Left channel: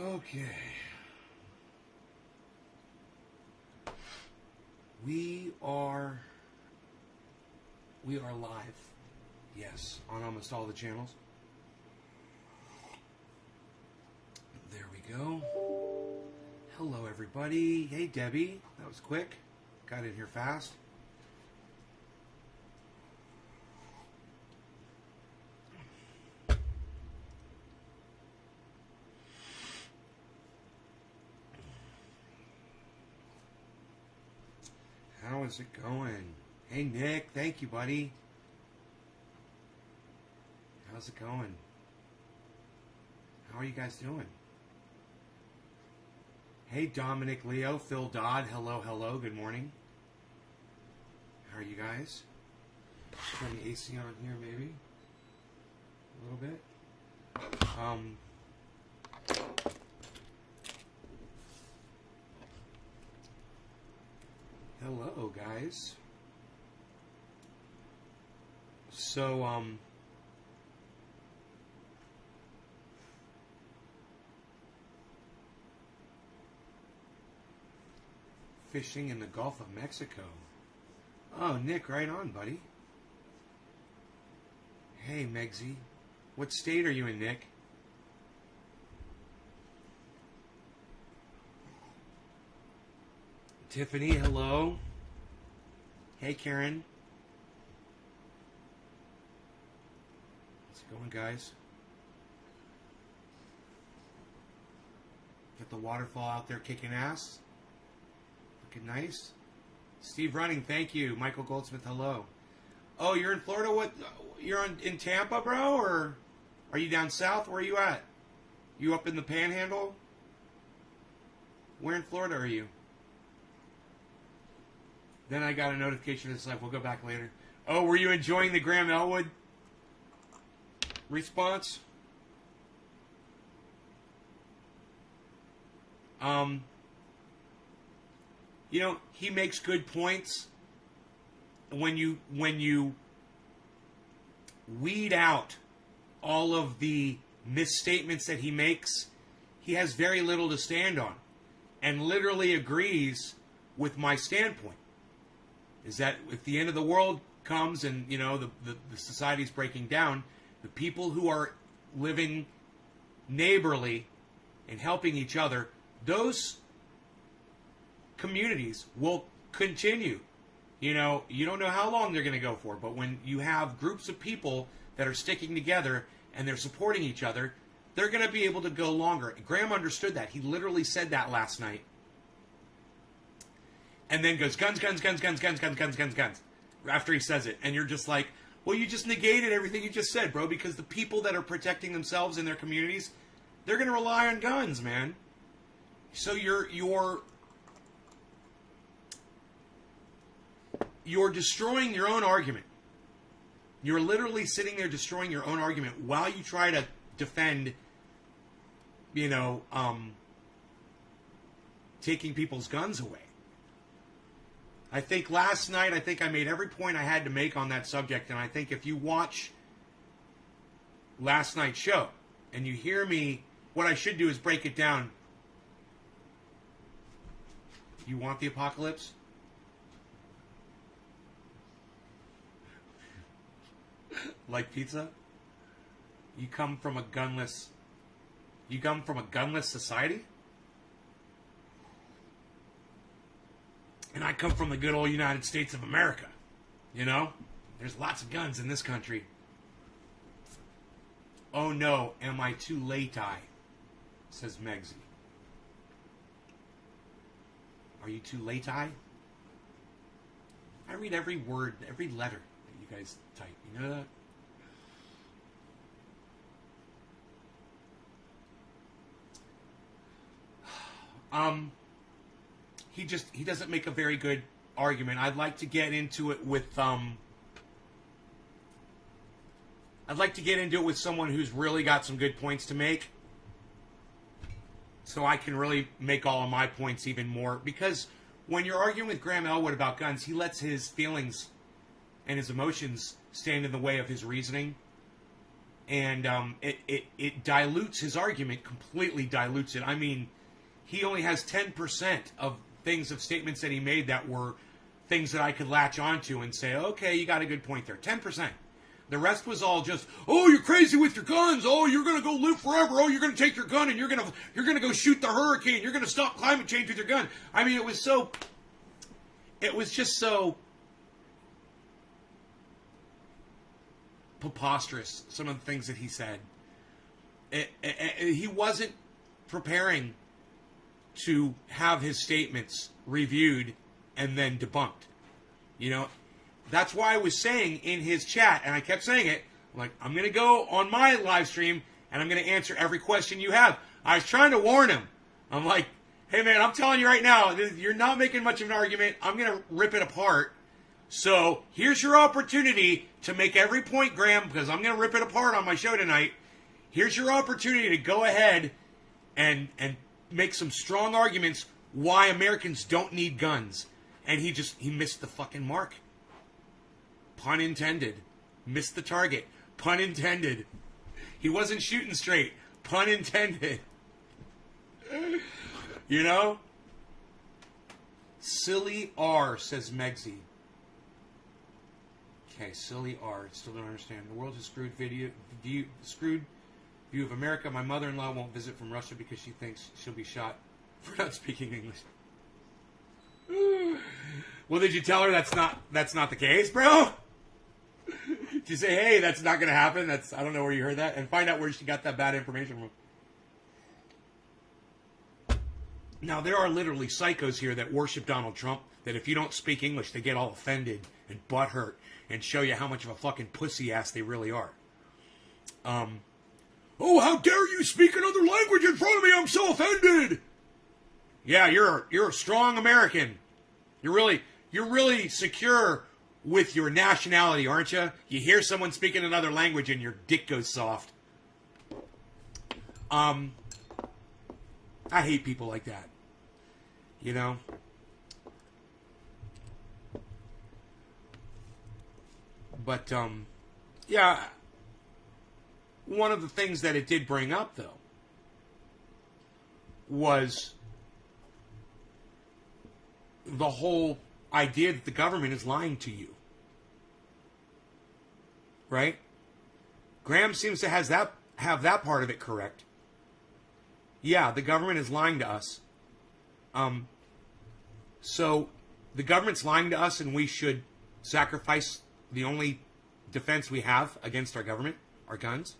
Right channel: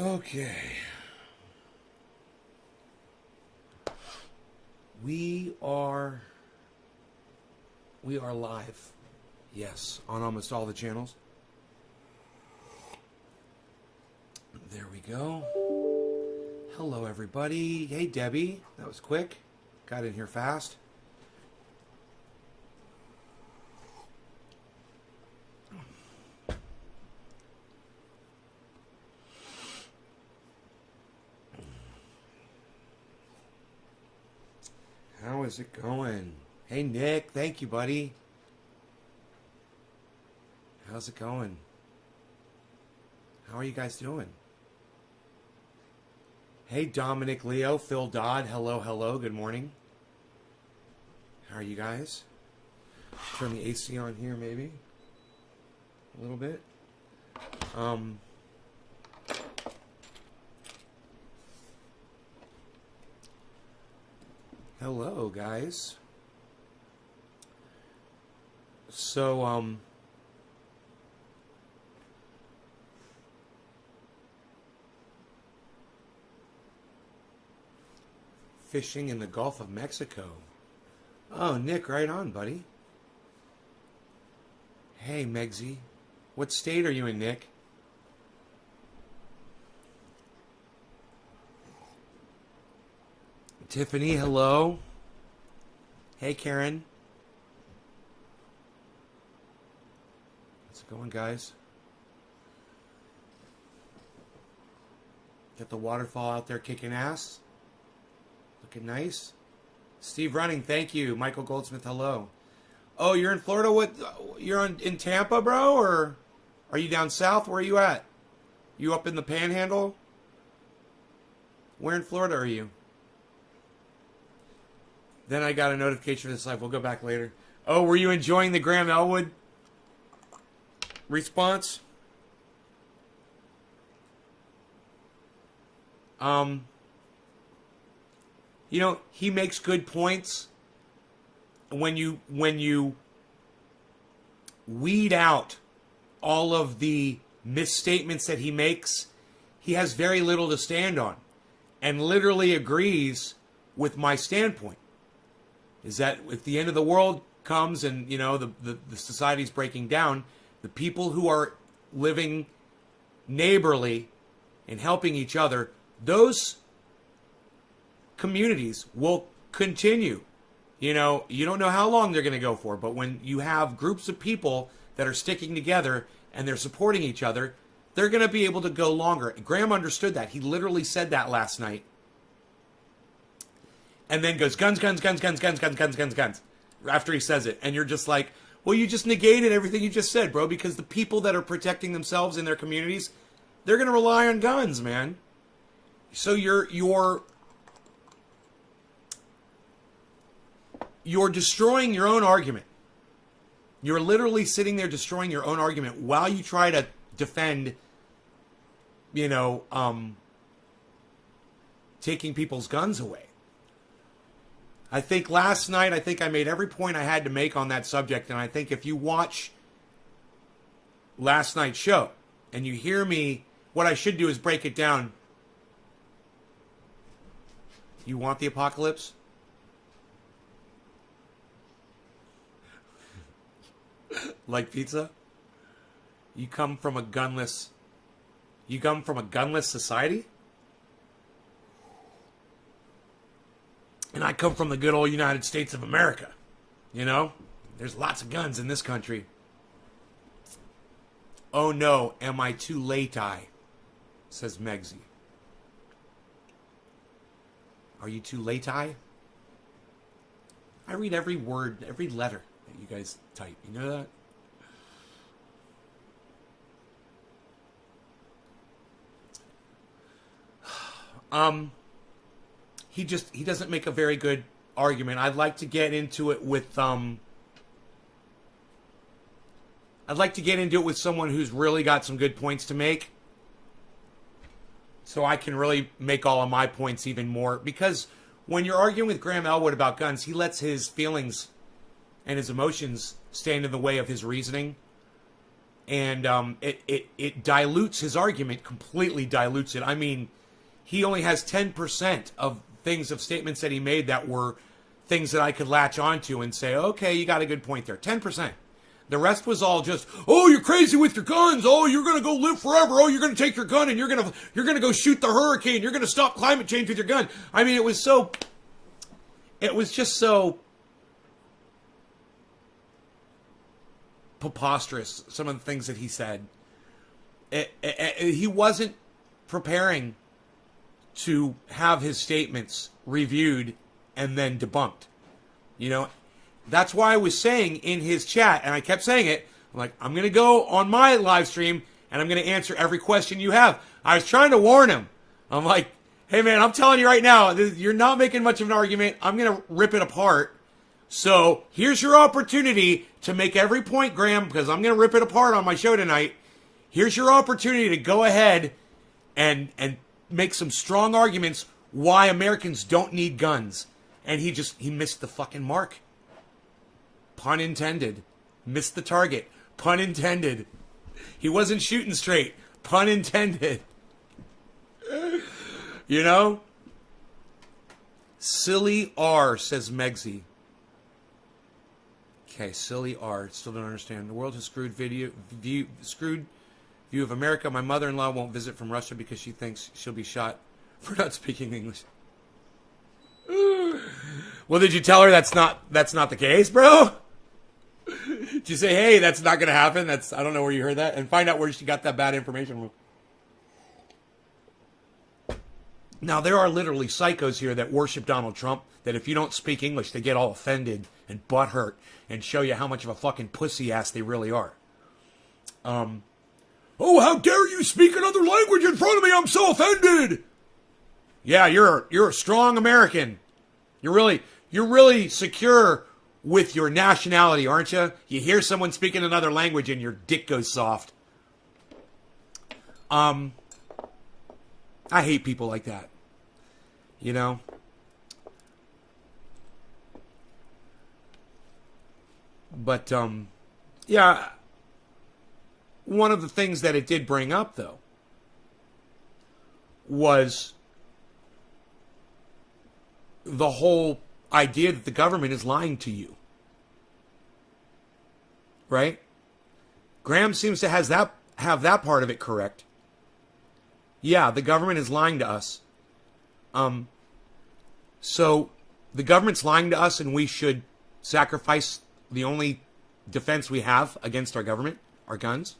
Okay. We are live. Yes, on almost all the channels. There we go. Hello, everybody. Hey, Debbie. That was quick. Got in here fast. How is it going? Hey, Nick. Thank you, buddy. How's it going? How are you guys doing? Hey, Dominic, Leo, Phil Dodd. Hello, hello. Good morning. How are you guys? Turn the AC on here, maybe. A little bit. Hello, guys. So, fishing in the Gulf of Mexico. Oh, Nick, right on, buddy. Hey, Megsy. What state are you in, Nick? Tiffany, hello. Hey, Karen. How's it going, guys? Got the waterfall out there kicking ass. Looking nice. Steve Running, thank you. Michael Goldsmith, hello. Oh, you're in Florida? What? You're in Tampa, bro? Or are you down south? Where are you at? You up in the Panhandle? Where in Florida are you? Then I got a notification for this live. We'll go back later. Oh, were you enjoying the Graham Elwood response? You know, he makes good points. When you weed out all of the misstatements that he makes, he has very little to stand on, and literally agrees with my standpoint. Is that if the end of the world comes and, you know, the society's breaking down, the people who are living neighborly and helping each other, those communities will continue. You know, you don't know how long they're going to go for, but when you have groups of people that are sticking together and they're supporting each other, they're going to be able to go longer. Graham understood that. He literally said that last night. And then goes, guns, guns, guns, guns, guns, guns, guns, guns, guns, after he says it. And you're just like, well, you just negated everything you just said, bro, because the people that are protecting themselves in their communities, they're going to rely on guns, man. So you're destroying your own argument. You're literally sitting there destroying your own argument while you try to defend, you know, taking people's guns away. I think last night, I made every point I had to make on that subject, and I think if you watch last night's show and you hear me, what I should do is break it down. You want the apocalypse? Like pizza? You come from a gunless society? And I come from the good old United States of America. You know? There's lots of guns in this country. Oh no, am I too late-I? Says Megsy. Are you too late-I? I read every word, every letter that you guys type. You know that? He doesn't make a very good argument. I'd like to get into it with someone who's really got some good points to make, so I can really make all of my points even more. Because when you're arguing with Graham Elwood about guns, he lets his feelings and his emotions stand in the way of his reasoning. And it dilutes his argument, completely dilutes it. I mean, he only has 10% of statements that he made that were things that I could latch onto and say, okay, you got a good point there. 10%. The rest was all just, oh, you're crazy with your guns. Oh, you're going to go live forever. Oh, you're going to take your gun and you're going to go shoot the hurricane. You're going to stop climate change with your gun. I mean, it was just so preposterous, some of the things that he said. He wasn't preparing to have his statements reviewed and then debunked. You know, that's why I was saying in his chat, and I kept saying it, I'm like, I'm going to go on my live stream and I'm going to answer every question you have. I was trying to warn him. I'm like, hey man, I'm telling you right now, you're not making much of an argument. I'm going to rip it apart. So here's your opportunity to make every point, Graham, because I'm going to rip it apart on my show tonight. Here's your opportunity to go ahead and make some strong arguments why Americans don't need guns. And he missed the fucking mark. Pun intended. Missed the target. Pun intended. He wasn't shooting straight. Pun intended. You know? Silly R, says Megsy. Okay, silly R. Still don't understand. The world has screwed view of America. My mother-in-law won't visit from Russia because she thinks she'll be shot for not speaking English. Well, did you tell her that's not the case, bro? Did you say, hey, that's not going to happen? I don't know where you heard that. And find out where she got that bad information from. Now, there are literally psychos here that worship Donald Trump, that if you don't speak English, they get all offended and butthurt and show you how much of a fucking pussy ass they really are. Oh, how dare you speak another language in front of me? I'm so offended. Yeah, you're a strong American. You're really secure with your nationality, aren't you? You hear someone speaking another language and your dick goes soft. I hate people like that. You know? But, yeah, one of the things that it did bring up, though, was the whole idea that the government is lying to you. Right? Graham seems to have that part of it correct. Yeah, the government is lying to us. So the government's lying to us and we should sacrifice the only defense we have against our government, our guns.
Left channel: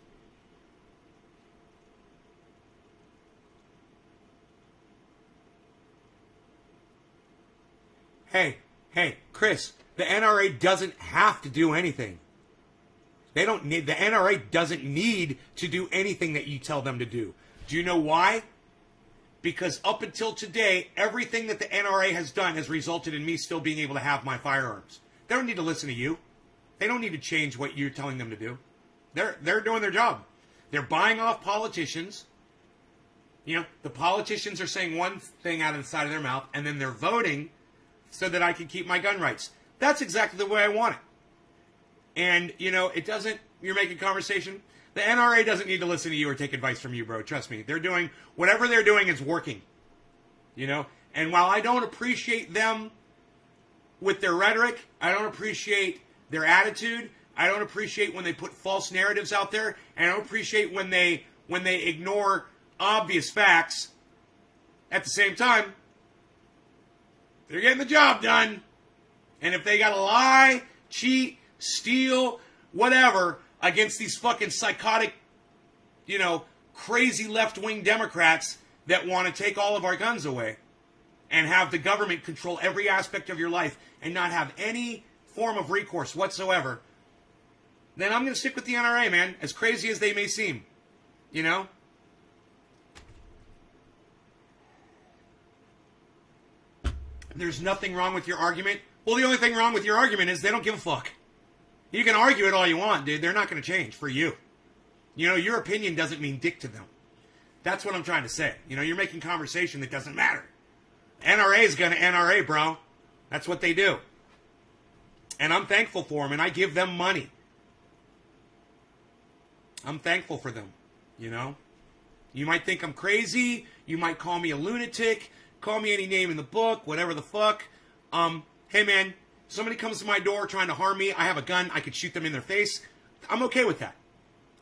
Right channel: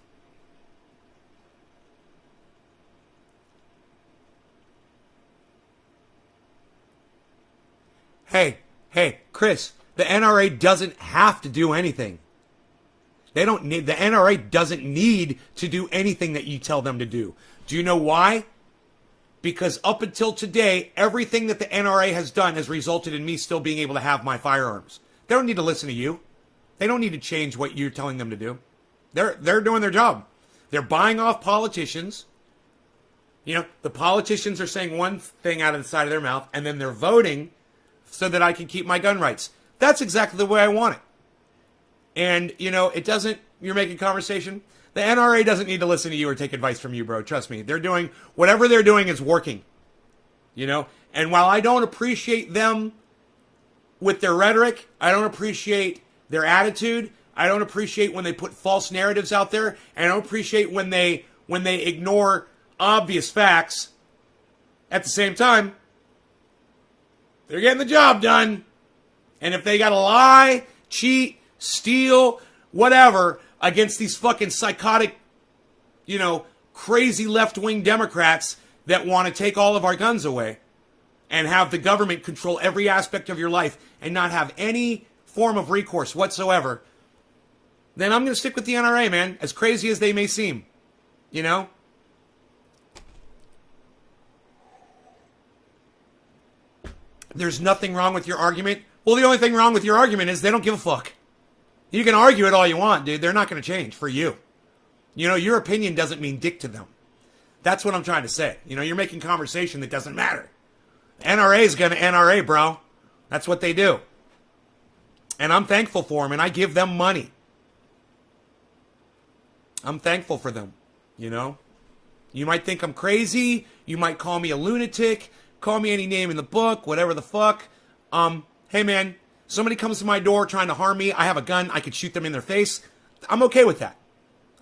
Hey, Chris, the NRA doesn't have to do anything. The NRA doesn't need to do anything that you tell them to do. Do you know why? Because up until today, everything that the NRA has done has resulted in me still being able to have my firearms. They don't need to listen to you. They don't need to change what you're telling them to do. They're doing their job. They're buying off politicians. You know, the politicians are saying one thing out of the side of their mouth, and then they're voting so that I can keep my gun rights. That's exactly the way I want it. And, you know, you're making conversation. The NRA doesn't need to listen to you or take advice from you, bro. Trust me. Whatever they're doing is working. You know? And while I don't appreciate them with their rhetoric, I don't appreciate their attitude, I don't appreciate when they put false narratives out there, and I don't appreciate when they ignore obvious facts, at the same time, they're getting the job done. And if they got to lie, cheat, steal, whatever, against these fucking psychotic, you know, crazy left-wing Democrats that want to take all of our guns away and have the government control every aspect of your life and not have any form of recourse whatsoever, then I'm going to stick with the NRA, man, as crazy as they may seem. You know? There's nothing wrong with your argument. Well, the only thing wrong with your argument is they don't give a fuck. You can argue it all you want, dude. They're not going to change for you. You know, your opinion doesn't mean dick to them. That's what I'm trying to say. You know, you're making conversation that doesn't matter. NRA is going to NRA, bro. That's what they do. And I'm thankful for them, and I give them money. I'm thankful for them, you know? You might think I'm crazy. You might call me a lunatic. Call me any name in the book, whatever the fuck. Hey man, somebody comes to my door trying to harm me. I have a gun. I could shoot them in their face. I'm okay with that.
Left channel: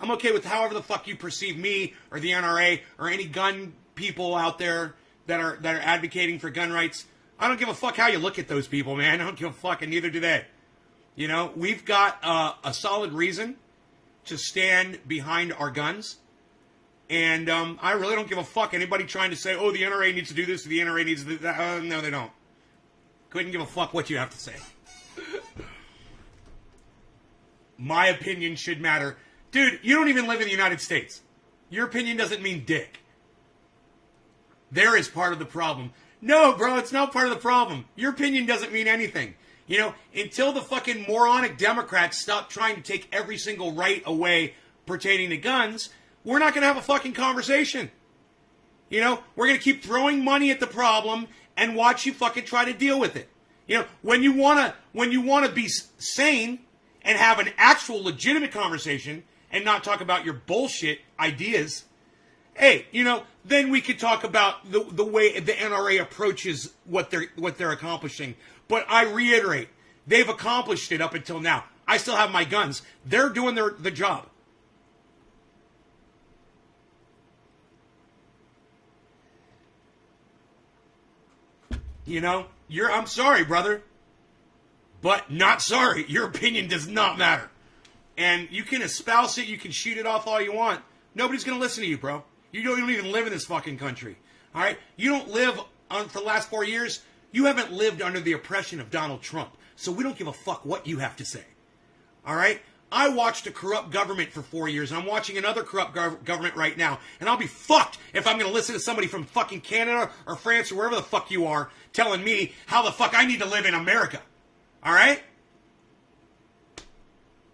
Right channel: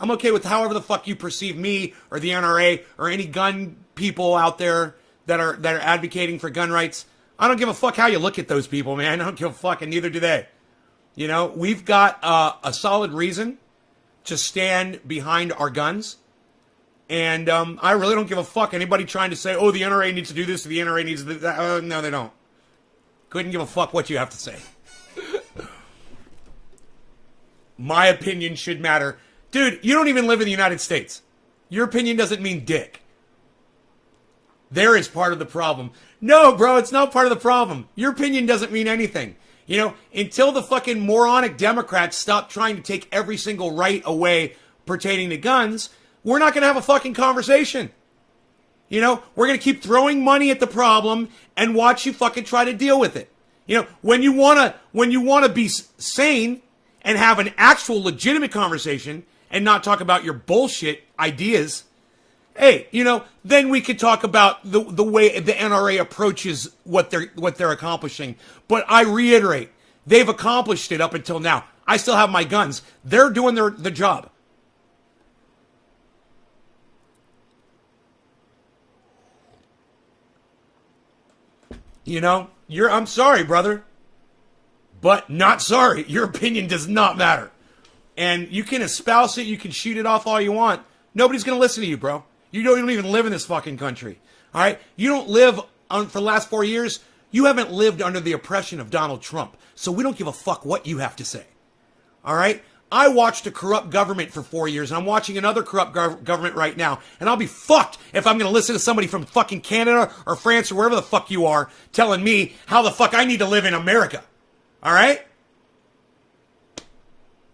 I'm okay with however the fuck you perceive me or the NRA or any gun people out there that are advocating for gun rights. I don't give a fuck how you look at those people, man. I don't give a fuck, and neither do they. You know, we've got a solid reason to stand behind our guns. And I really don't give a fuck anybody trying to say, oh, the NRA needs to do this or the NRA needs to do that. No, they don't. Couldn't give a fuck what you have to say. My opinion should matter. Dude, you don't even live in the United States. Your opinion doesn't mean dick. There is part of the problem. No, bro, it's not part of the problem. Your opinion doesn't mean anything. You know, until the fucking moronic Democrats stop trying to take every single right away pertaining to guns, we're not going to have a fucking conversation. You know, we're going to keep throwing money at the problem and watch you fucking try to deal with it. You know, when you want to be sane and have an actual legitimate conversation and not talk about your bullshit ideas, hey, you know, then we could talk about the way the NRA approaches what they're accomplishing. But I reiterate, they've accomplished it up until now. I still have my guns. They're doing the job. You know, I'm sorry, brother, but not sorry. Your opinion does not matter. And you can espouse it, you can shoot it off all you want. Nobody's going to listen to you, bro. You don't even live in this fucking country. All right? You don't live for the last 4 years. You haven't lived under the oppression of Donald Trump. So we don't give a fuck what you have to say. All right? I watched a corrupt government for 4 years, and I'm watching another corrupt government right now. And I'll be fucked if I'm going to listen to somebody from fucking Canada or France or wherever the fuck you are telling me how the fuck I need to live in America. All right?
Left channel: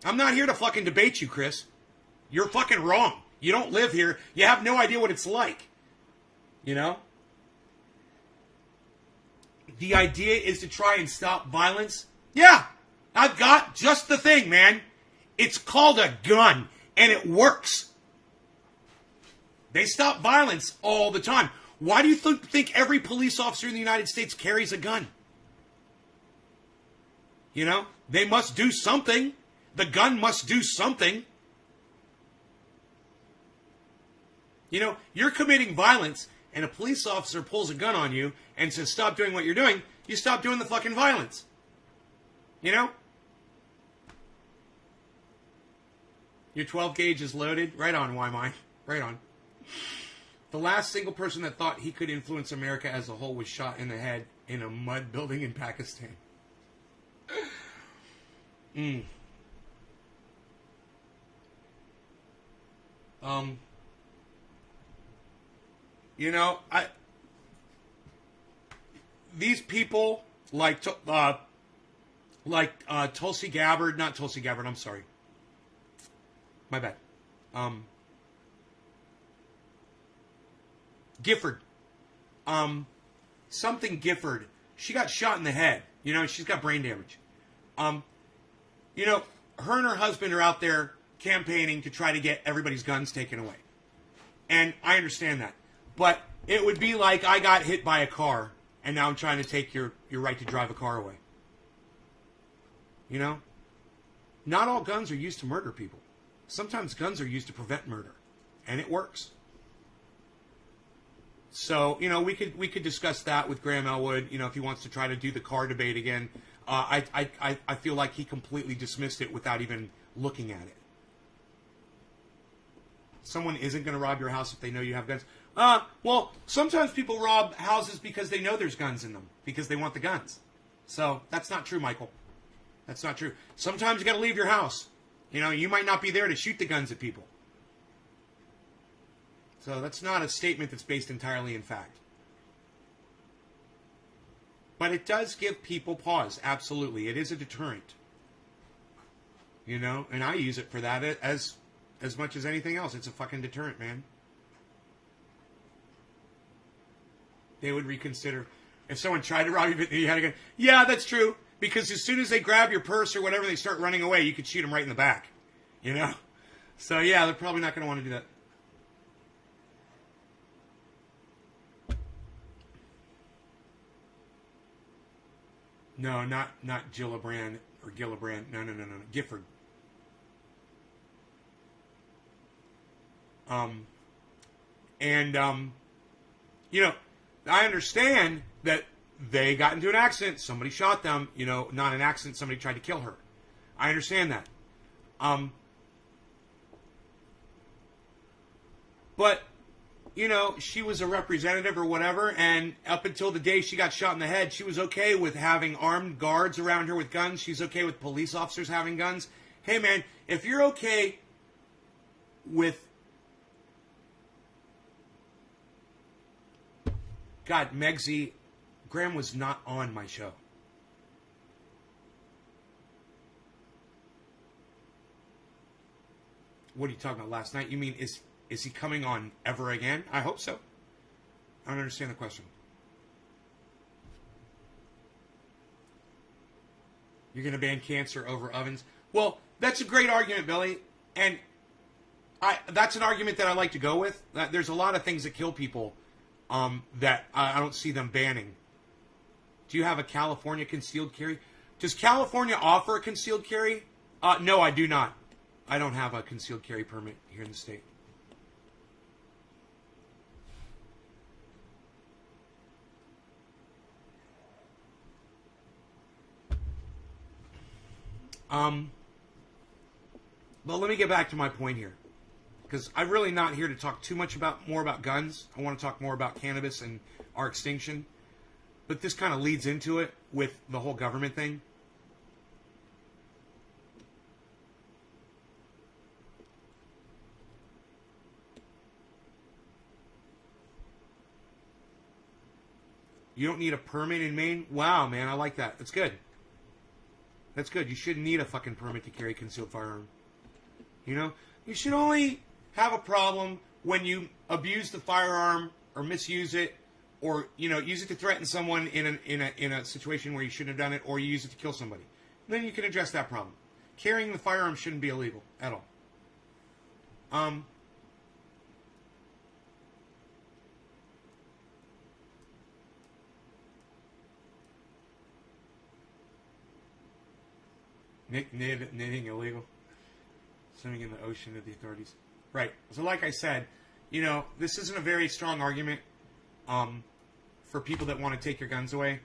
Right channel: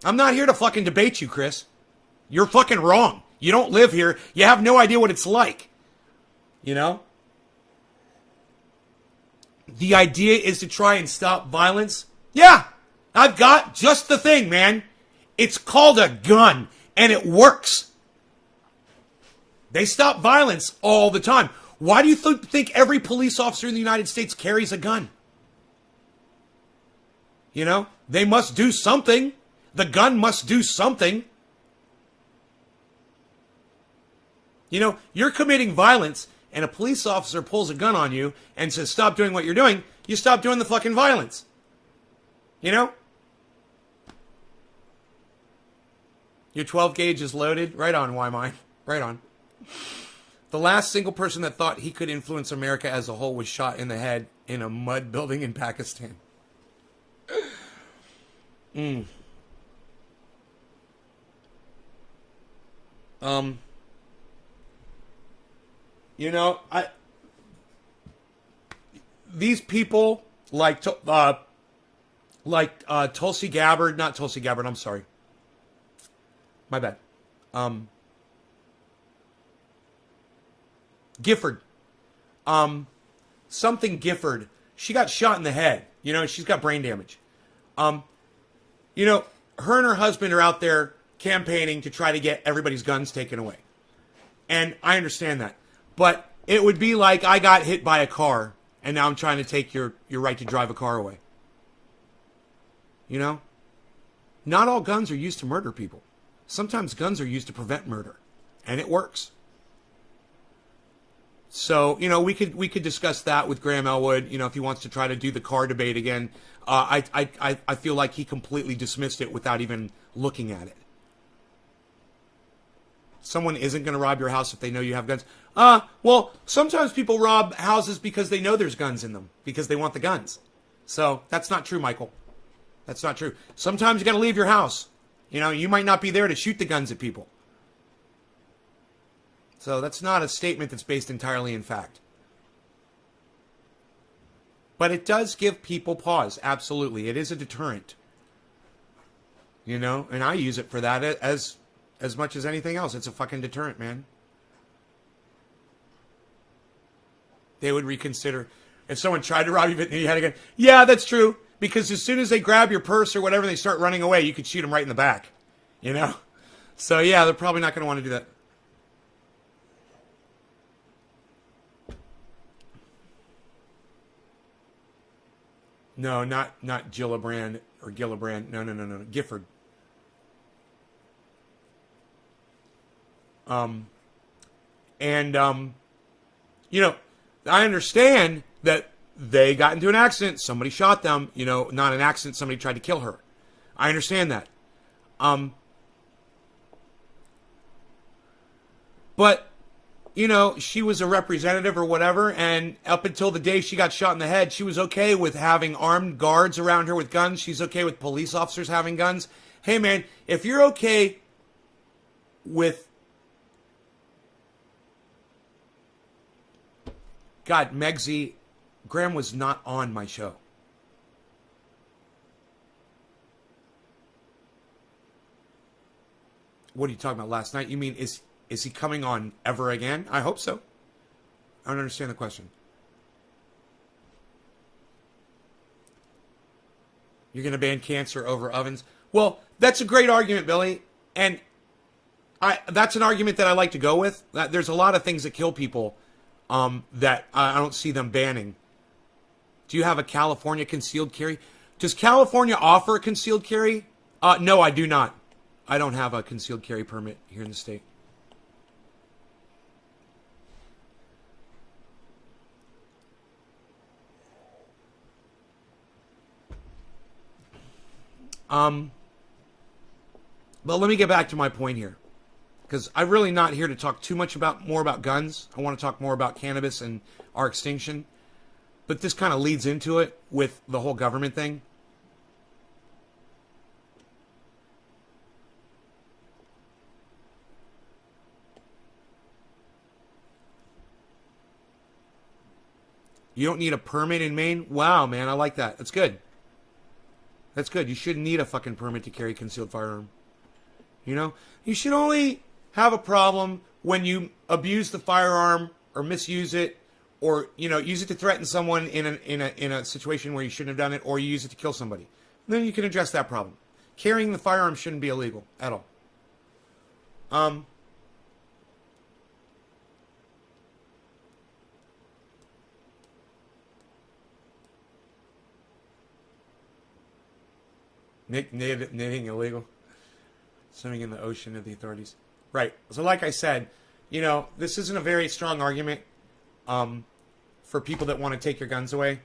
I'm not here to fucking debate you, Chris. You're fucking wrong. You don't live here. You have no idea what it's like. You know? The idea is to try and stop violence. Yeah, I've got just the thing, man. It's called a gun, and it works. They stop violence all the time. Why do you think every police officer in the United States carries a gun? You know, they must do something. The gun must do something. You know, you're committing violence, and a police officer pulls a gun on you and says, stop doing what you're doing. You stop doing the fucking violence. You know? Your 12 gauge is loaded. Right on, why mine? Right on. The last single person that thought he could influence America as a whole was shot in the head in a mud building in Pakistan. You know, these people like Tulsi Gabbard, not Tulsi Gabbard, I'm sorry. My bad. Gifford. Something Gifford. She got shot in the head. You know, she's got brain damage. You know, her and her husband are out there campaigning to try to get everybody's guns taken away. And I understand that. But it would be like I got hit by a car and now I'm trying to take your right to drive a car away. You know? Not all guns are used to murder people. Sometimes guns are used to prevent murder. And it works. So, you know, we could discuss that with Graham Elwood, you know, if he wants to try to do the car debate again. I feel like he completely dismissed it without even looking at it. Someone isn't going to rob your house if they know you have guns. Well, sometimes people rob houses because they know there's guns in them, because they want the guns. So that's not true, Michael. That's not true. Sometimes you got to leave your house. You know, you might not be there to shoot the guns at people. So that's not a statement that's based entirely in fact. But it does give people pause. Absolutely. It is a deterrent. You know, and I use it for that as much as anything else. It's a fucking deterrent, man. They would reconsider. If someone tried to rob you, but you had a gun. Yeah, that's true. Because as soon as they grab your purse or whatever, they start running away, you could shoot them right in the back. You know? So yeah, they're probably not going to want to do that. No, not Gillibrand or Gillibrand. No. Gifford. And you know, I understand that they got into an accident. Somebody shot them. You know, not an accident. Somebody tried to kill her. I understand that. But you know, she was a representative or whatever, and up until the day she got shot in the head, she was okay with having armed guards around her with guns. She's okay with police officers having guns. Hey, man, if you're okay with... God, Megsy, Graham was not on my show. What are you talking about last night? You mean, is he coming on ever again? I hope so. I don't understand the question. You're going to ban cancer over ovens? Well, that's a great argument, Billy. And that's an argument that I like to go with. There's a lot of things that kill people that I don't see them banning. Do you have a California concealed carry? Does California offer a concealed carry? No, I do not. I don't have a concealed carry permit here in the state. But let me get back to my point here, because I'm really not here to talk too much more about guns. I want to talk more about cannabis and our extinction. But this kind of leads into it with the whole government thing. You don't need a permit in Maine? Wow, man, I like that. That's good. That's good. You shouldn't need a fucking permit to carry a concealed firearm. You know? You should only have a problem when you abuse the firearm or misuse it, or, you know, use it to threaten someone in a situation where you shouldn't have done it, or you use it to kill somebody. Then you can address that problem. Carrying the firearm shouldn't be illegal at all. Knitting illegal. Swimming in the ocean of the authorities. Right. So like I said, you know, this isn't a very strong argument for people that want to take your guns away.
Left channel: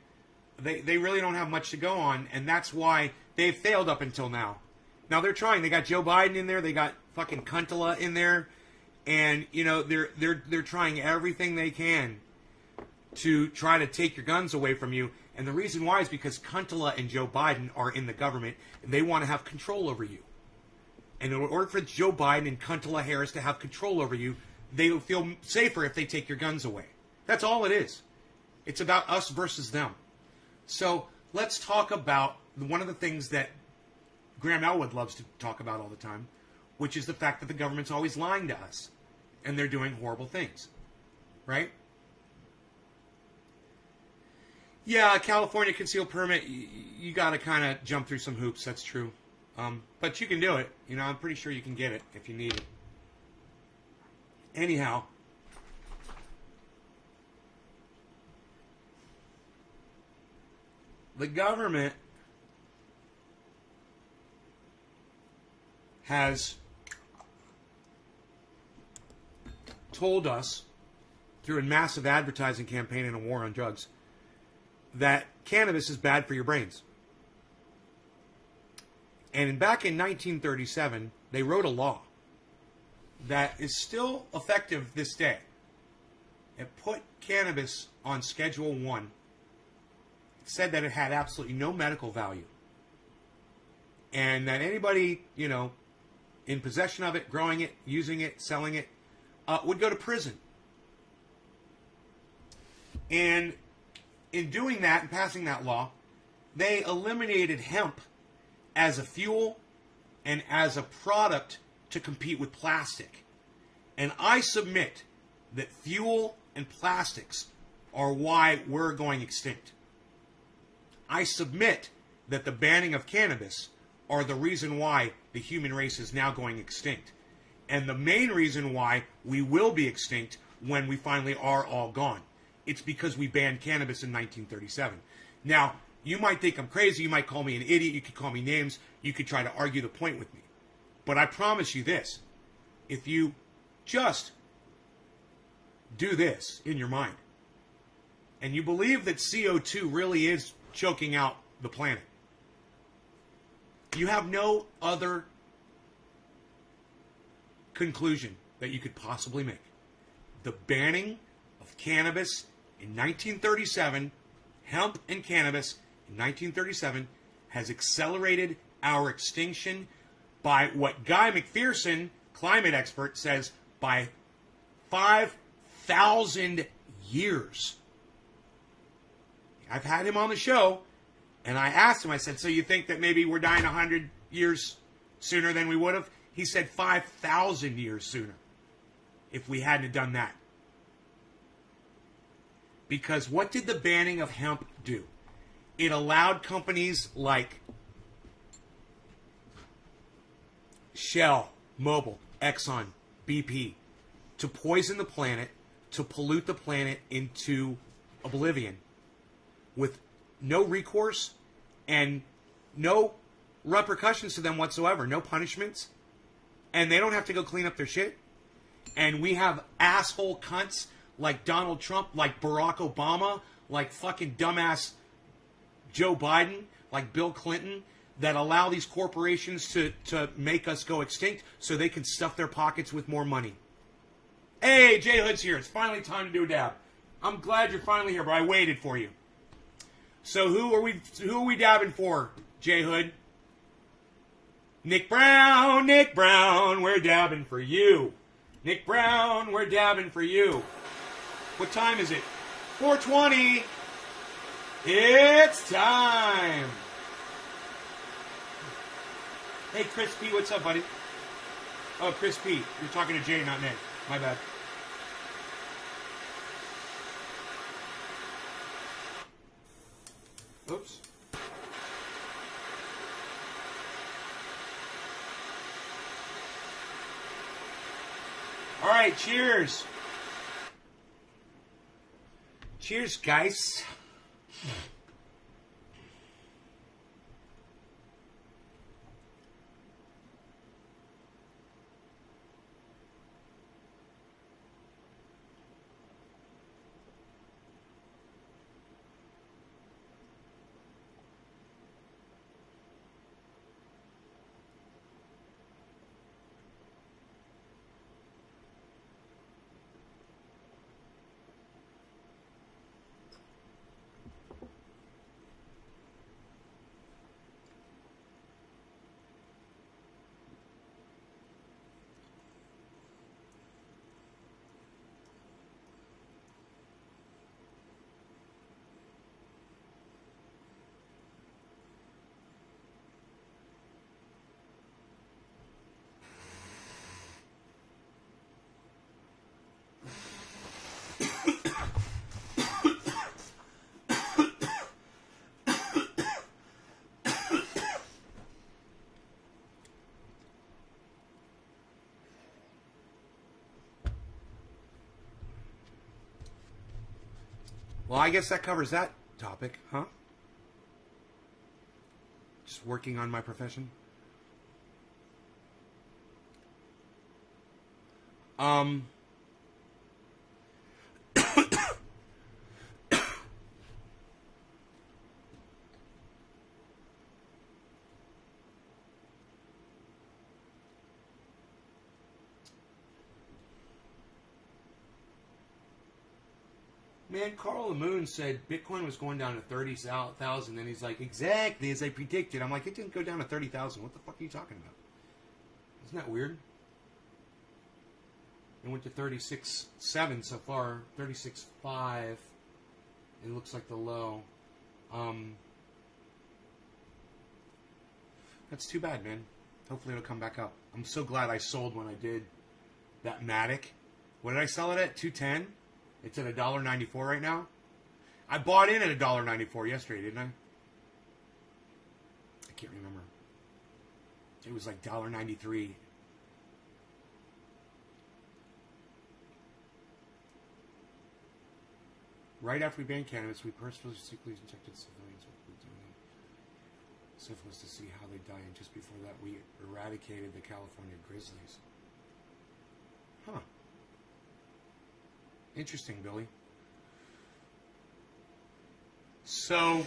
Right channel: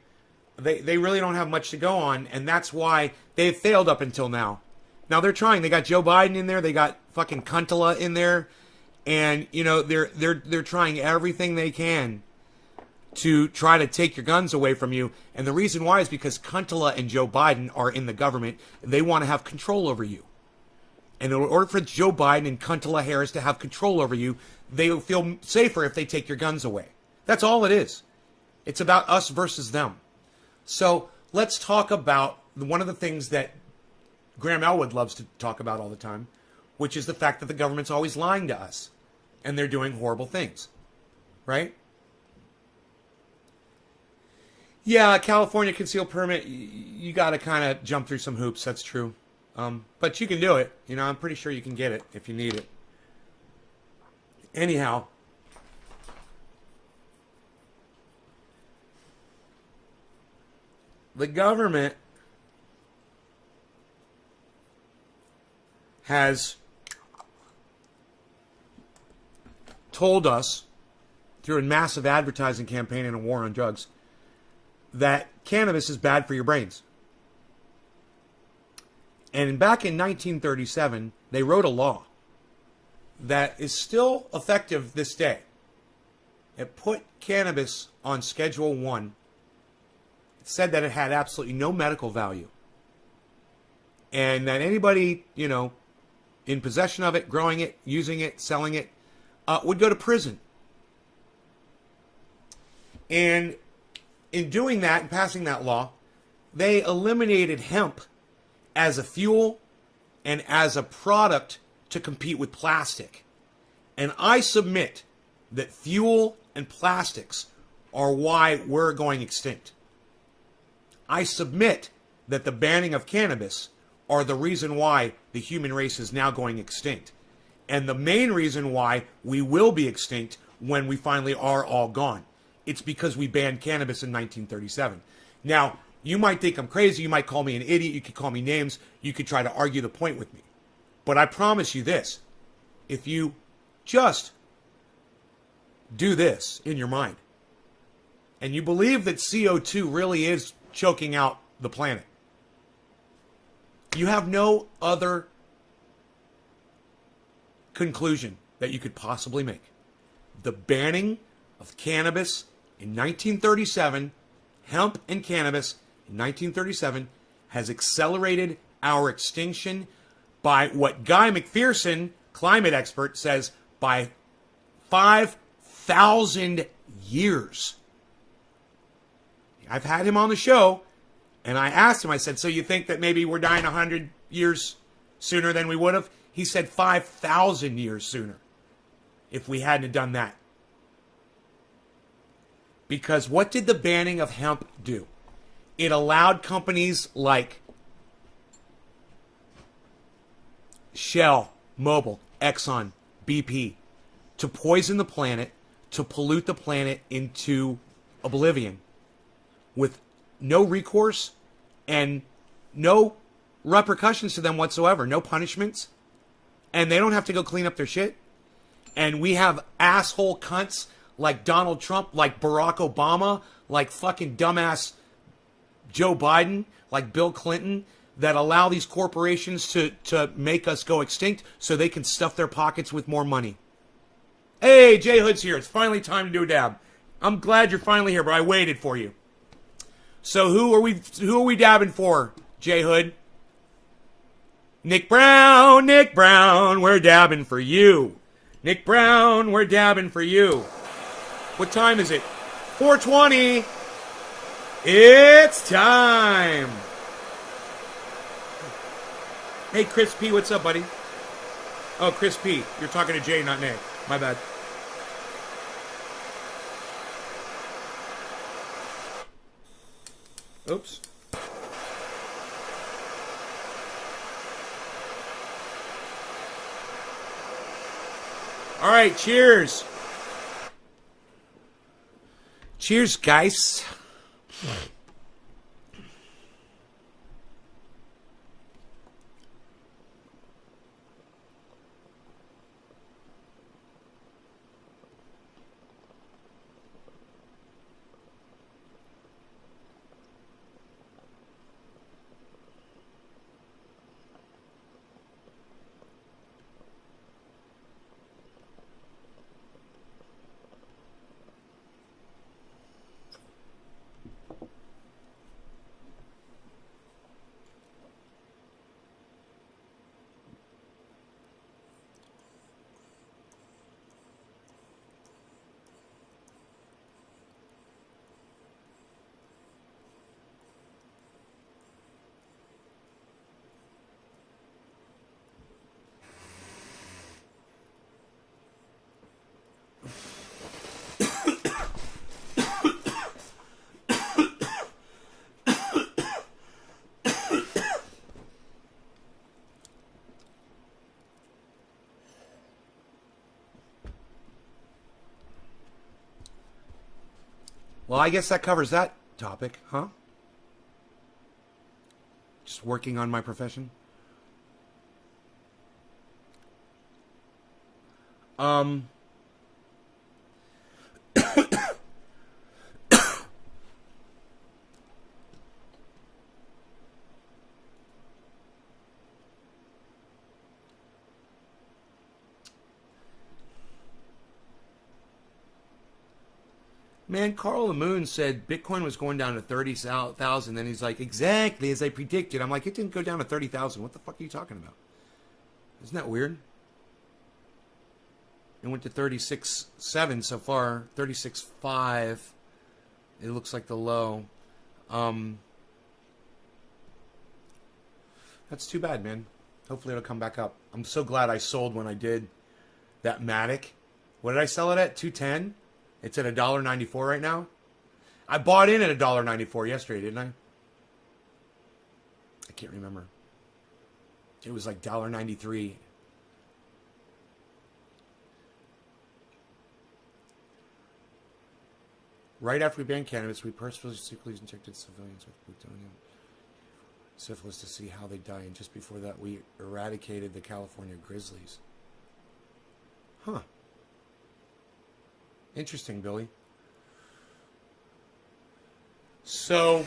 They really don't have much to go on, and that's why they've failed up until now. Now they're trying. They got Joe Biden in there. They got fucking Kuntala in there, and you know they're trying everything they can to try to take your guns away from you. And the reason why is because Kuntala and Joe Biden are in the government. And they want to have control over you. And in order for Joe Biden and Kuntala Harris to have control over you, they will feel safer if they take your guns away. That's all it is. It's about us versus them. So let's talk about one of the things that Graham Elwood loves to talk about all the time, which is the fact that the government's always lying to us. And they're doing horrible things. Right? Yeah, California concealed permit, you got to kind of jump through some hoops. That's true. But you can do it. You know, I'm pretty sure you can get it if you need it. Anyhow. The government has told us through a massive advertising campaign and a war on drugs that cannabis is bad for your brains. And back in 1937, they wrote a law that is still effective this day. It put cannabis on Schedule 1. It said that it had absolutely no medical value. And that anybody, you know, in possession of it, growing it, using it, selling it, would go to prison. And in doing that and passing that law, they eliminated hemp as a fuel and as a product to compete with plastic. And I submit that fuel and plastics are why we're going extinct. I submit that the banning of cannabis are the reason why the human race is now going extinct. and the main reason why we will be extinct when we finally are all gone. It's because we banned cannabis in 1937. Now, you might think I'm crazy. You might call me an idiot. You could call me names. You could try to argue the point with me. But I promise you this. If you just do this in your mind, and you believe that CO2 really is choking out the planet, you have no other conclusion that you could possibly make. The banning of cannabis in 1937, hemp and cannabis in 1937, has accelerated our extinction by what Guy McPherson, climate expert, says by 5,000 years. I've had him on the show, and I asked him, I said, so you think that maybe we're dying 100 years sooner than we would have? He said 5,000 years sooner if we hadn't done that. Because what did the banning of hemp do? It allowed companies like Shell, Mobil, Exxon, BP to poison the planet, to pollute the planet into oblivion with no recourse and no repercussions to them whatsoever, no punishments, and they don't have to go clean up their shit. And we have asshole cunts like Donald Trump, like Barack Obama, like fucking dumbass Joe Biden, like Bill Clinton, that allow these corporations to make us go extinct so they can stuff their pockets with more money. Hey, Jay Hood's here. It's finally time to do a dab. I'm glad you're finally here, but I waited for you. So who are we dabbing for, Jay Hood? Nick Brown, we're dabbing for you. Nick Brown, we're dabbing for you. What time is it? 4:20. It's time. Hey, Chris P, what's up, buddy? Oh, Chris P, you're talking to Jay, not Nick. My bad. Oops. All right, cheers. Cheers, guys. Well, I guess that covers that topic, huh? Just working on my profession. Man, Carl Moon said Bitcoin was going down to 30,000. Then he's like, exactly as I predicted. I'm like, it didn't go down to 30,000. What the fuck are you talking about? Isn't that weird? It went to 36.7 so far. 36.5. It looks like the low. That's too bad, man. Hopefully it'll come back up. I'm so glad I sold when I did that Matic. What did I sell it at? 210? It's at $1.94 right now. I bought in at $1.94 yesterday, didn't I? I can't remember. It was like $1.93. Right after we banned cannabis, we purposefully injected civilians with plutonium syphilis to see how they die, and just before that, we eradicated the California grizzlies. Huh. Interesting, Billy. So,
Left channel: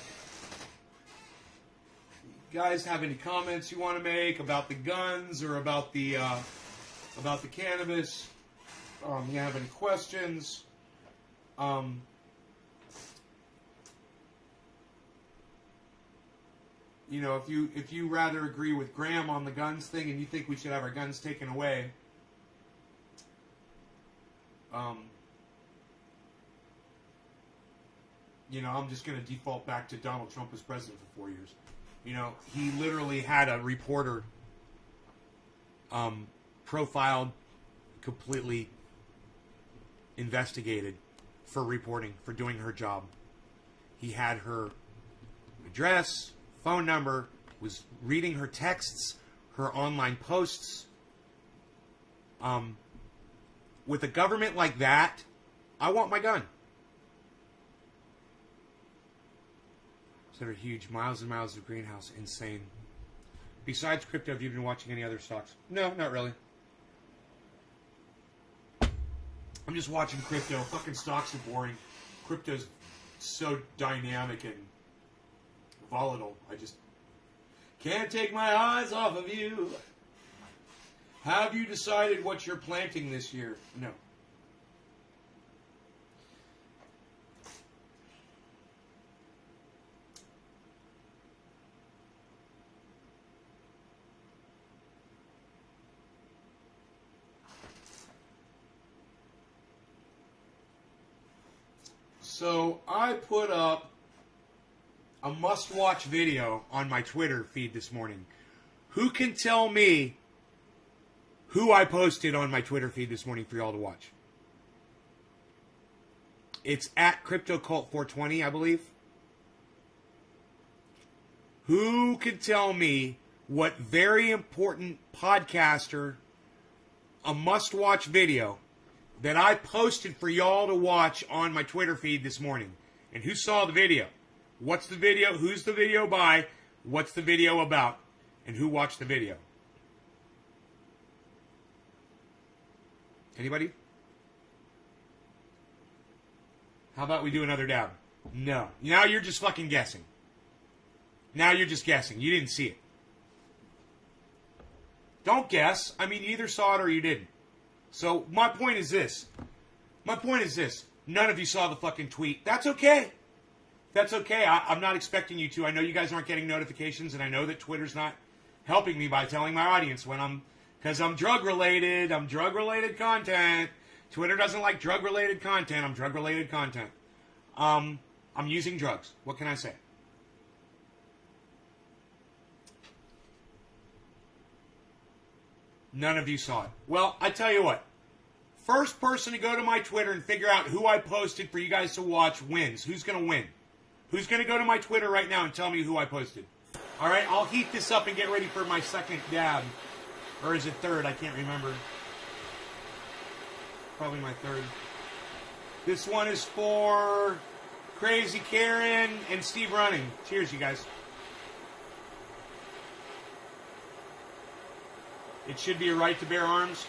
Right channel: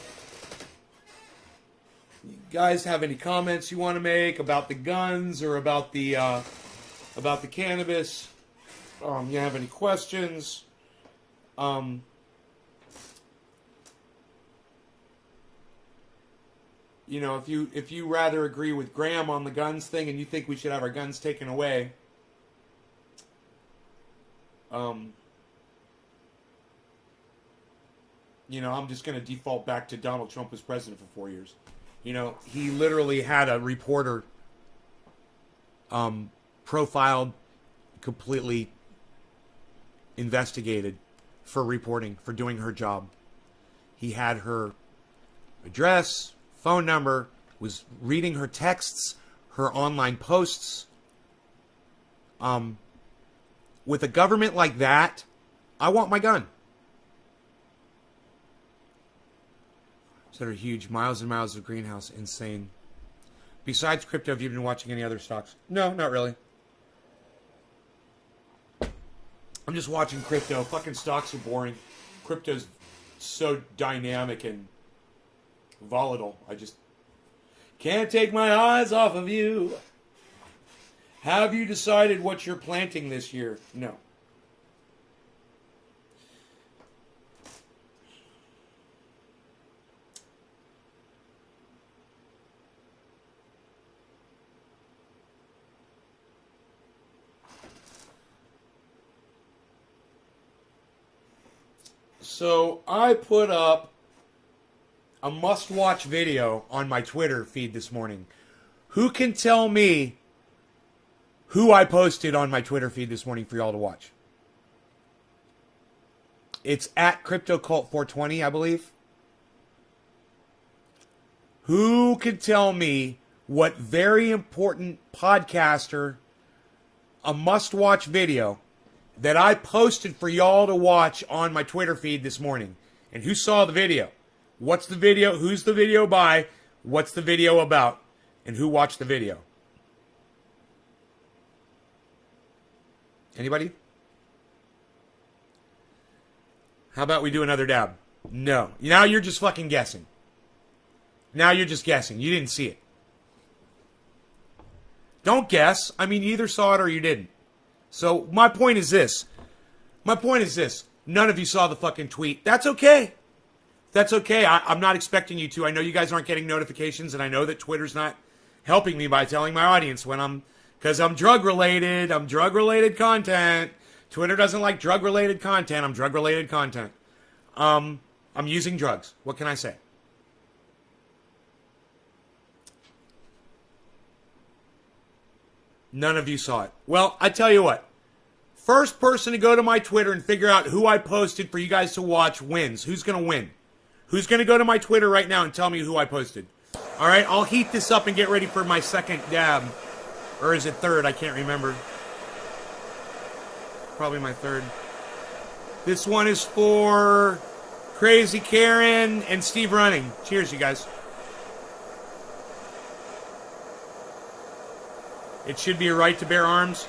you guys have any comments you want to make about the guns or about the cannabis? You have any questions? You know, if you rather agree with Graham on the guns thing and you think we should have our guns taken away, you know, I'm just going to default back to Donald Trump as president for 4 years. You know, he literally had a reporter profiled, completely investigated for reporting, for doing her job. He had her address, phone number, was reading her texts, her online posts. With a government like that, I want my gun. That are huge, miles and miles of greenhouse, insane. Besides crypto, have you been watching any other stocks? No, not really. I'm just watching crypto. Fucking stocks are boring. Crypto's so dynamic and volatile. I just can't take my eyes off of you. Have you decided what you're planting this year? No. So I put up a must-watch video on my Twitter feed this morning. Who can tell me who I posted on my Twitter feed this morning for y'all to watch? It's at CryptoCult420, I believe. Who can tell me what very important podcaster, a must-watch video that I posted for y'all to watch on my Twitter feed this morning? And who saw the video? What's the video? Who's the video by? What's the video about? And who watched the video? Anybody? How about we do another dab? No. Now you're just fucking guessing. Now you're just guessing. You didn't see it. Don't guess. I mean, you either saw it or you didn't. So my point is this. None of you saw the fucking tweet. That's okay. That's okay. I'm not expecting you to. I know you guys aren't getting notifications, and I know that Twitter's not helping me by telling my audience when because I'm drug-related. I'm drug-related content. Twitter doesn't like drug-related content. I'm drug-related content. I'm using drugs. What can I say? None of you saw it. Well, I tell you what. First person to go to my Twitter and figure out who I posted for you guys to watch wins. Who's going to win? Who's going to go to my Twitter right now and tell me who I posted? All right, I'll heat this up and get ready for my second dab. Or is it third? I can't remember. Probably my third. This one is for Crazy Karen and Steve Running. Cheers, you guys. It should be a right to bear arms.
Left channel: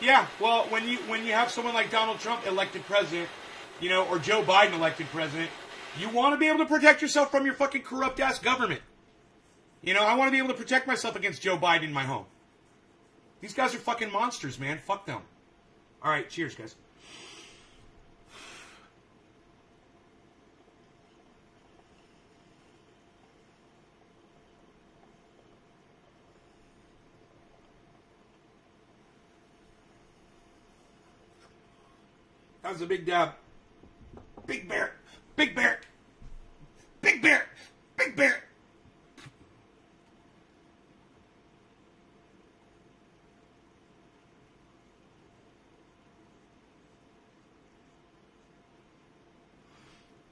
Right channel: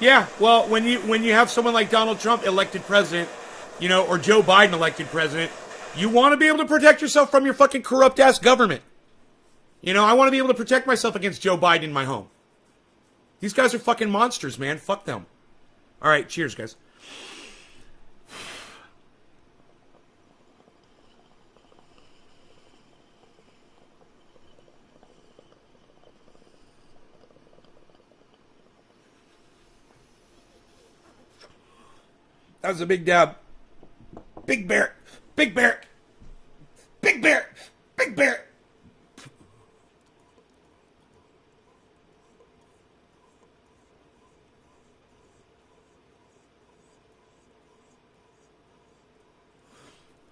Yeah, well, when you have someone like Donald Trump elected president, you know, or Joe Biden elected president, you want to be able to protect yourself from your fucking corrupt-ass government. You know, I want to be able to protect myself against Joe Biden in my home. These guys are fucking monsters, man. Fuck them. All right, cheers, guys. That was a big dab. Big bear. Big bear. Big bear. Big bear.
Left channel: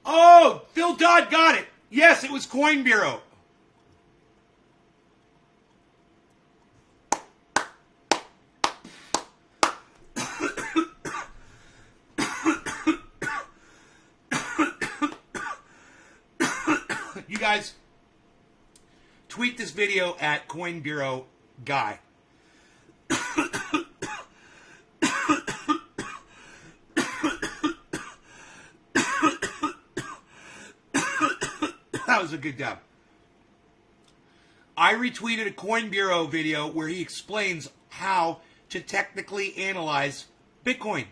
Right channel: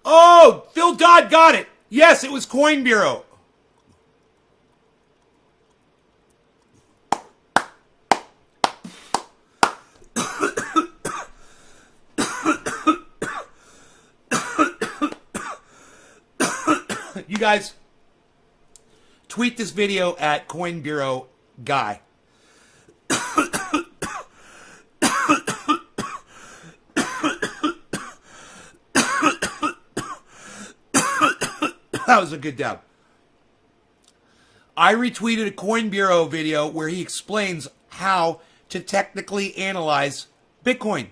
Oh, Phil Dodd got it. Yes, it was Coin Bureau. You guys, tweet this video at Coin Bureau Guy. That was a good dab. I retweeted a Coin Bureau video where he explains how to technically analyze Bitcoin.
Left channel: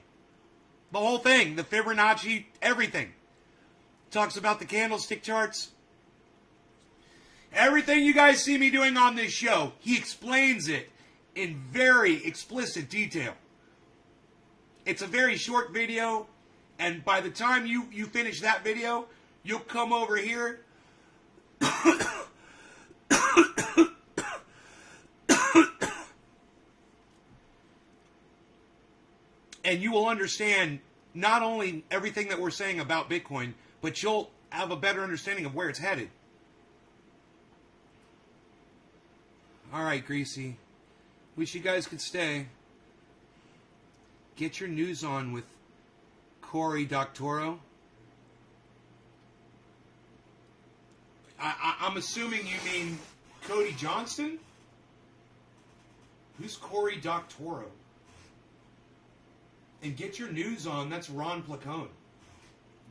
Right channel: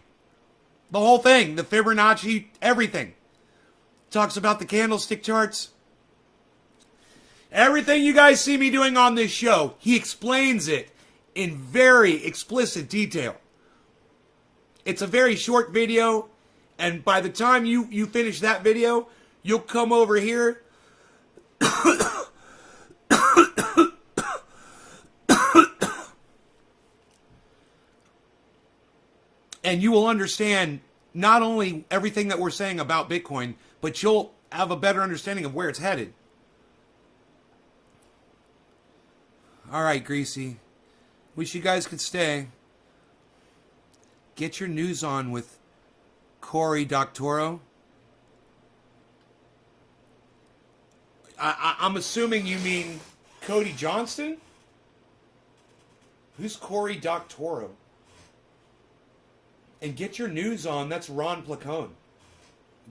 The whole thing, the Fibonacci, everything. Talks about the candlestick charts. Everything you guys see me doing on this show, he explains it in very explicit detail. It's a very short video, and by the time you finish that video, you'll come over here and you will understand not only everything that we're saying about Bitcoin, but you'll have a better understanding of where it's headed. All right, Greasy. Wish you guys could stay. Get your news on with Cory Doctorow. I'm assuming you mean Cody Johnston? Who's Cory Doctorow? And get your news on, that's Ron Placone.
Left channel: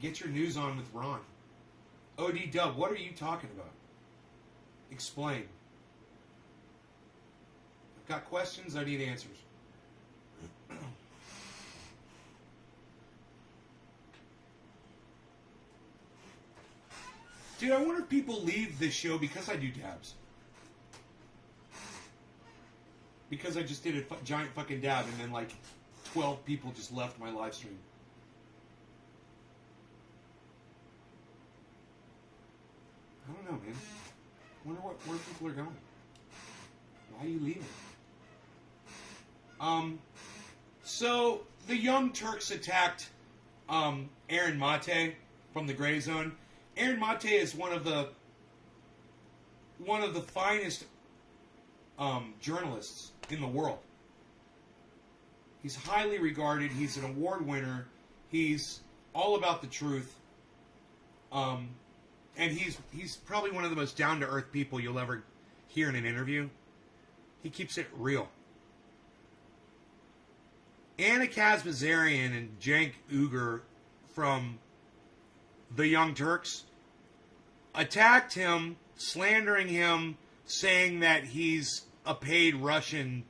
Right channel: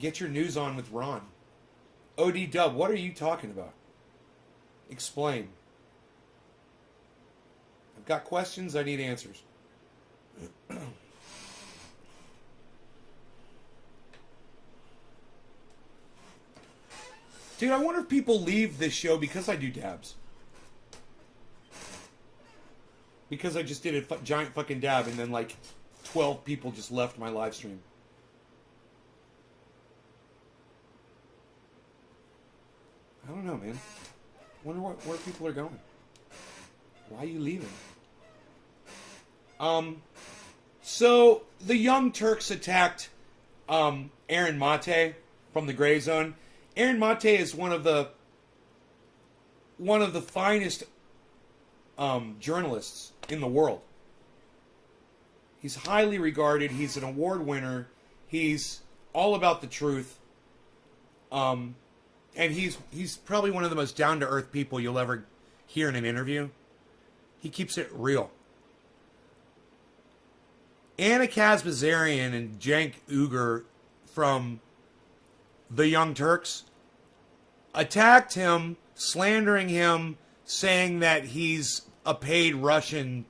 Get your news on with Ron. OD Dub, what are you talking about? Explain. I've got questions, I need answers. Dude, I wonder if people leave this show because I do dabs. Because I just did a giant fucking dab and then like 12 people just left my live stream. I don't know, man. Wonder where people are going. Why are you leaving? So the Young Turks attacked Aaron Mate from the Gray Zone. Aaron Mate is one of the finest journalists in the world. He's highly regarded. He's an award winner. He's all about the truth. And he's probably one of the most down-to-earth people you'll ever hear in an interview. He keeps it real. Anna Kazbazarian and Cenk Uygur from the Young Turks attacked him, slandering him, saying that he's a paid Russian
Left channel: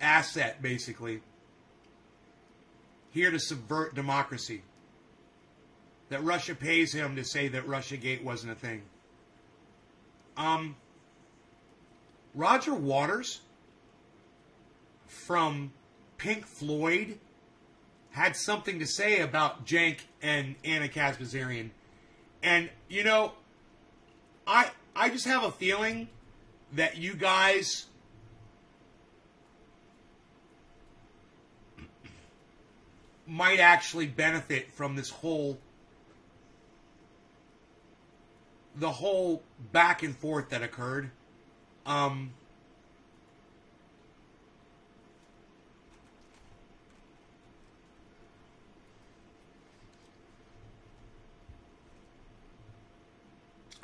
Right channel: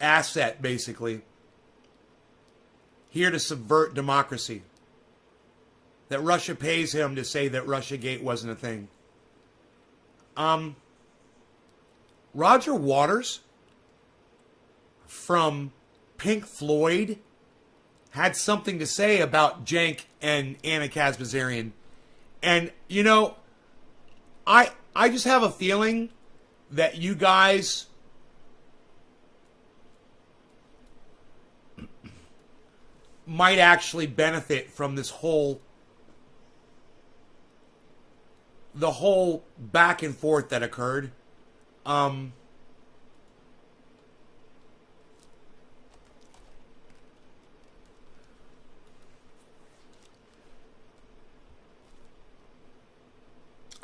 asset, basically, here to subvert democracy. That Russia pays him to say that Russiagate wasn't a thing. Roger Waters from Pink Floyd had something to say about Cenk and Anna Kazbazarian. And, you know, I just have a feeling that you guys might actually benefit from this whole back and forth that occurred. All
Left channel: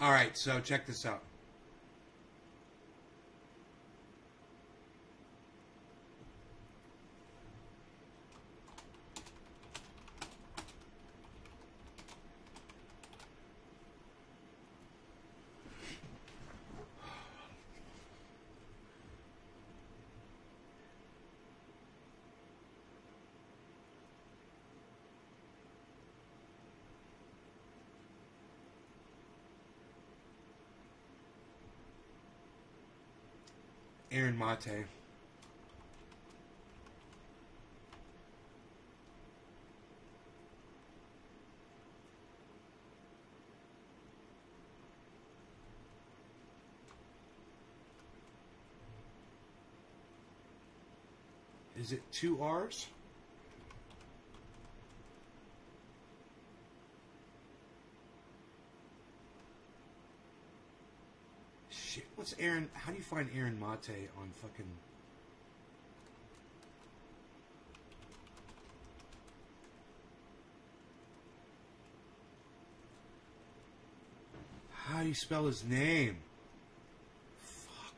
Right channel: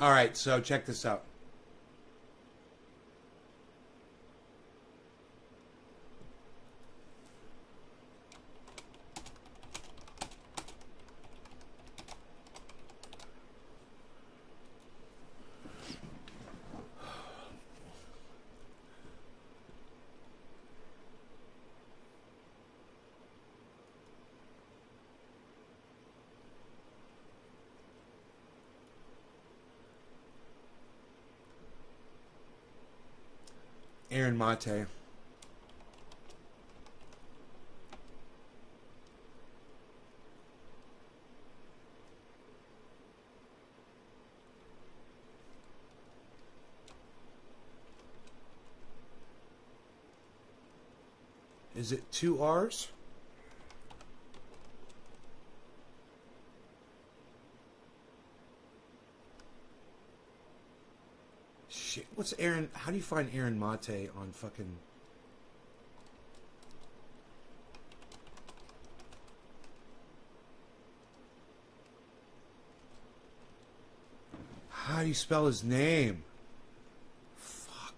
right, so check this out. Aaron Mate. Is it 2 R's? Shit, what's Aaron? How do you find Aaron Mate on fucking how do you spell his name? Fuck.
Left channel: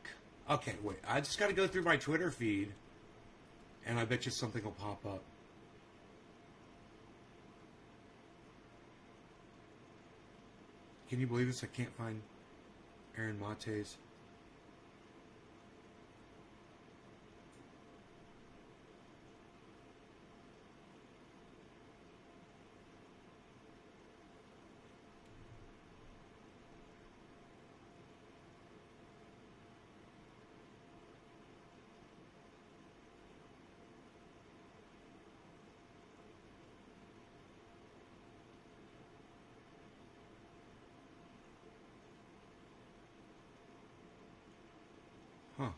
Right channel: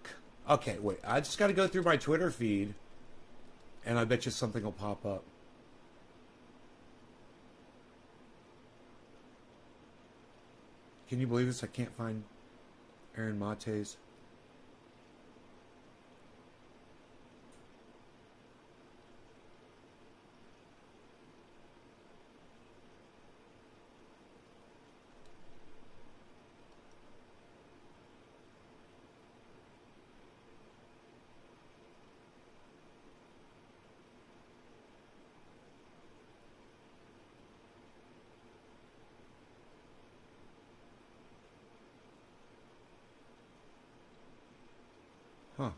Okay, wait. I just got to go through my Twitter feed, and I bet you something will pop up. Can you believe this? I can't find Aaron Mate's. Huh.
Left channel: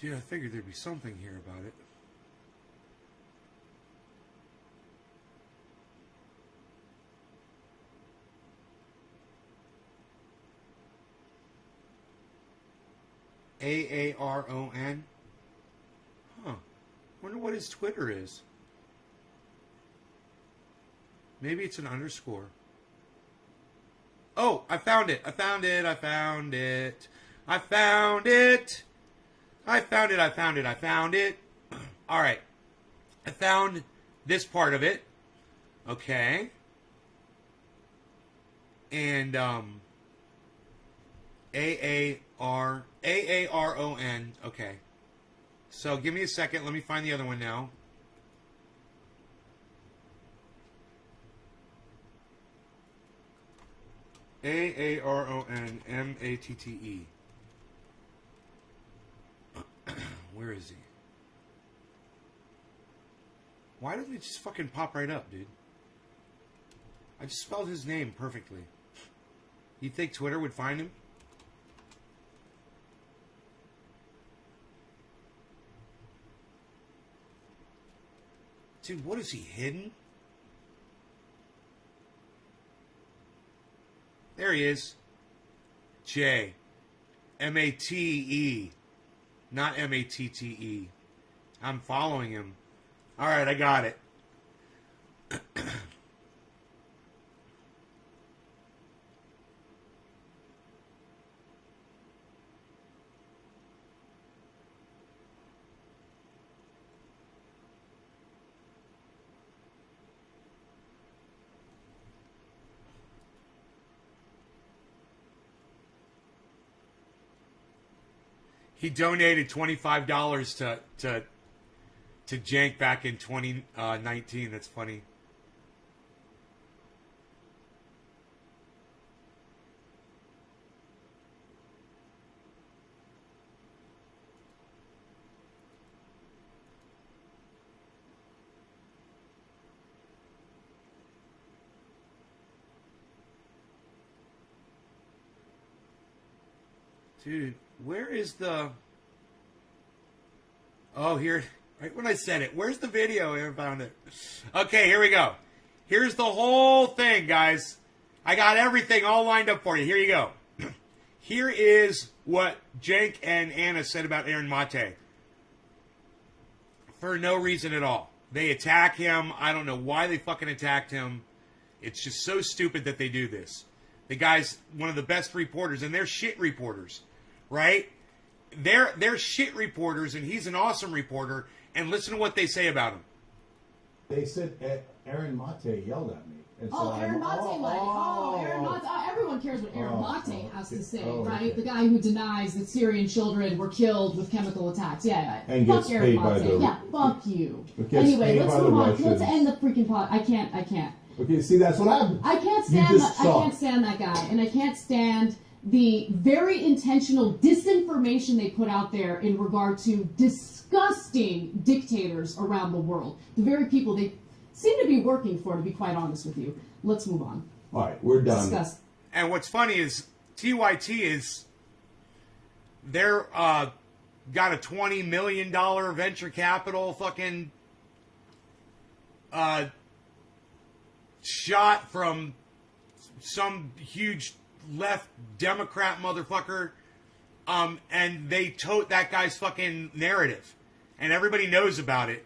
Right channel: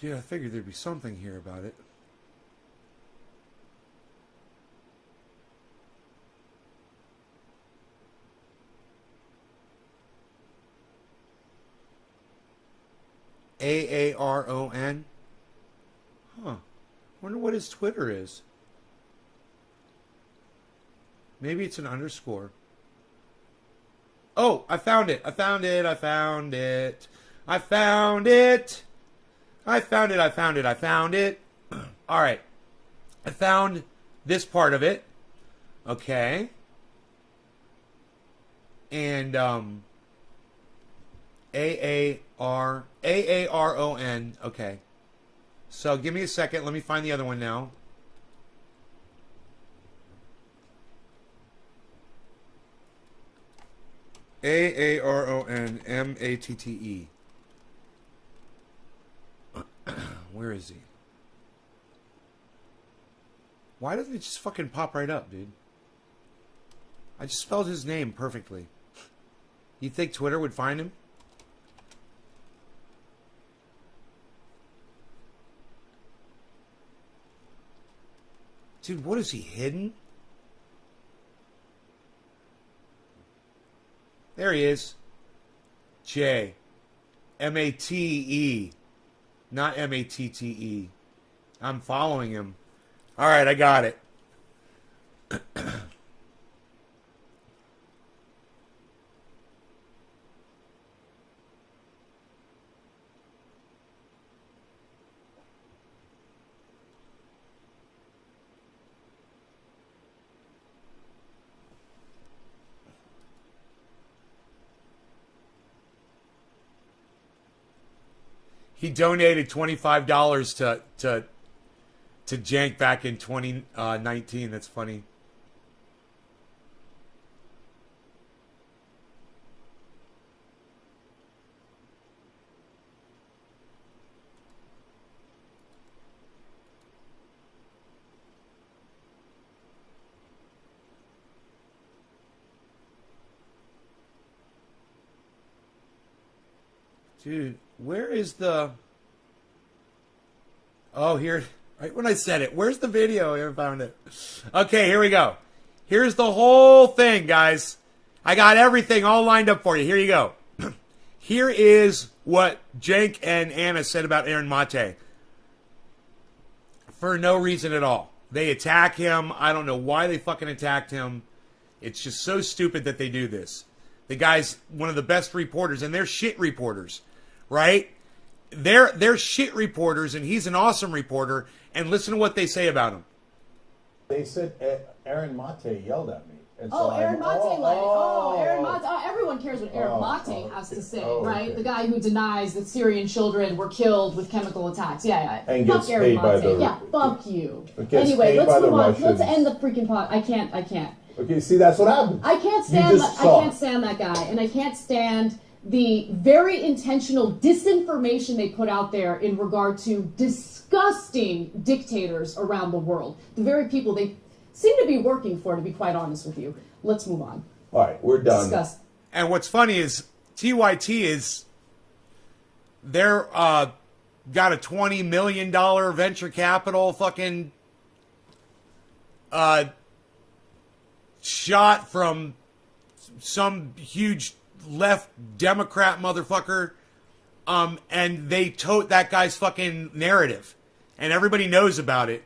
Gee, I figured there'd be something here about it. Aaron? Huh. Wonder what his Twitter is. Maybe it's an underscore. Oh, I found it. I found it. I found it. I found it. I found it. I found it. I found it. All right. I found this part of it. Okay. And Aaron. Okay. So give me a second. Let me find the other one now. Aaronmatte. Where is he? Why doesn't it just fucking pop right up, dude? I just spelled his name perfectly. You think Twitter would find him? Dude, what is he hidden? There he is. J. M-A-T-E. Not M-A-T-T-E. I'm following him. All right, I got it. He donated $25 to Jank back in 2019. That's funny. Dude, where is the... Oh, here... Right when I said it. Where's the video? I haven't found it. Okay, here we go. Here's the whole thing, guys. I got everything all lined up for you. Here you go. Here is what Jank and Anna said about Aaron Mate. For no reason at all. They attack him. I don't know why they fucking attacked him. It's just so stupid that they do this. The guy's one of the best reporters, and they're shit reporters, right? They're shit reporters, and he's an awesome reporter. And listen to what they say about him. They said Aaron Mate yelled at me. And so Aaron Mate, Aaron Mate. Everyone cares what Aaron Mate has to say, right? Okay. The guy who denies that Syrian children were killed with chemical attacks. Yeah. And fuck gets Aaron paid by Mate. the... Yeah, fuck you. Gets Anyway, paid let's by the move on. Russians. Let's end the freaking pod. I can't. Okay, see, that's what happened. I can't stand that guy, and I can't stand the very intentional disinformation they put out there in regard to disgusting dictators around the world. The very people they seem to be working for, to be quite honest with you. Let's move on. All right, we're done. Disgust. And what's funny is TYT is they're got a $20 million venture capital fucking shot from some huge left Democrat motherfucker, and they tote that guy's fucking narrative, and everybody knows about it.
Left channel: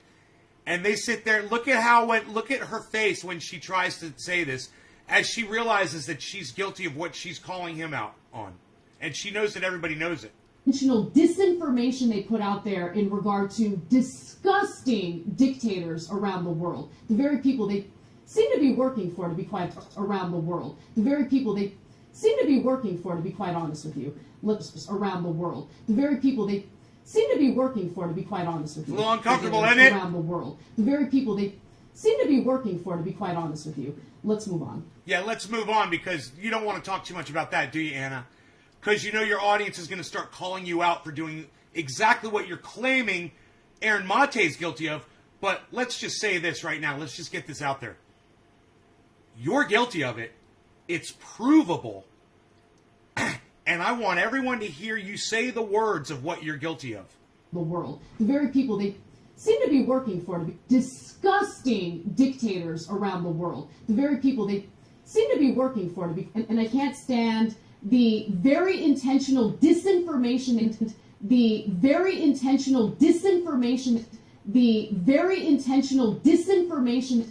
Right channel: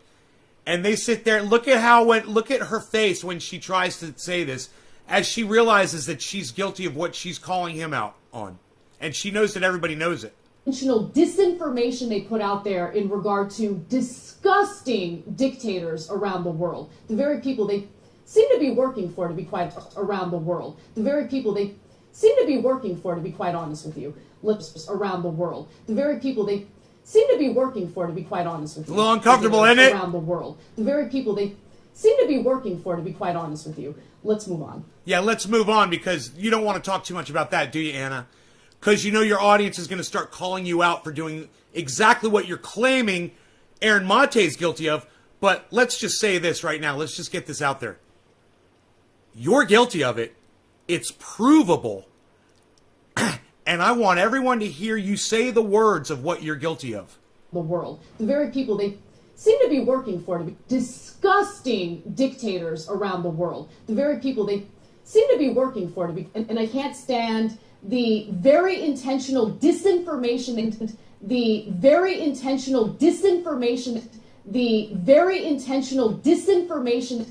And they sit there. Look at her face when she tries to say this, as she realizes that she's guilty of what she's calling him out on, and she knows that everybody knows it. Intentional disinformation they put out there in regard to disgusting dictators around the world. The very people they seem to be working for, to be quite around the world. The very people they seem to be working for, to be quite honest with you. Lips around the world. The very people they seem to be working for, to be quite honest with you. A little uncomfortable, isn't it? Around the world. The very people they seem to be working for, to be quite honest with you. Let's move on. Yeah, let's move on, because you don't want to talk too much about that, do you, Anna? Because you know your audience is going to start calling you out for doing exactly what you're claiming Aaron Mate is guilty of. But let's just say this right now. Let's just get this out there. You're guilty of it. It's provable. And I want everyone to hear you say the words of what you're guilty of. The world. The very people they seem to be working for, to be disgusting dictators around the world. The very people they seem to be working for, to be, and I can't stand the very intentional disinformation, the very intentional disinformation, the very intentional disinformation,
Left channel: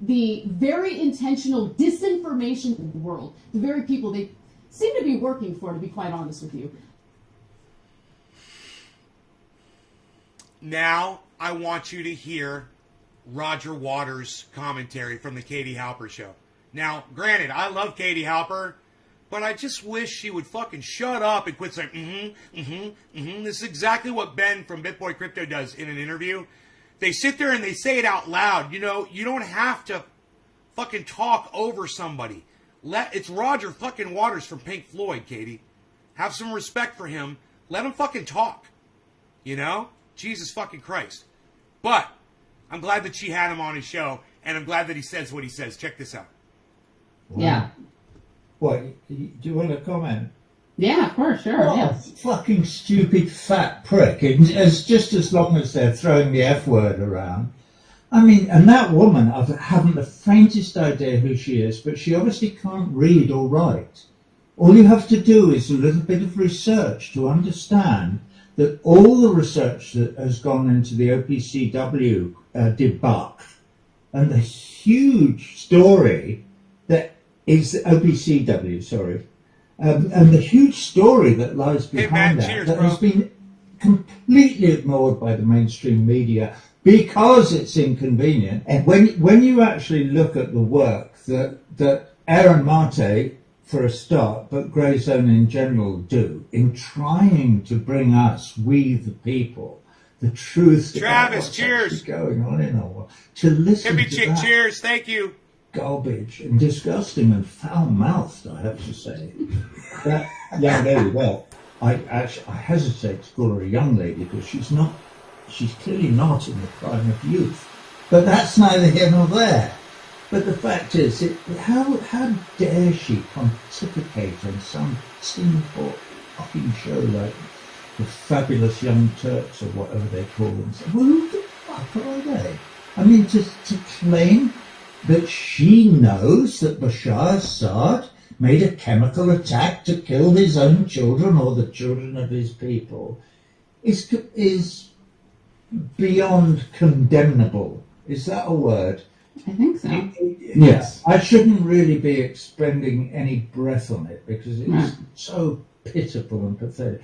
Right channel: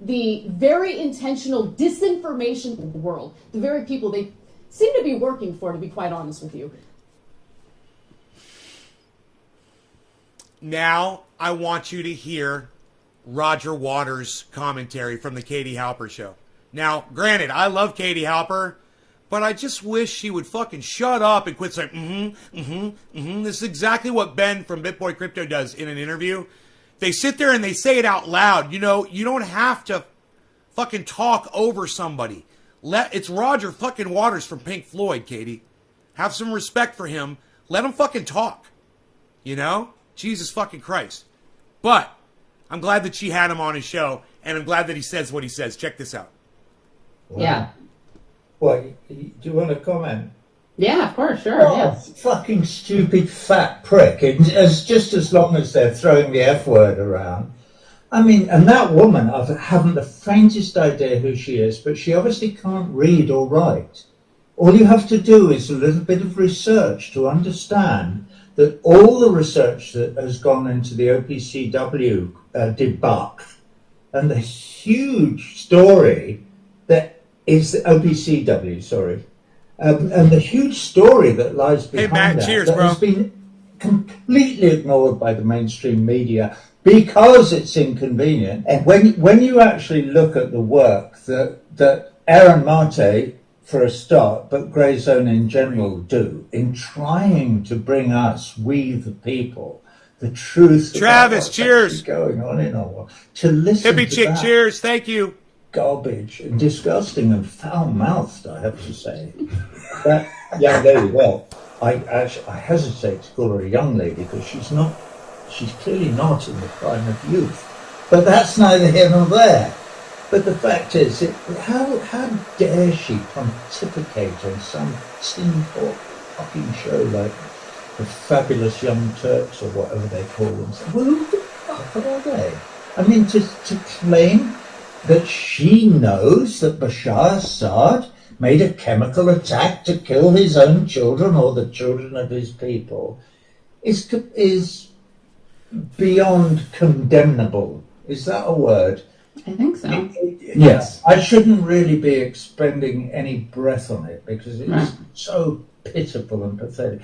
the very intentional disinformation of the world. The very people they seem to be working for, to be quite honest with you. Now, I want you to hear Roger Waters' commentary from the Katie Halper show. Now, granted, I love Katie Halper, but I just wish she would fucking shut up and quit saying, This is exactly what Ben from BitBoy Crypto does in an interview. They sit there and they say it out loud. You know, you don't have to fucking talk over somebody. It's Roger fucking Waters from Pink Floyd, Katie. Have some respect for him. Let him fucking talk. You know? Jesus fucking Christ. But I'm glad that she had him on his show, and I'm glad that he says what he says. Check this out. Wow. Yeah. What, do you want to comment? Yeah, of course, sure. Oh, Yeah. fucking stupid fat prick. It's just as long as they're throwing the F word around. I mean, and that woman, I haven't the faintest idea who she is, but she obviously can't read or write. All you have to do is a little bit of research to understand that all the research that has gone into the OPCW debunk and the huge story that is the OPCW, sorry, and the huge story that lies behind Matt, that, cheers, that bro. has been completely ignored by the mainstream media because it's inconvenient. And when you actually look at the work that Aaron Mate, for a start, but Grey Zone in general do in trying to bring us, we the people, the truth. Travis, about what's cheers. actually going on in our world, to listen Hippie to chick, that cheers. Thank you. garbage and disgusting and foul-mouthed, I have to say. That young lady, well, I hesitate to call her a young lady because she's clearly not in the prime of youth. But that's neither here nor there. But the fact is, how dare she pontificate on some tin pot fucking show like the Fabulous Young Turks or whatever they call themselves? Well, who the fuck are they? I mean, to claim that she knows that Bashar Assad made a chemical attack to kill his own children or the children of his people is beyond condemnable. Is that a word? I think so. Yes. I shouldn't really be expending any breath on it because it's so pitiful and pathetic.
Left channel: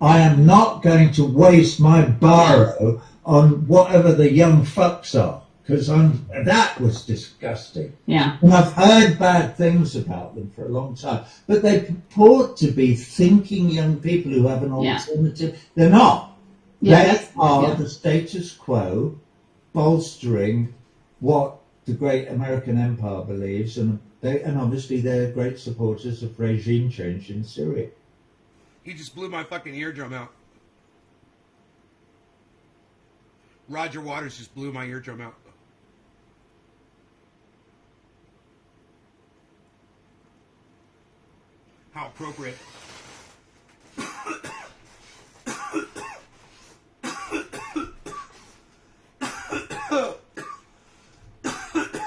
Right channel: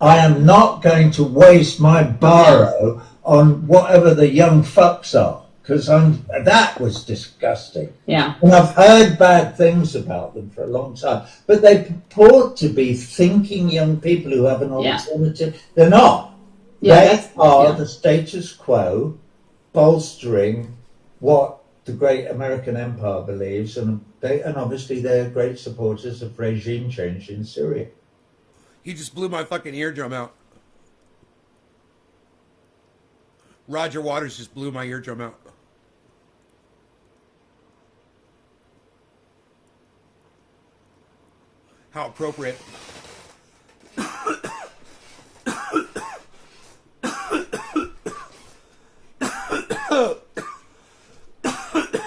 I am not going to waste my borrow on whatever the young fucks are because that was disgusting. Yeah. And I've heard bad things about them for a long time, but they purport to be thinking young people who have an alternative. They're not. They are the status quo bolstering what the great American empire believes, and obviously they're great supporters of regime change in Syria. He just blew my fucking eardrum out. Roger Waters just blew my eardrum out. How appropriate.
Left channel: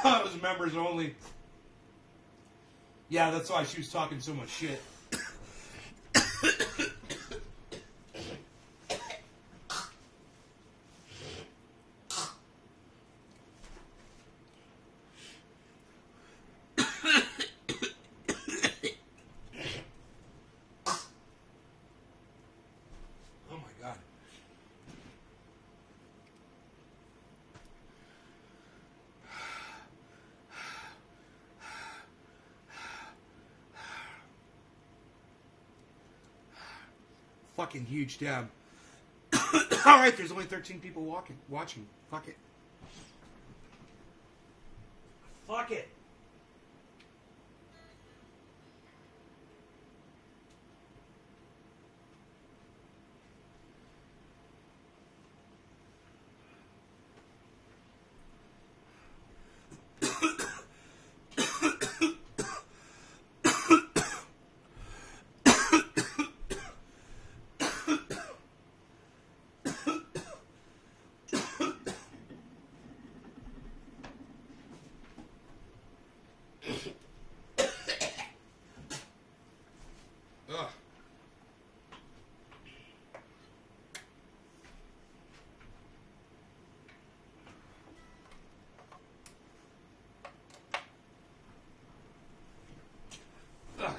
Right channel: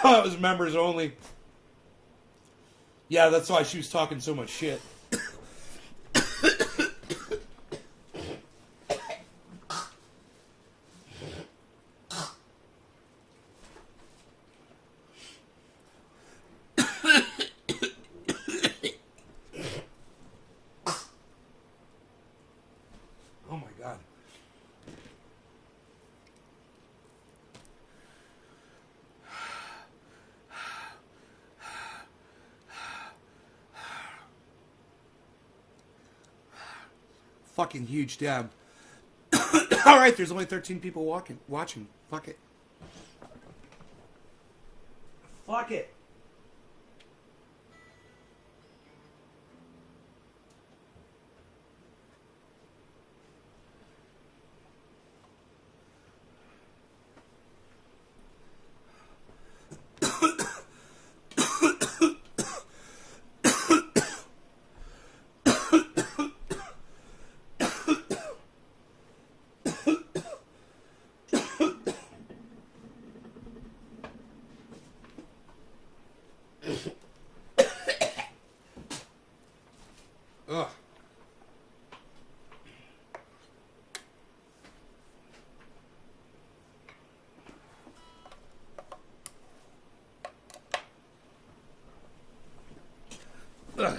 It was members only. Yeah, that's why she was talking so much shit. fucking huge dab. All right, there's only 13 people watching. Fuck it. Fuck it. Ugh. Ugh.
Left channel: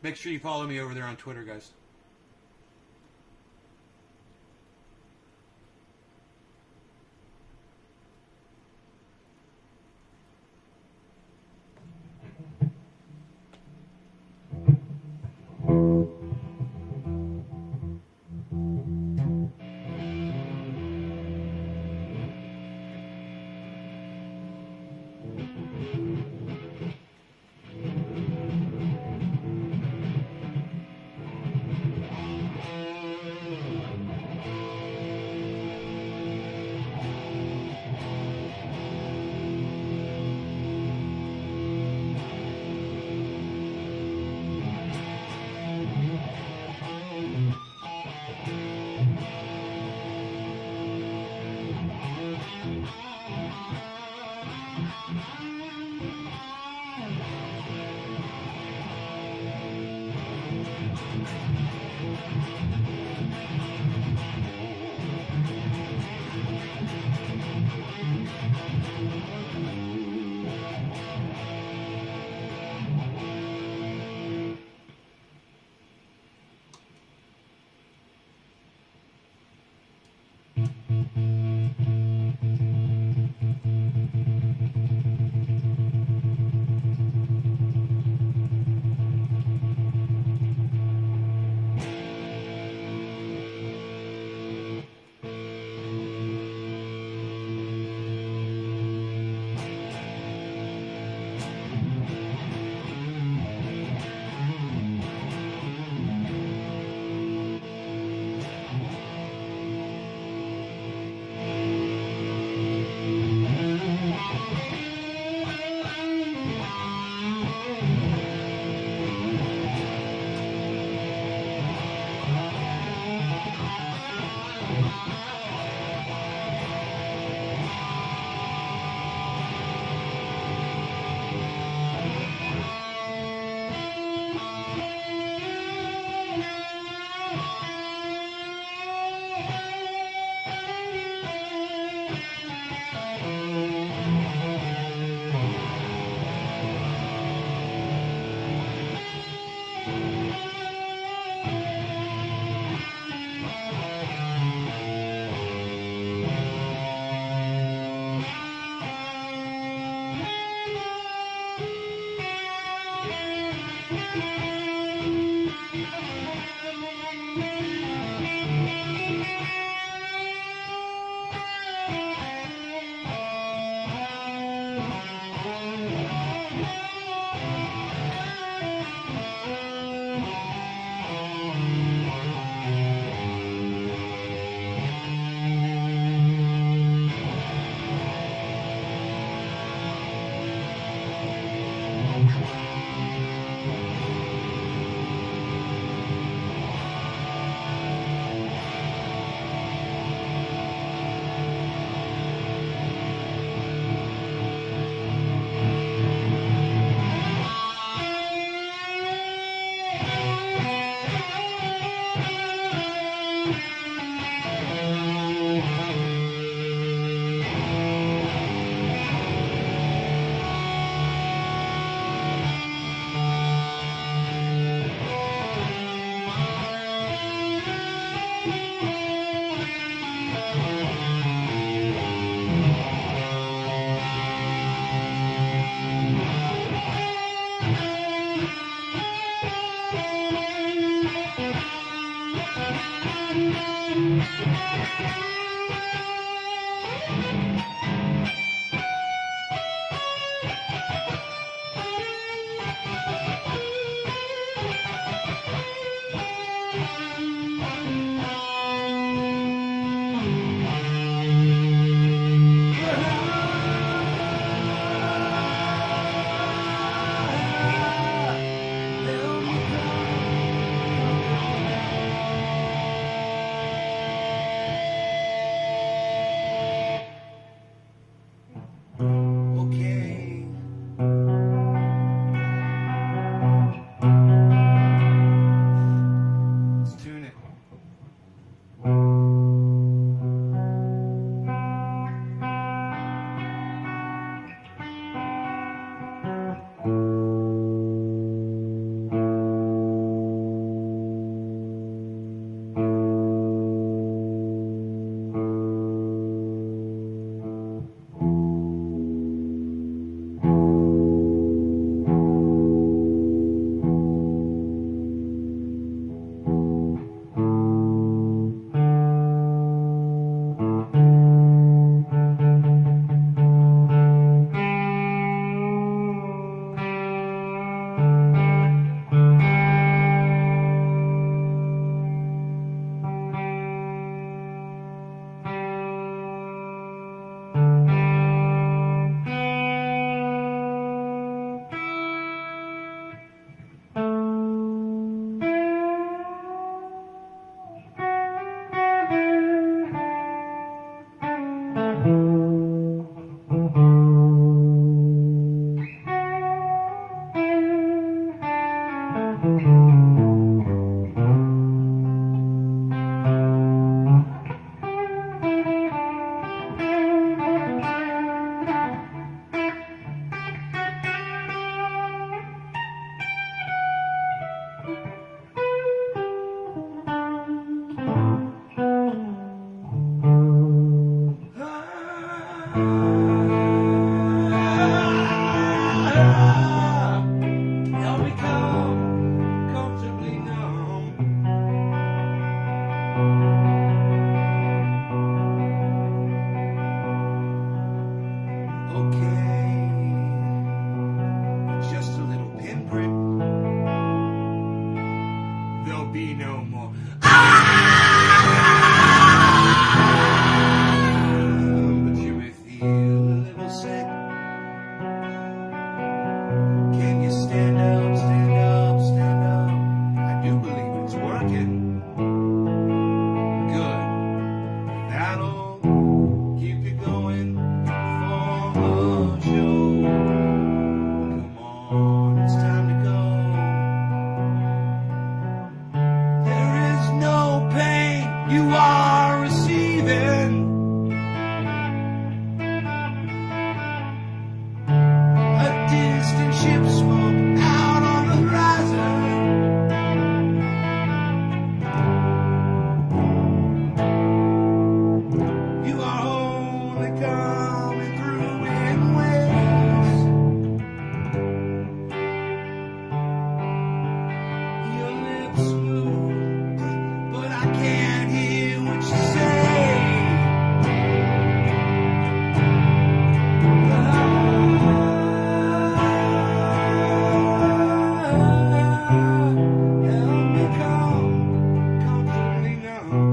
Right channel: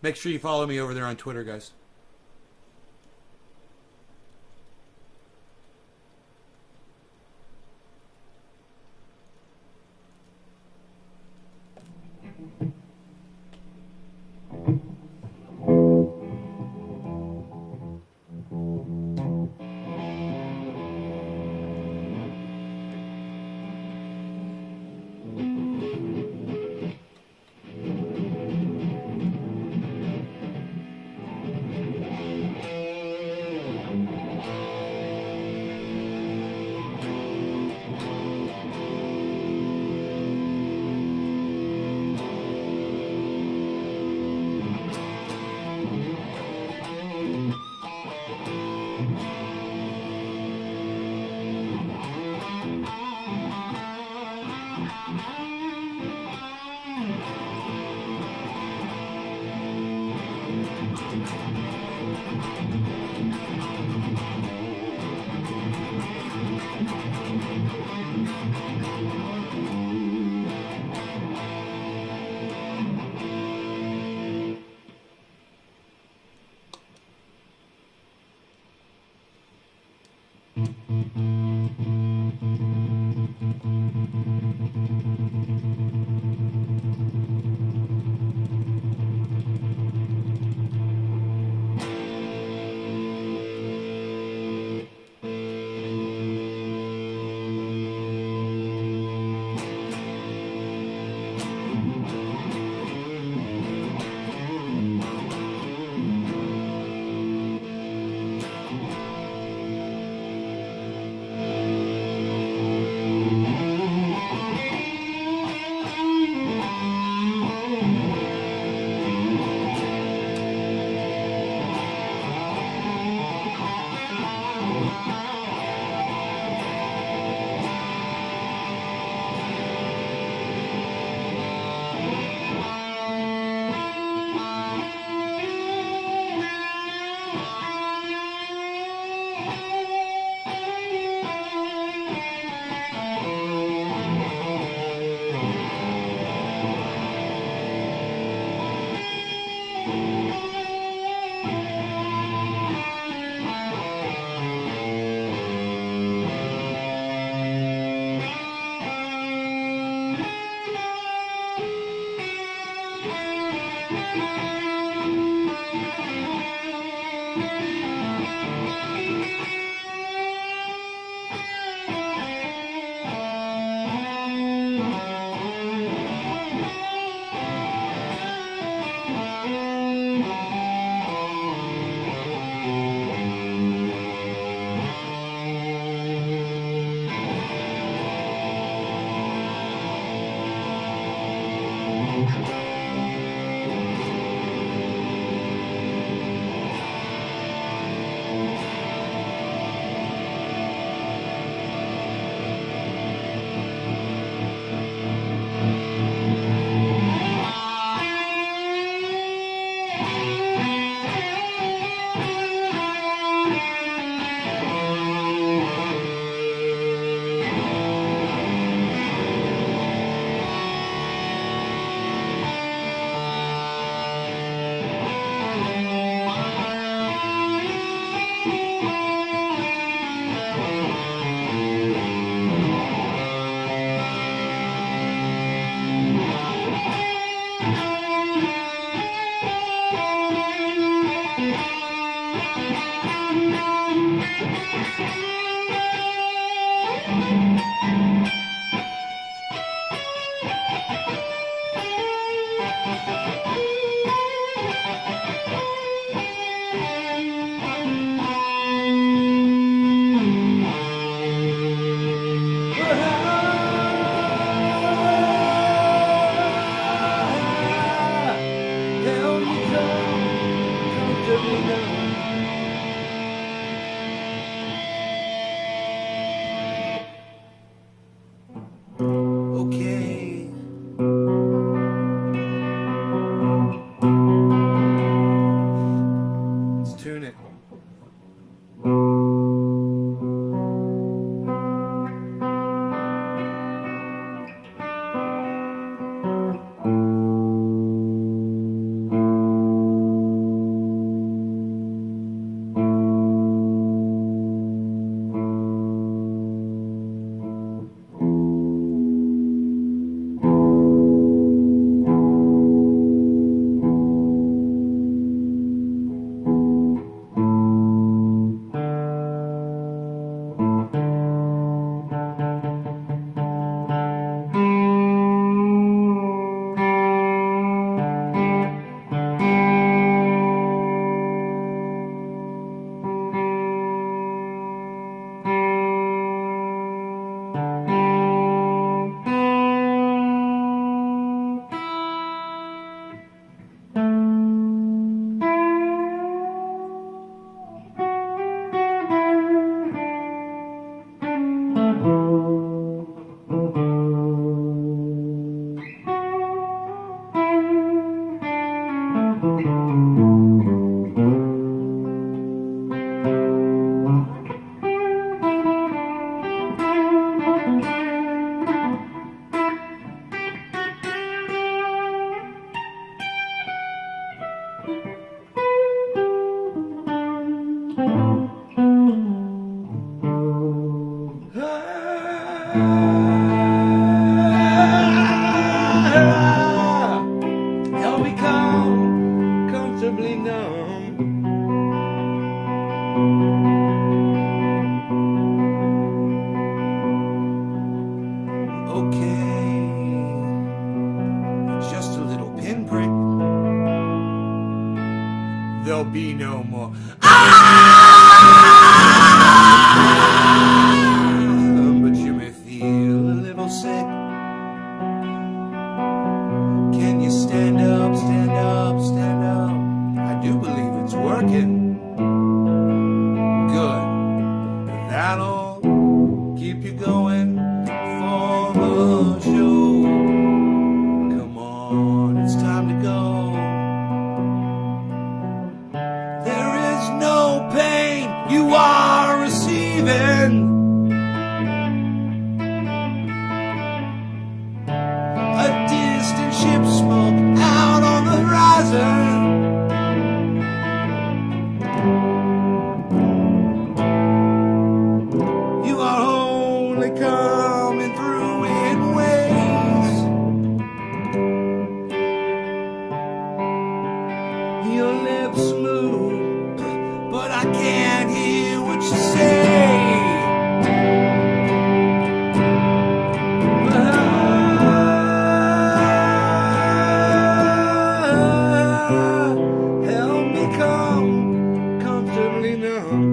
Make sure you follow me over there on Twitter, guys. Help me come comfortably numb. Okay, just a little pinprick. There'll be no more. But you may feel a little sick. Can you stand up, stand up, stand up? I do believe it's working. Good. That'll keep you going for the show. Come on, it's time to go. There is no pain you are receiving. A distant ship smoke out on the horizon. You are only coming through in waves. Your lips move, but I can't hear what you say. Help me come comfortably numb.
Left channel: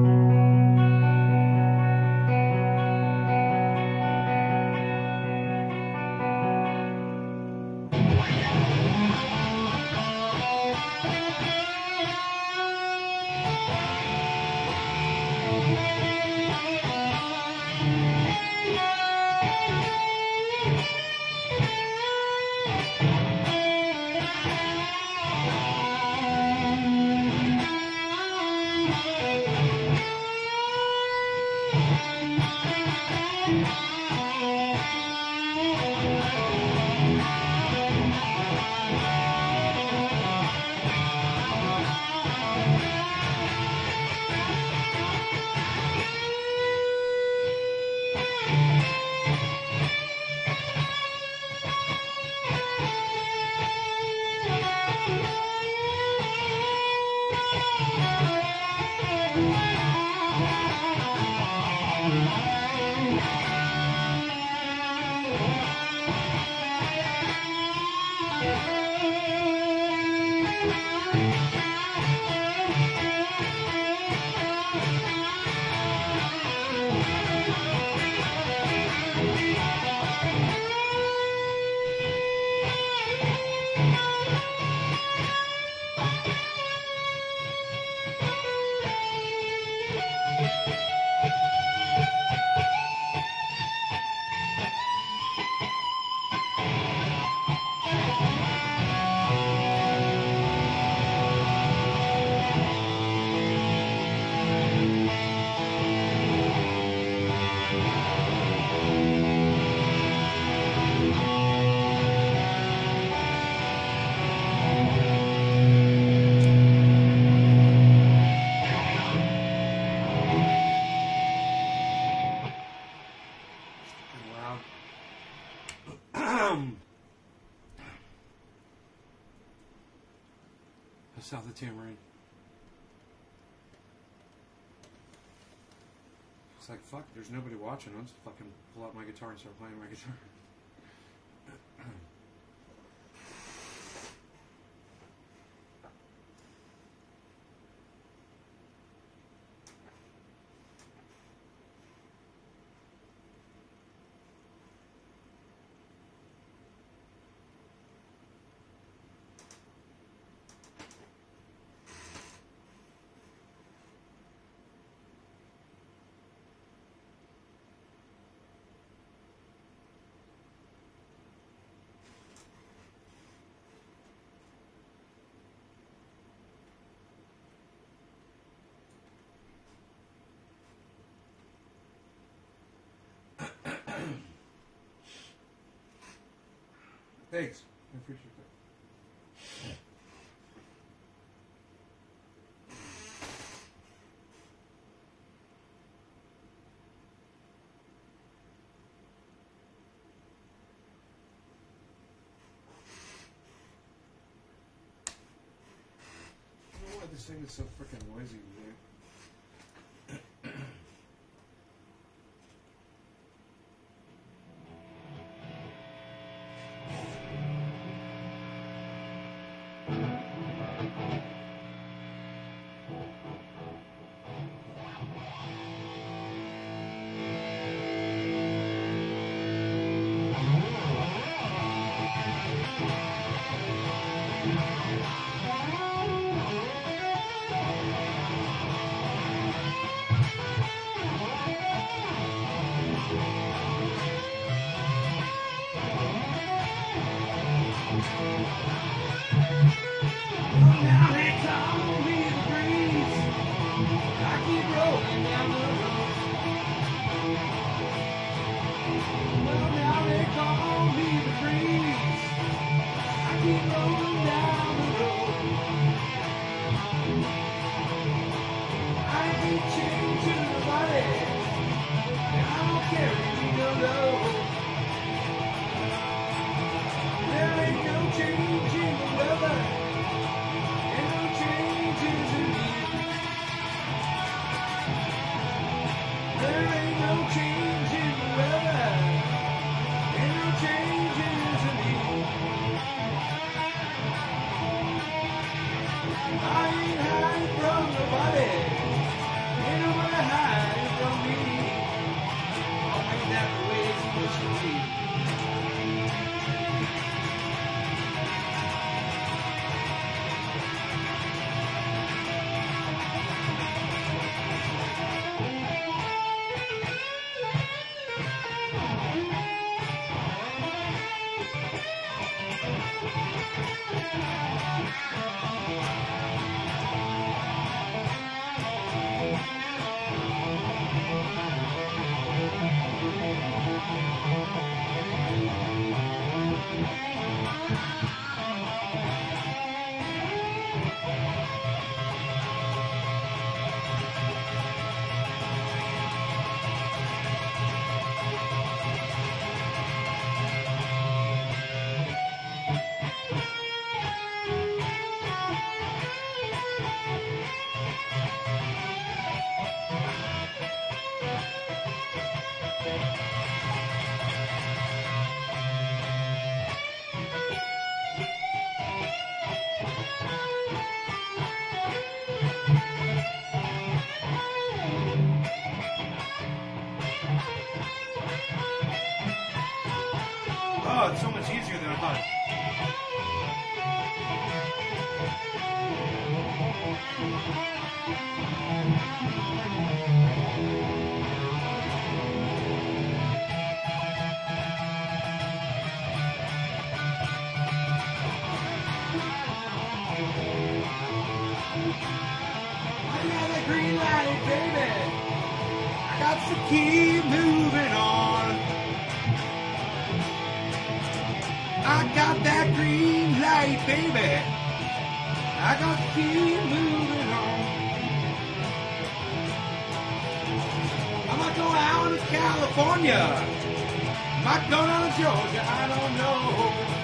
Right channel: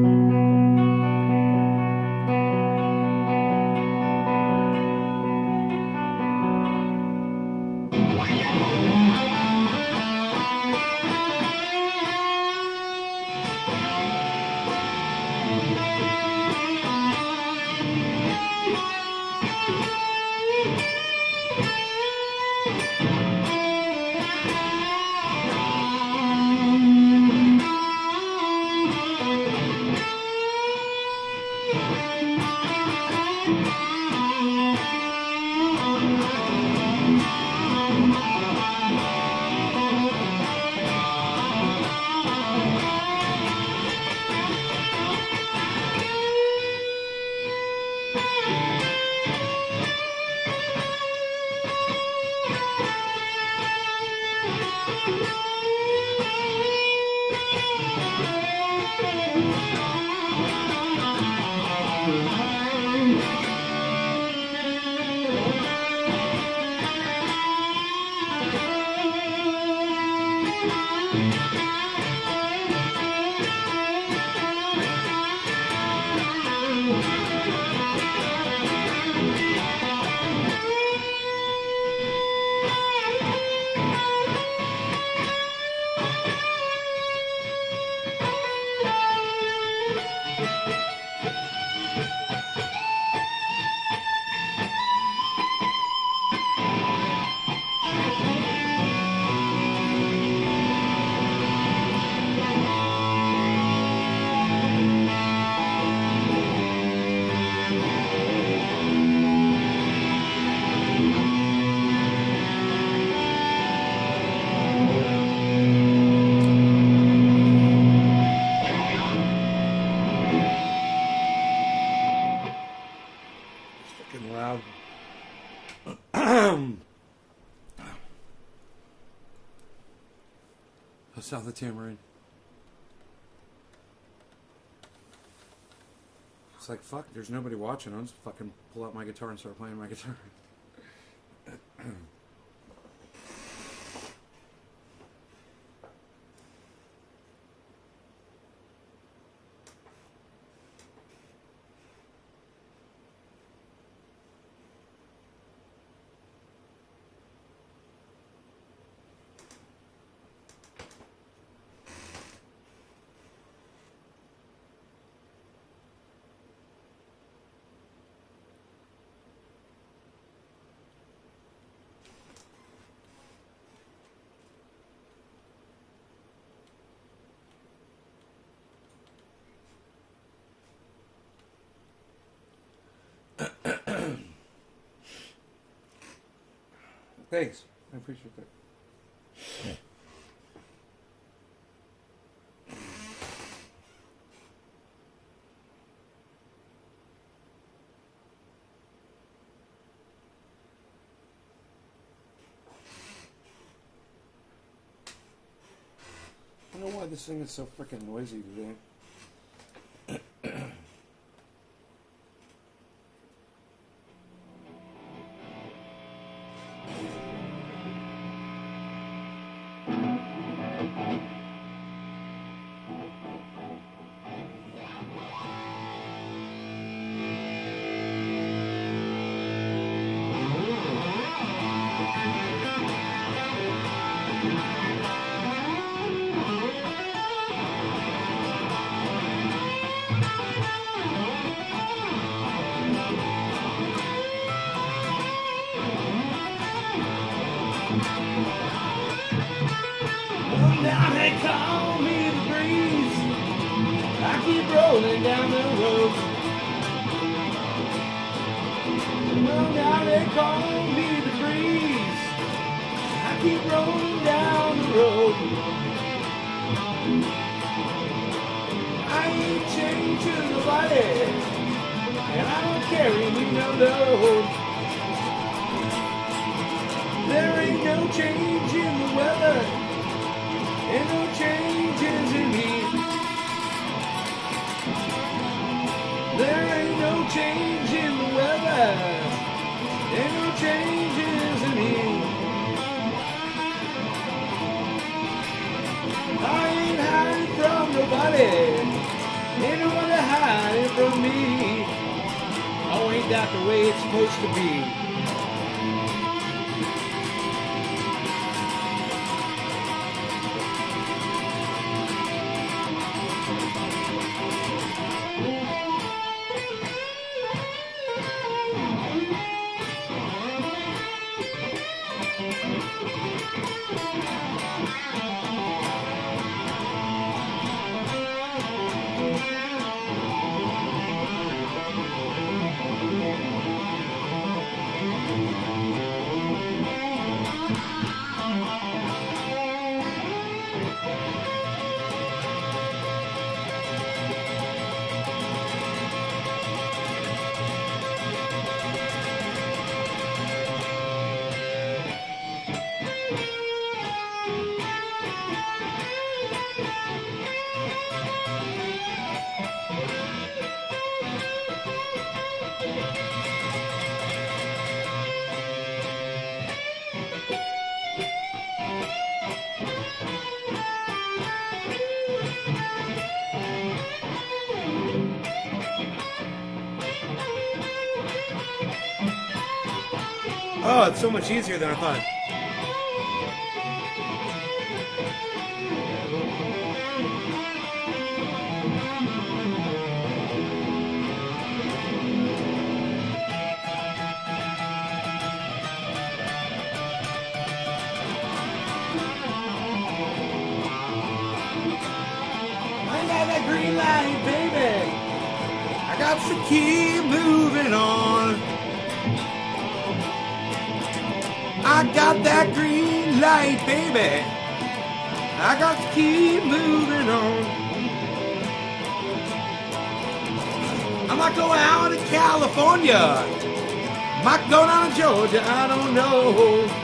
Fucking loud. South of Tamarind. It's like, fuck, there's nobody watching. I'll just fucking pull out my guitar and start playing my guitar. Thanks. I appreciate that. this thing is so freaking noisy today. Now they call me the breeze. I keep rolling down the road. Well, now they call me the breeze. I keep rolling down the road. I ain't chained to nobody, and I don't carry me no load. There ain't no change in the weather. Ain't no changes in me. There ain't no change in the weather. Ain't no changes in me. I ain't hiding from nobody. Ain't nobody hiding from me. Oh, ain't that the way it's supposed to be? Oh, it's so much easier than I thought. I got that green light, baby. I got to keep moving on. I got that green light, baby. I got to keep moving on. I might go out to California. Might go down to Georgia, I don't know.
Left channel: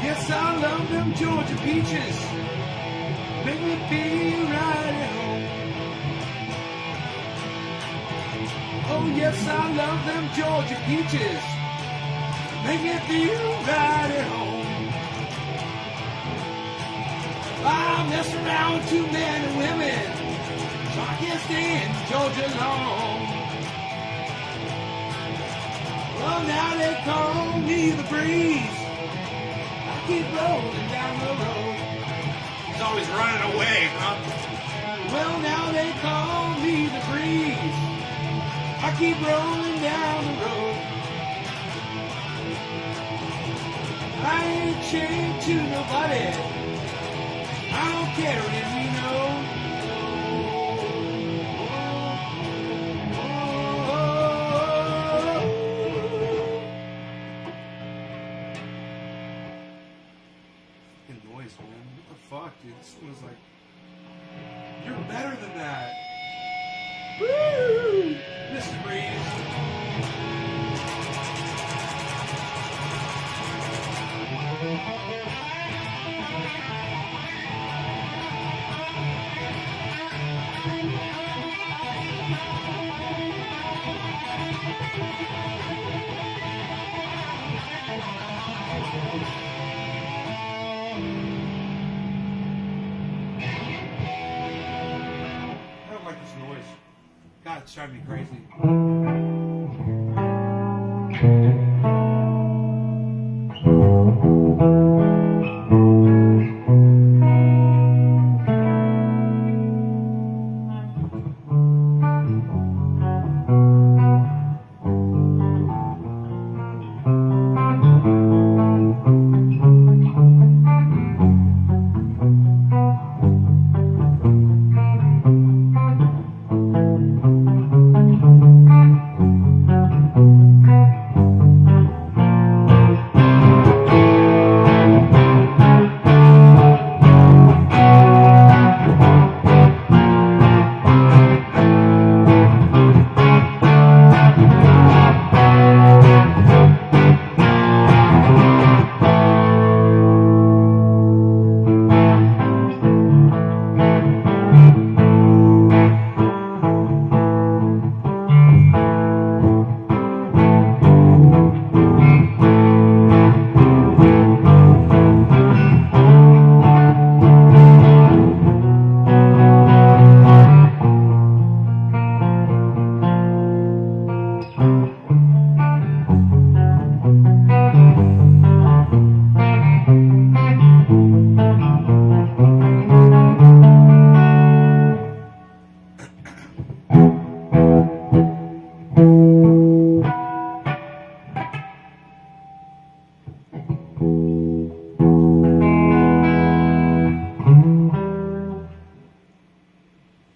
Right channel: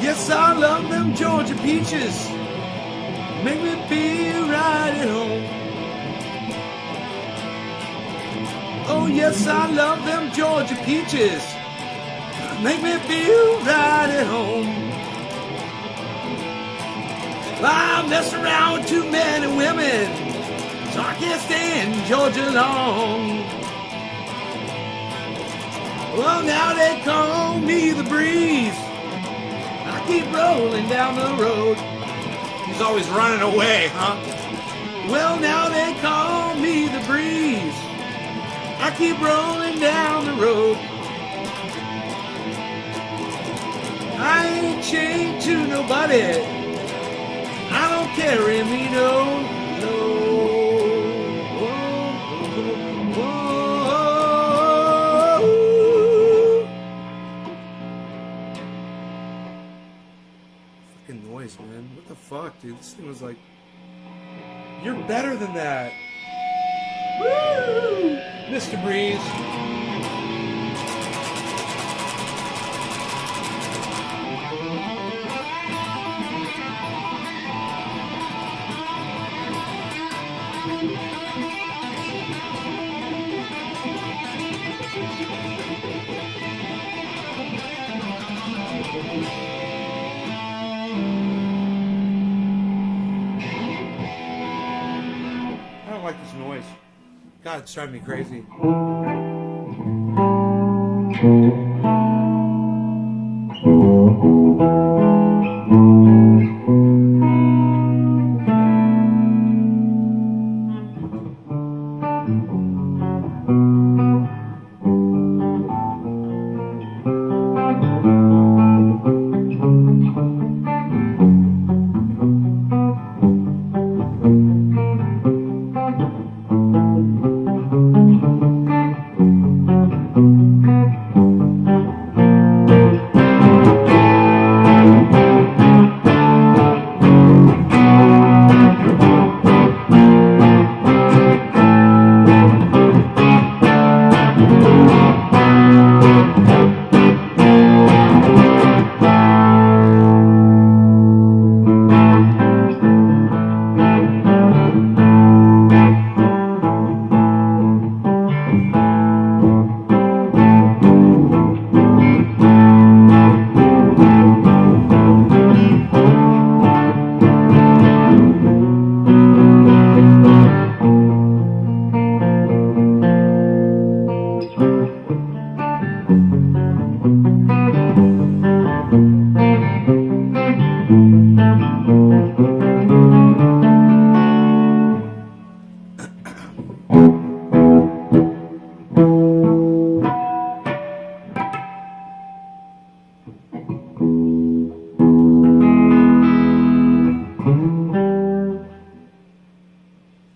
Yes, I love them Georgia peaches. Make me feel right at home. Oh, yes, I love them Georgia peaches. Make me feel right at home. I mess around with too many women, so I can't stay in Georgia long. Well, now they call me the breeze. Keep rolling down the road. He's always running away, huh? Well, now they call me the breeze. I keep rolling down the road. I ain't chained to nobody. I don't carry me no noise, man. What the fuck, dude? This thing was like... You're better than that! Woo! Mr. Breeze. I don't like this noise. God, it's driving me crazy.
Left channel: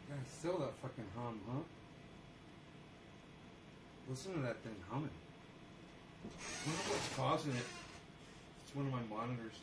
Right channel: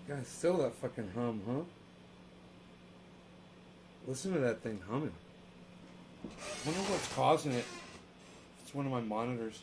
God, still that fucking hum, huh? Listen to that thing humming. I wonder what's causing it. It's one of my monitors.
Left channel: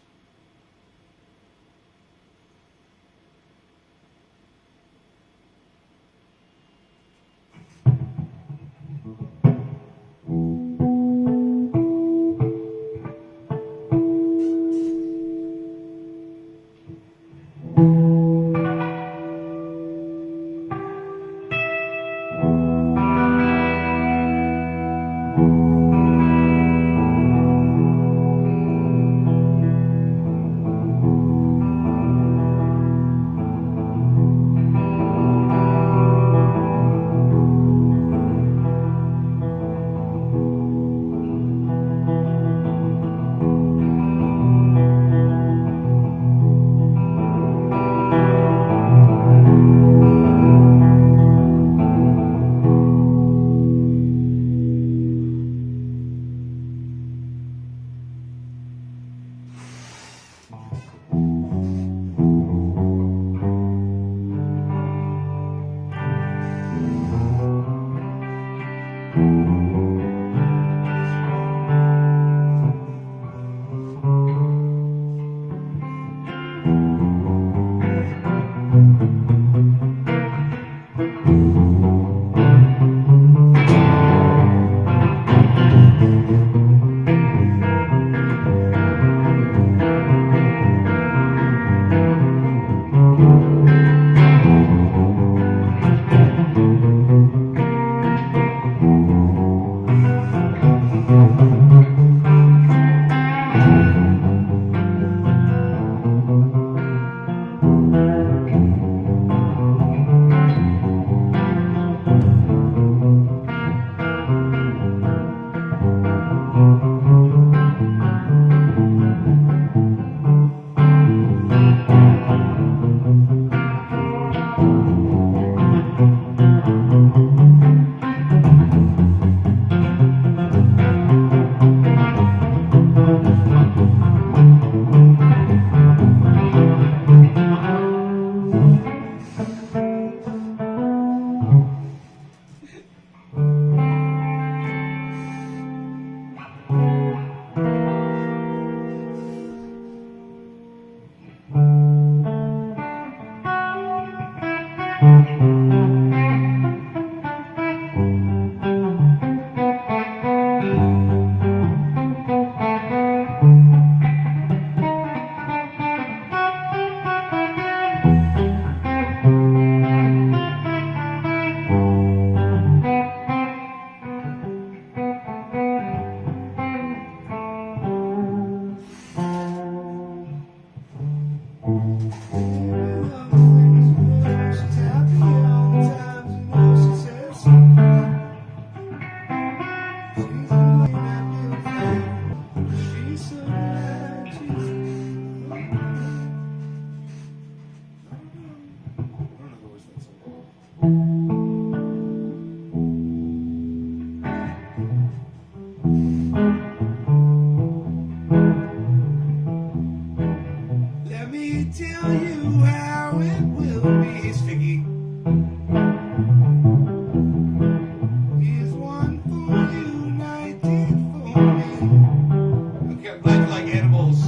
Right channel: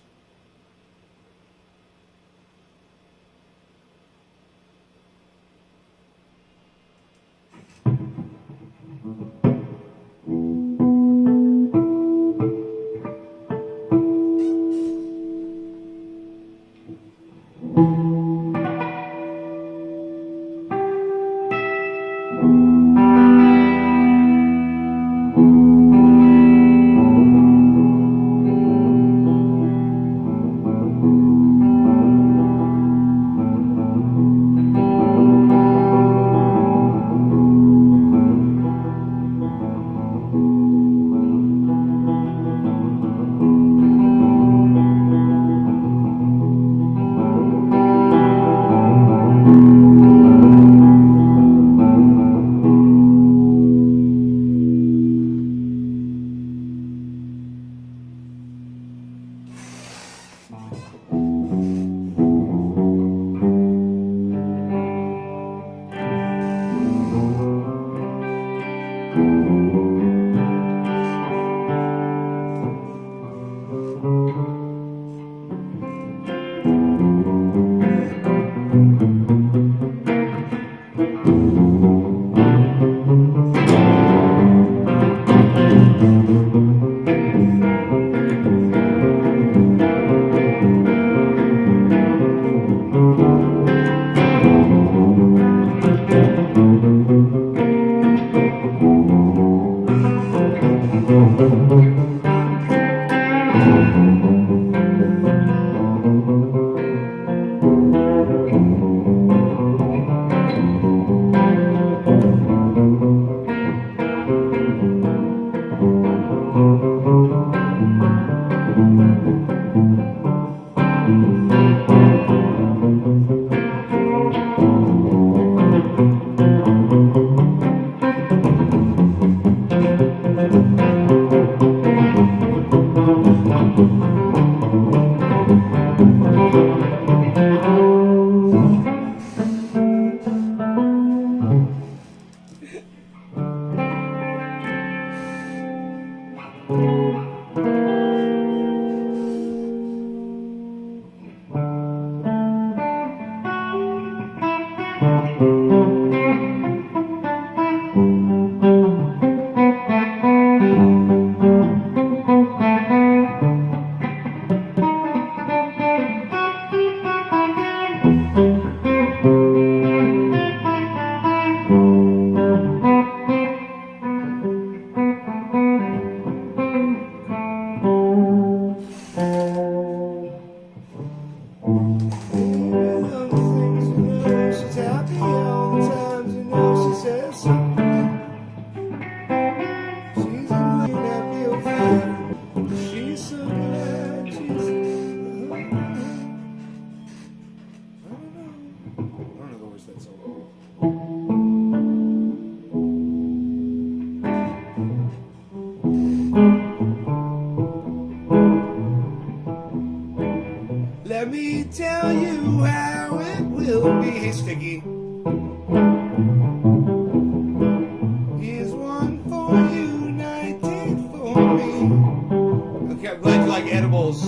feels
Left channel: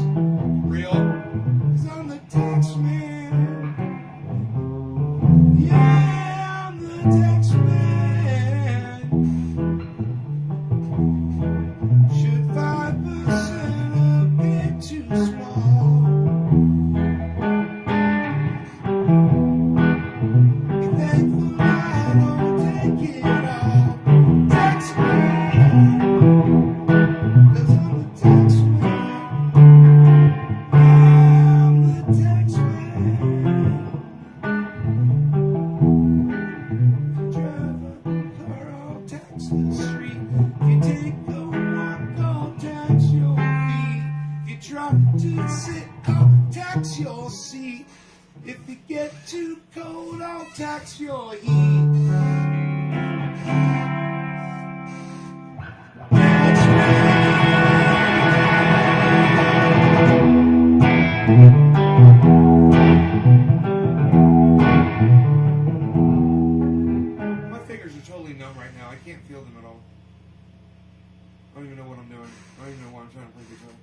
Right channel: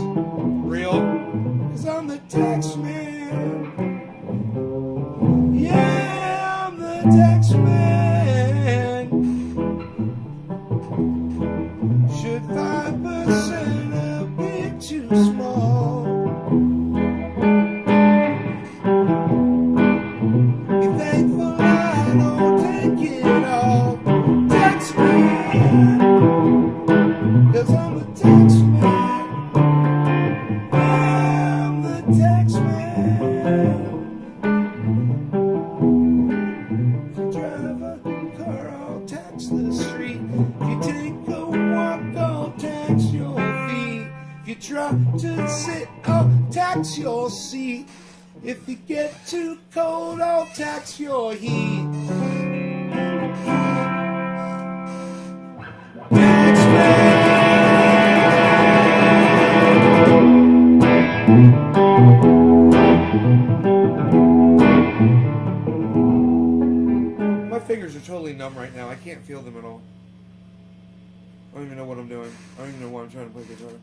real. 'Cause I'm the tax man. Yeah, I'm the tax man. Should 5% appear too small? Be thankful I don't take it all. Tax man, 'cause I'm the tax man. Yeah, I'm the tax man. If you drive a car, I'll tax the street. If you take a walk, I'll tax your feet. If you try to sit, I'll tax your seat. If you get too cold, I'll tax your heat. Tax My fingers are totally numb right now. I can't feel them at all. I don't even know what I'm doing. I don't even know why I'm trying to play guitar.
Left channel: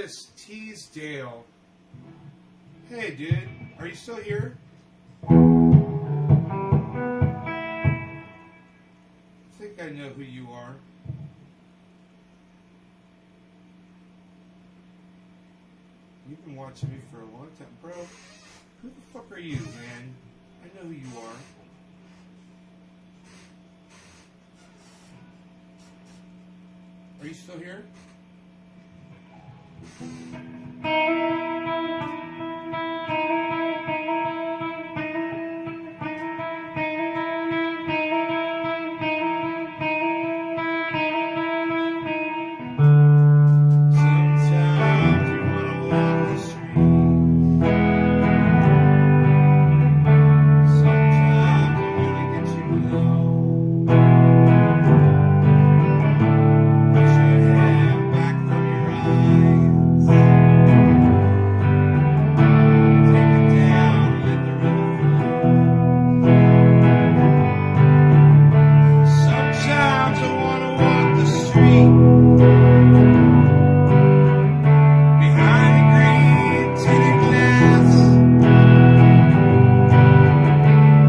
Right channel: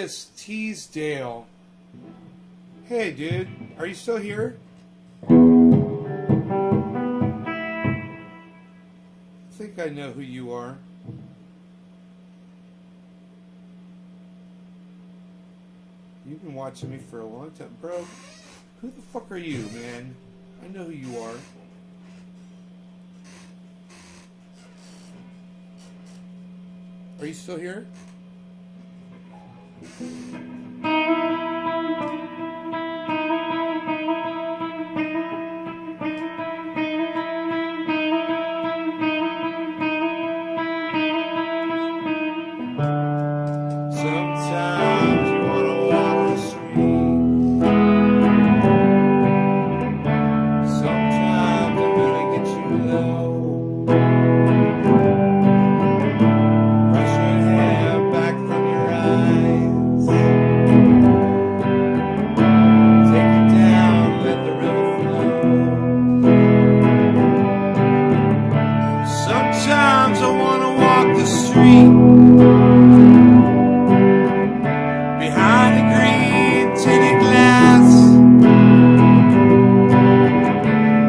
Cannabis Teasdale. Hey, dude. Are you still here? I think I know who you are. You've been watching me for a long time. Bro, who the fuck are you, man? I know who you are. Are you still here? Sometimes you wanna walk the street. Sometimes it really gets you low. Brush your hair back from your eyes. Take it down, let the river flow. Sometimes I wanna walk the street. Behind the green tinted glass,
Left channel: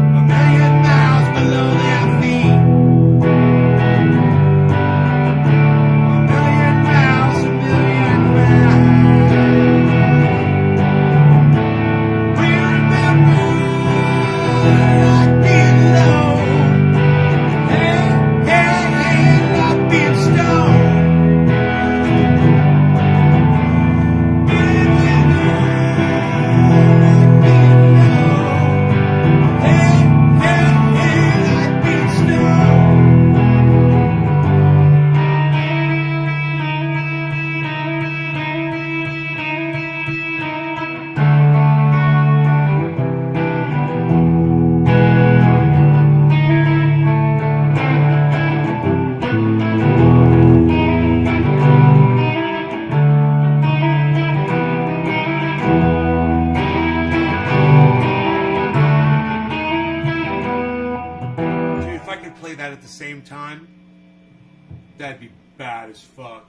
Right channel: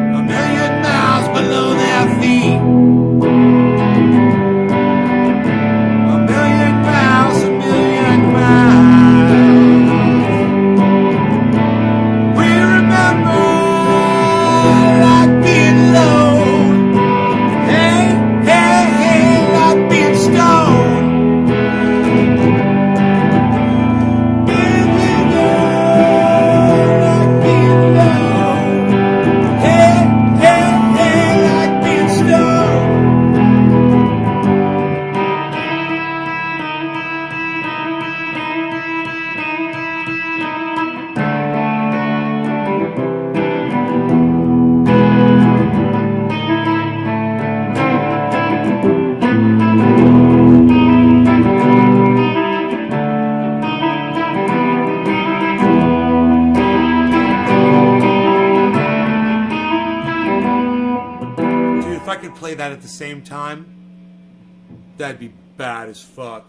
a million miles below their feet. A million miles, a million miles. We remember like being low. Hey, hey, hey, like being stoned. Dude, if I could play that at the same time, that'd be bad as fuck.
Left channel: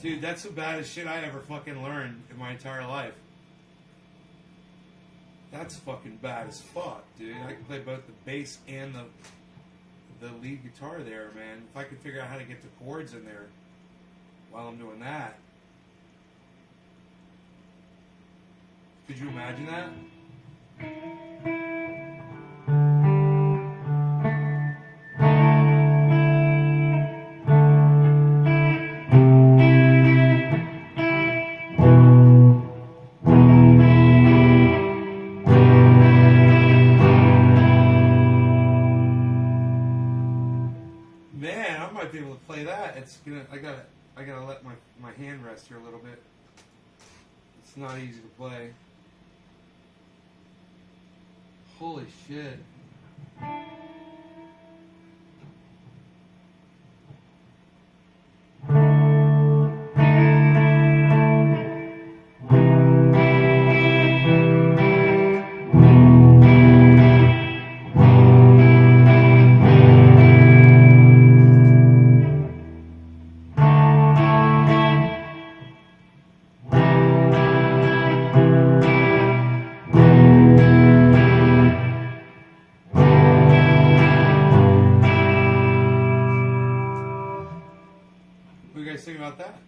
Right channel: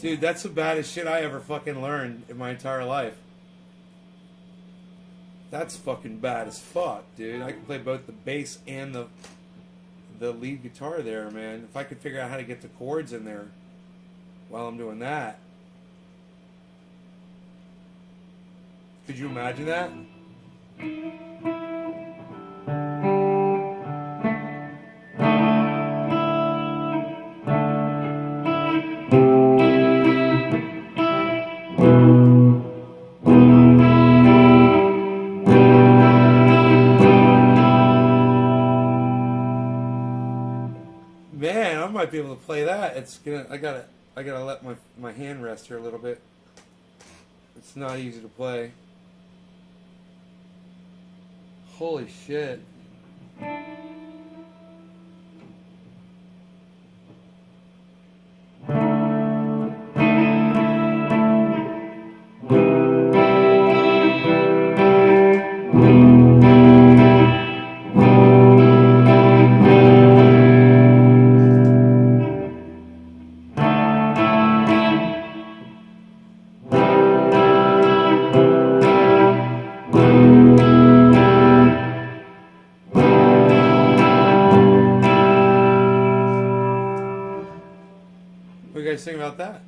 Dude, that's the baddest shit I ever fucking learned in my entire life. That's fucking bad as fuck, dude. I can play both the bass and the lead guitar there, man. If I could figure out how to get the chords in there while I'm doing that. Could you imagine that? Man, I might be able to play that. I gotta let my hand rest here a little bit. It's not easy to play. Holy shit. What do you guys think about that?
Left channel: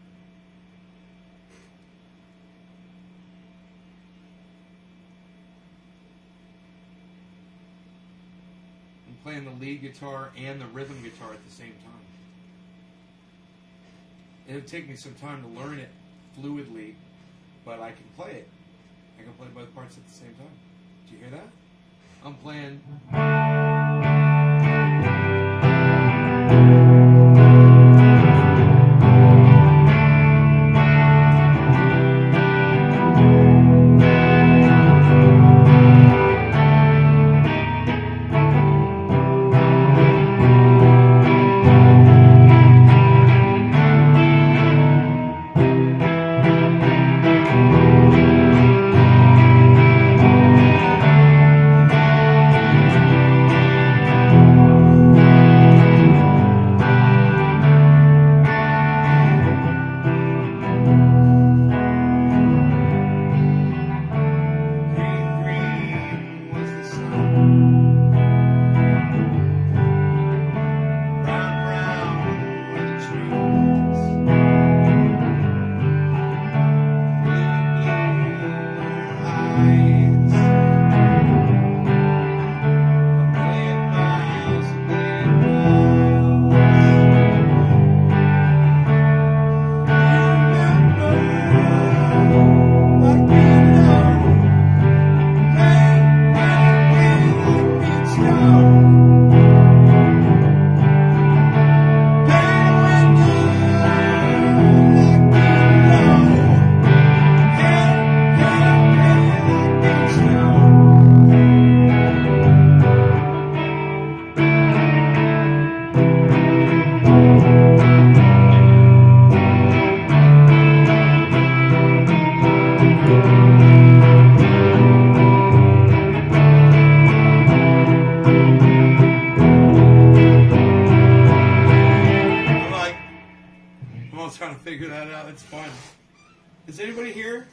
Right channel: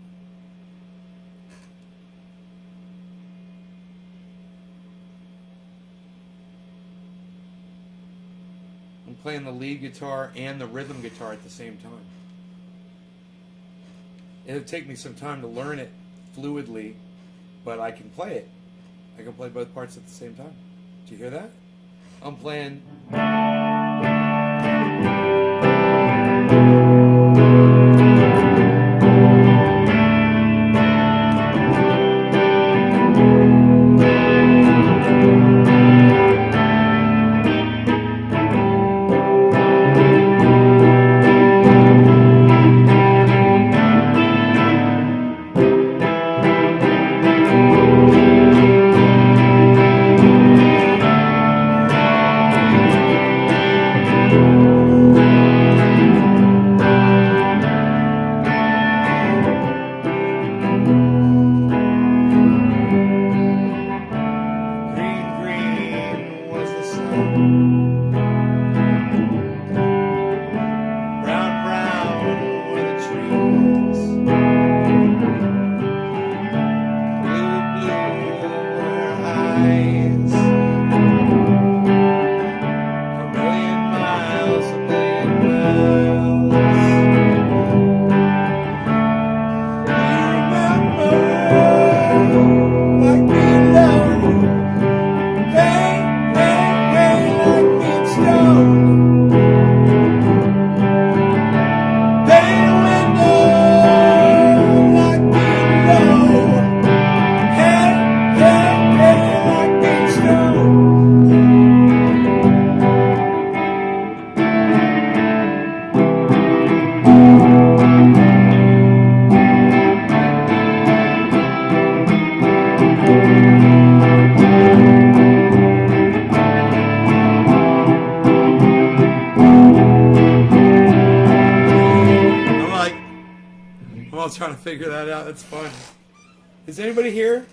I'm playing the lead guitar and the rhythm guitar at the same time. It'll take me some time to learn it fluidly, but I can play it. I can play both parts at the same time. Do you hear that? I'm playing. Trying to figure that out. That's fun. Is anybody here?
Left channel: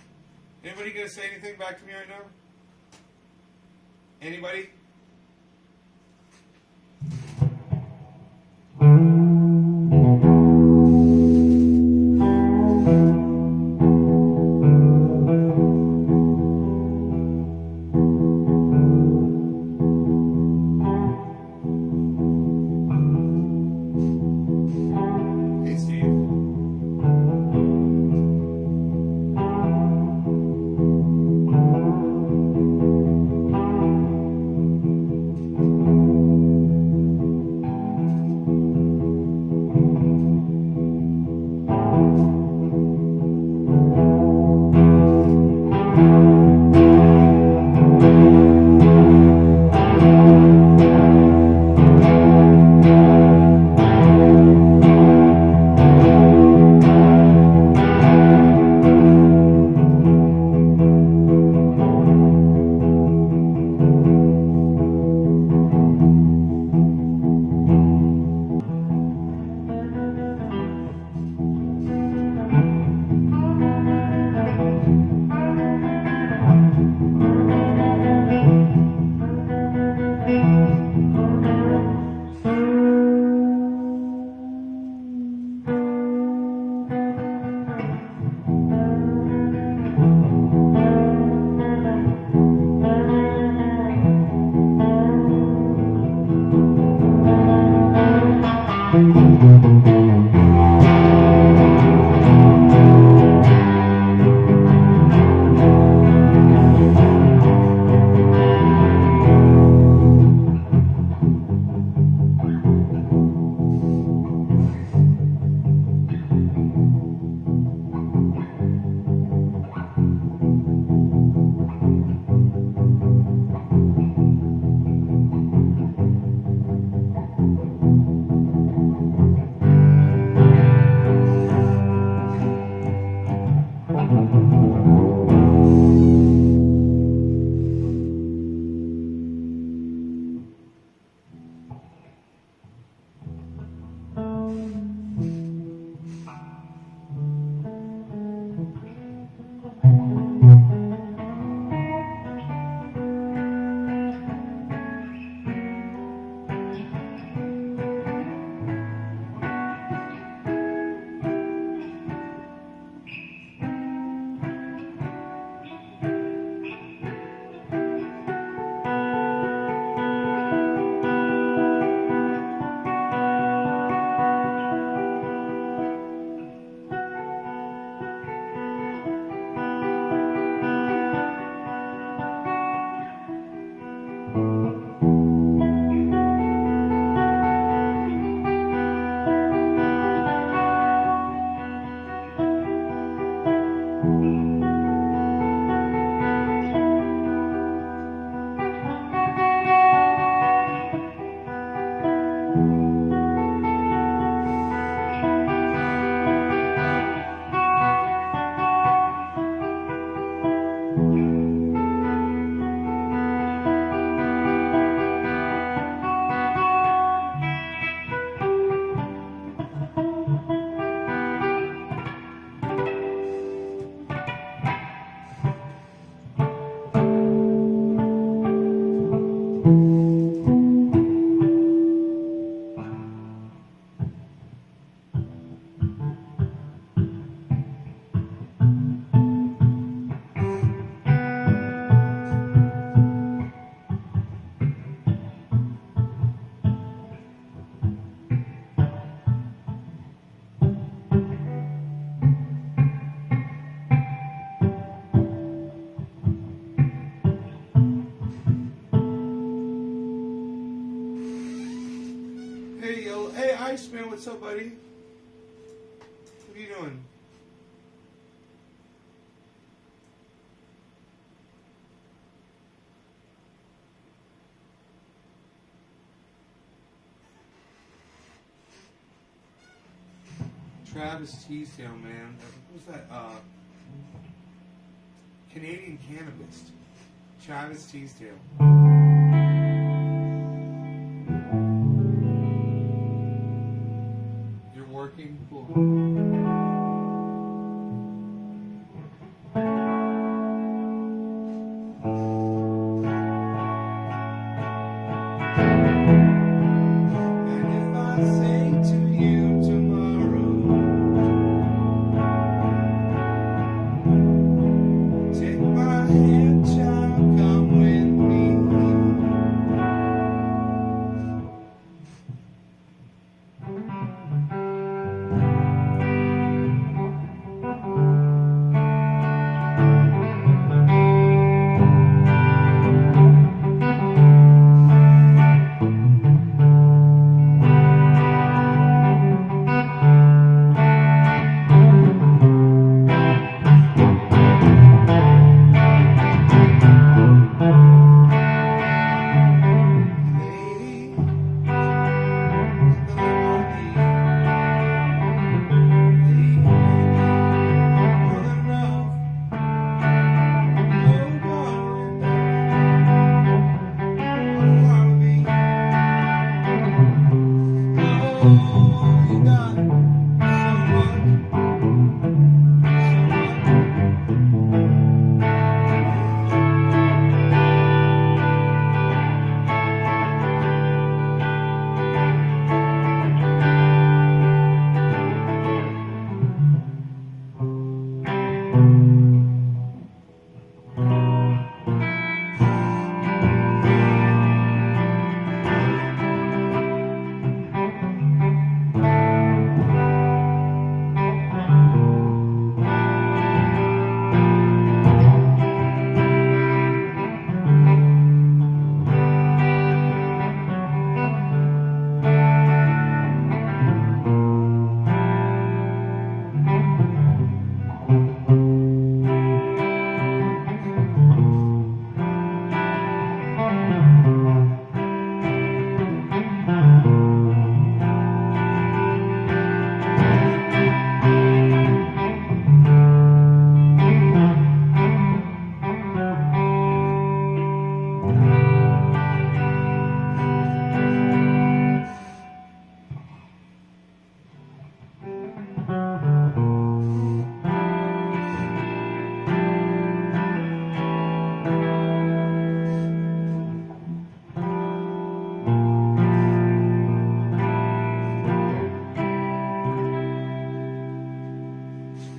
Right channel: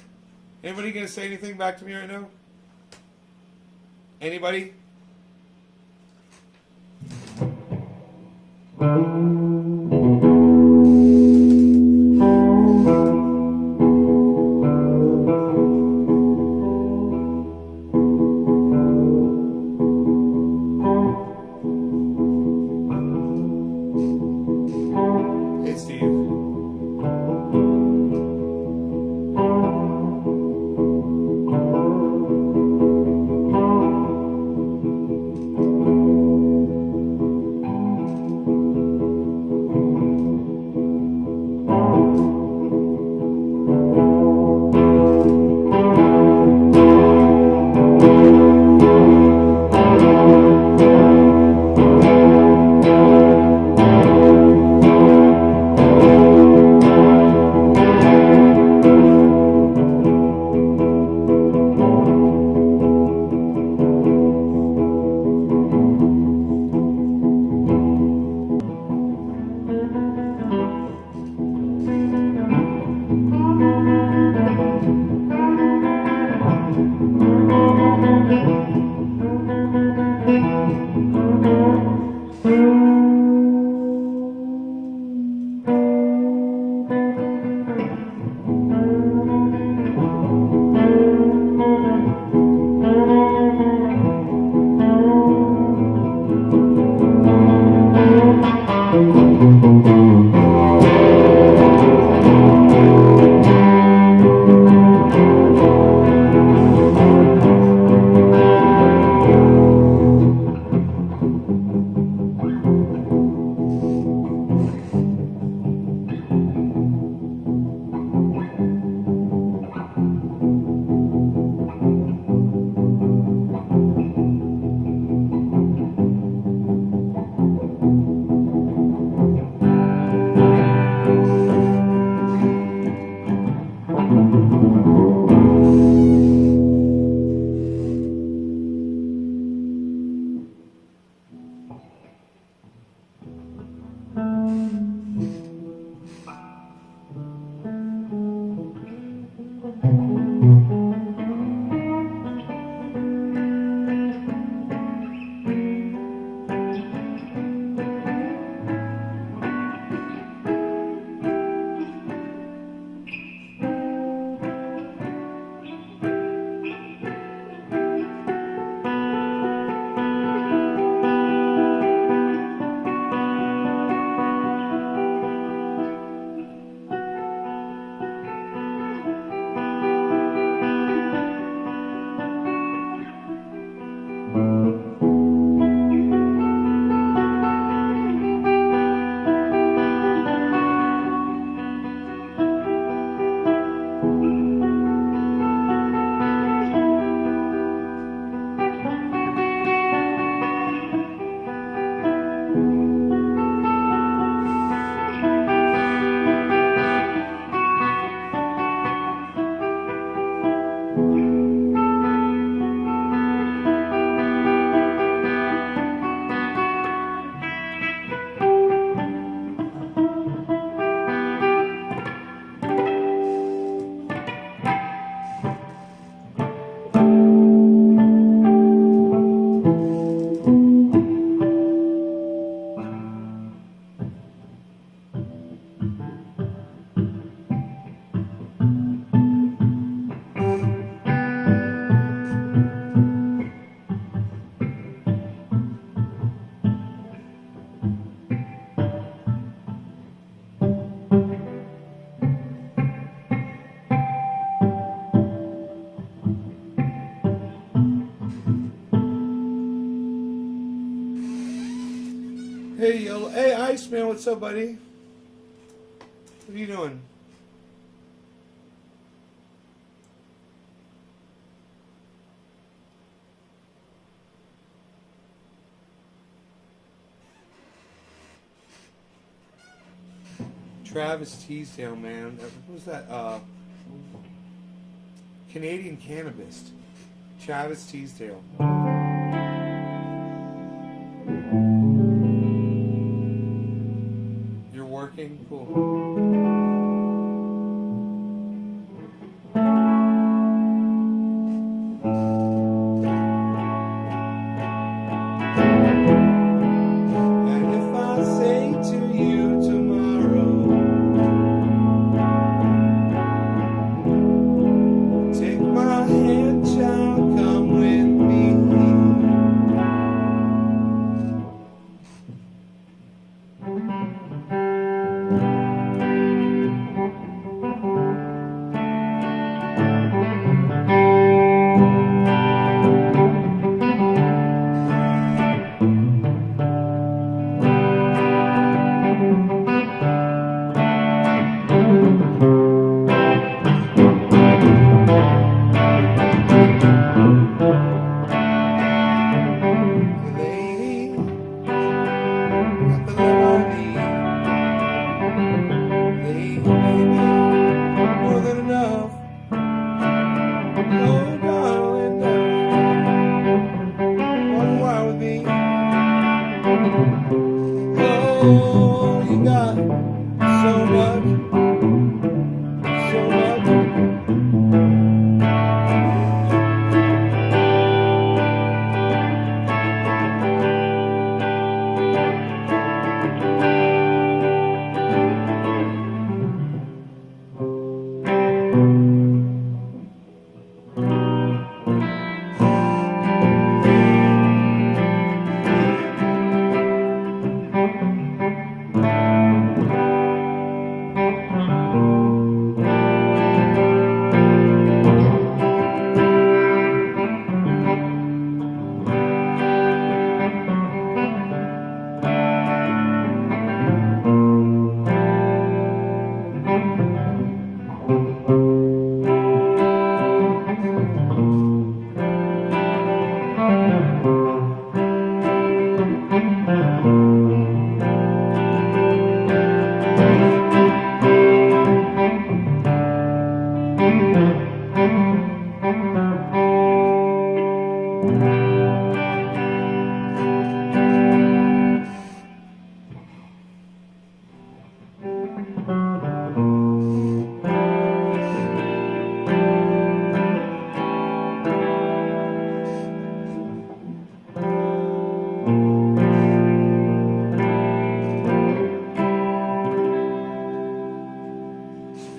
Anybody gonna say anything back to me right now? Anybody? Hey, Steve. Iceman, what's up, buddy? What are you doing? Travis Teasdale, man. What was that? Canadian Cannabis. Travis Teasdale. You're working? Cool. And if I say to you tomorrow, take my hand, child, come with me. Lady, got the love I need. Lady, baby, more than enough. Oh, darling, darling, why with me? Oh, you got so much, so much.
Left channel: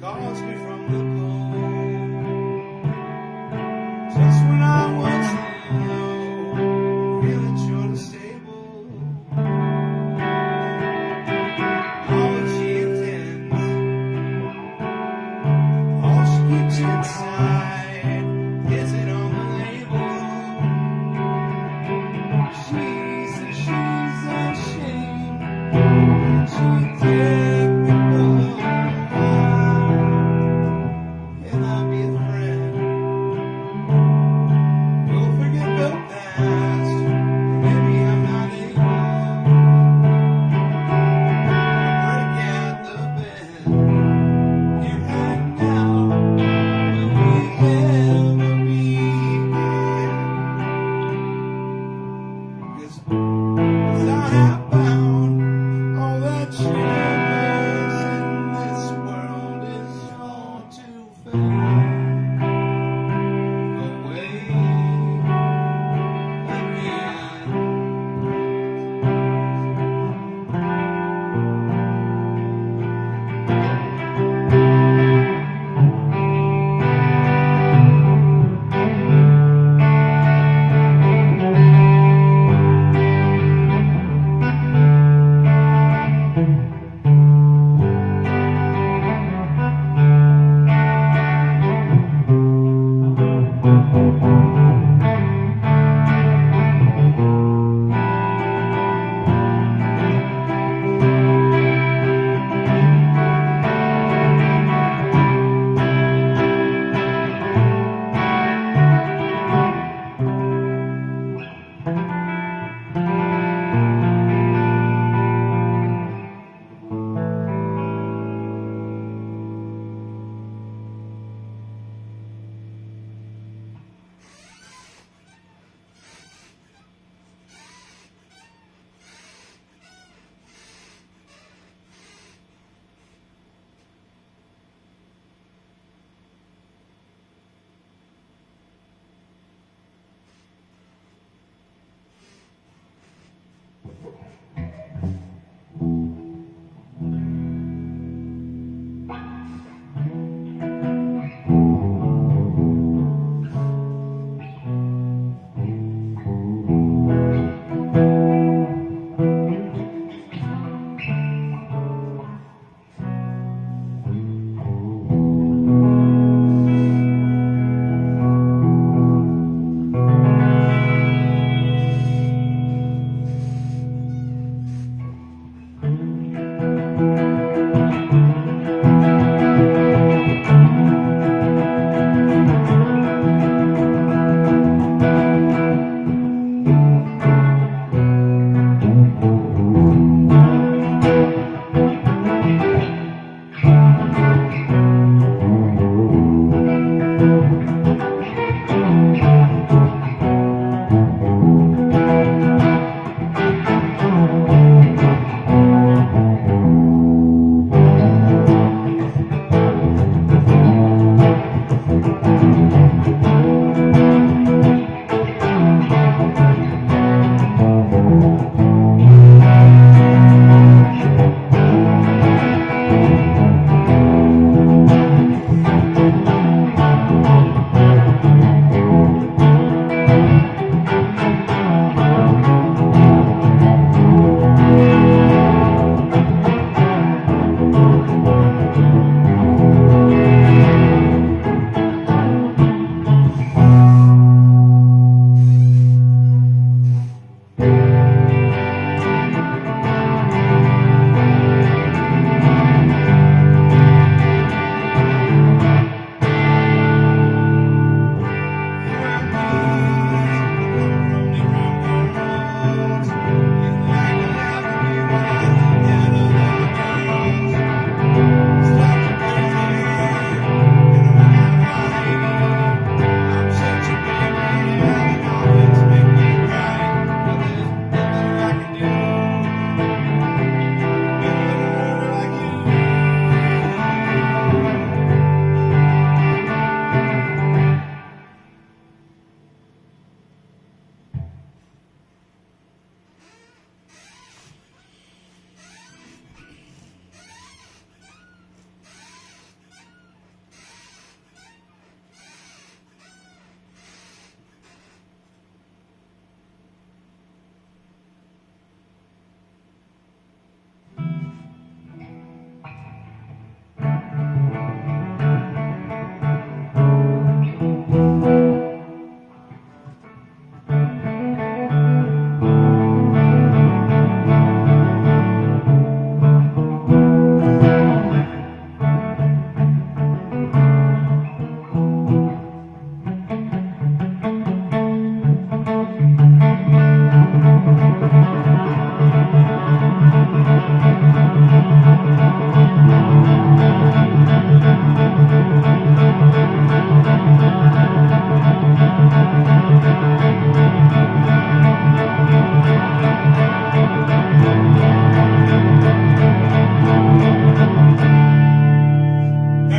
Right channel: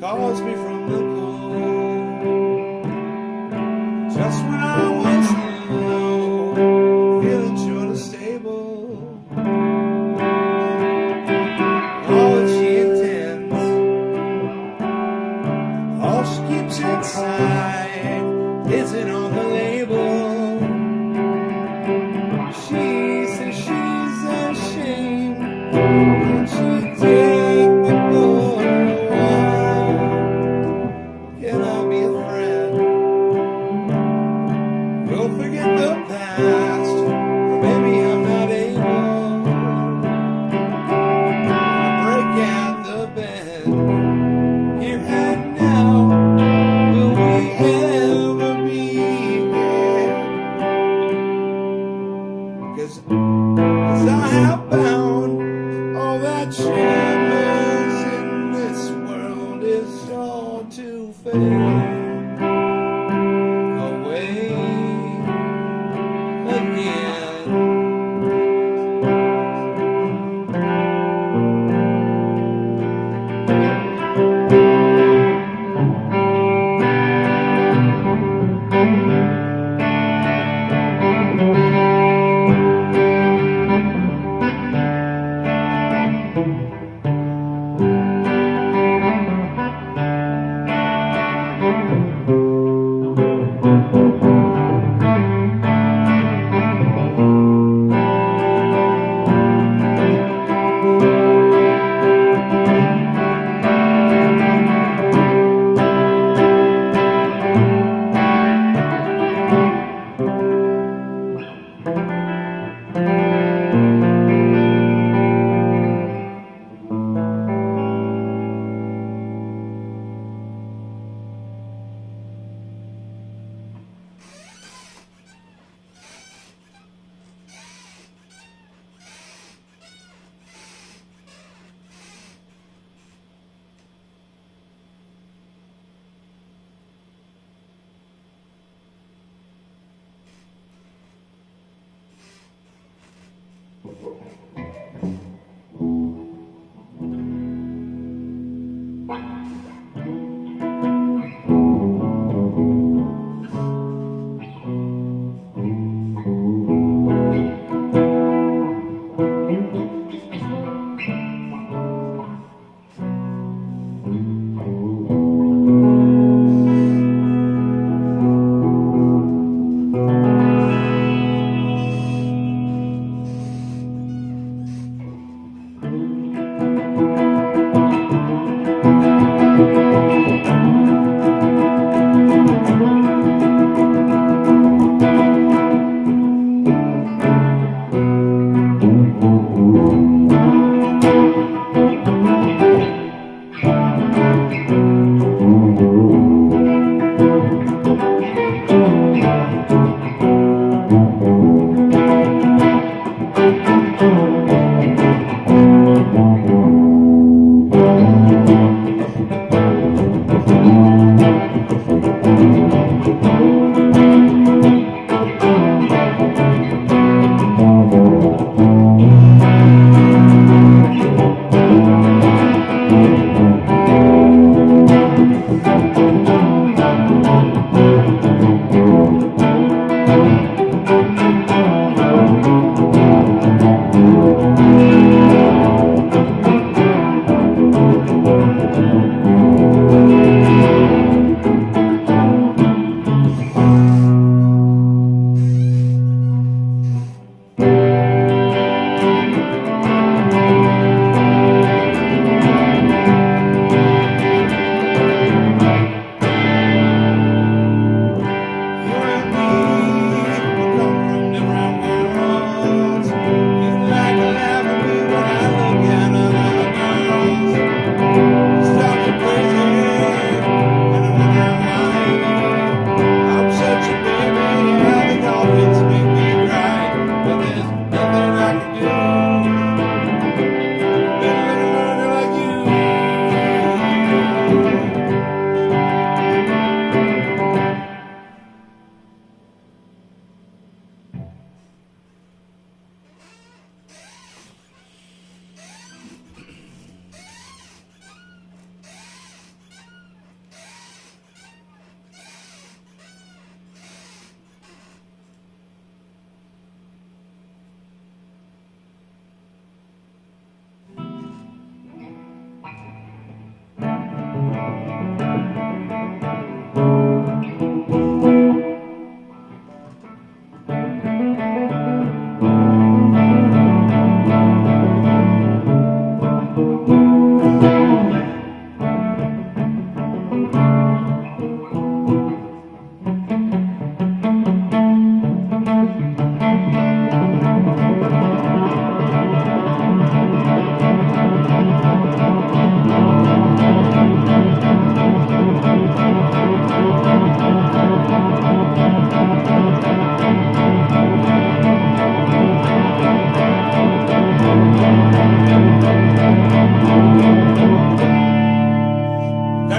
Calls me from the cold, just when I was low, feeling short and stable. All that she intends, all she keeps inside, isn't on the label. She says she's ashamed, and she take me for a while. Can I be a friend? Don't forget the past, or maybe I'm not able to break at the bend. Here and now, will we ever be here? 'Cause as I have found, all that shadows in this world is all to fade away again.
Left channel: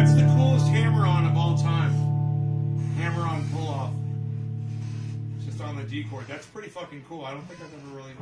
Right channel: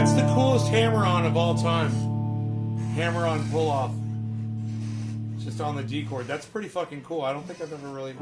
That's the coolest hammer-on of all time. Hammer-on pull-off. Just on the D chord. That's pretty fucking cool. I don't think I've ever really...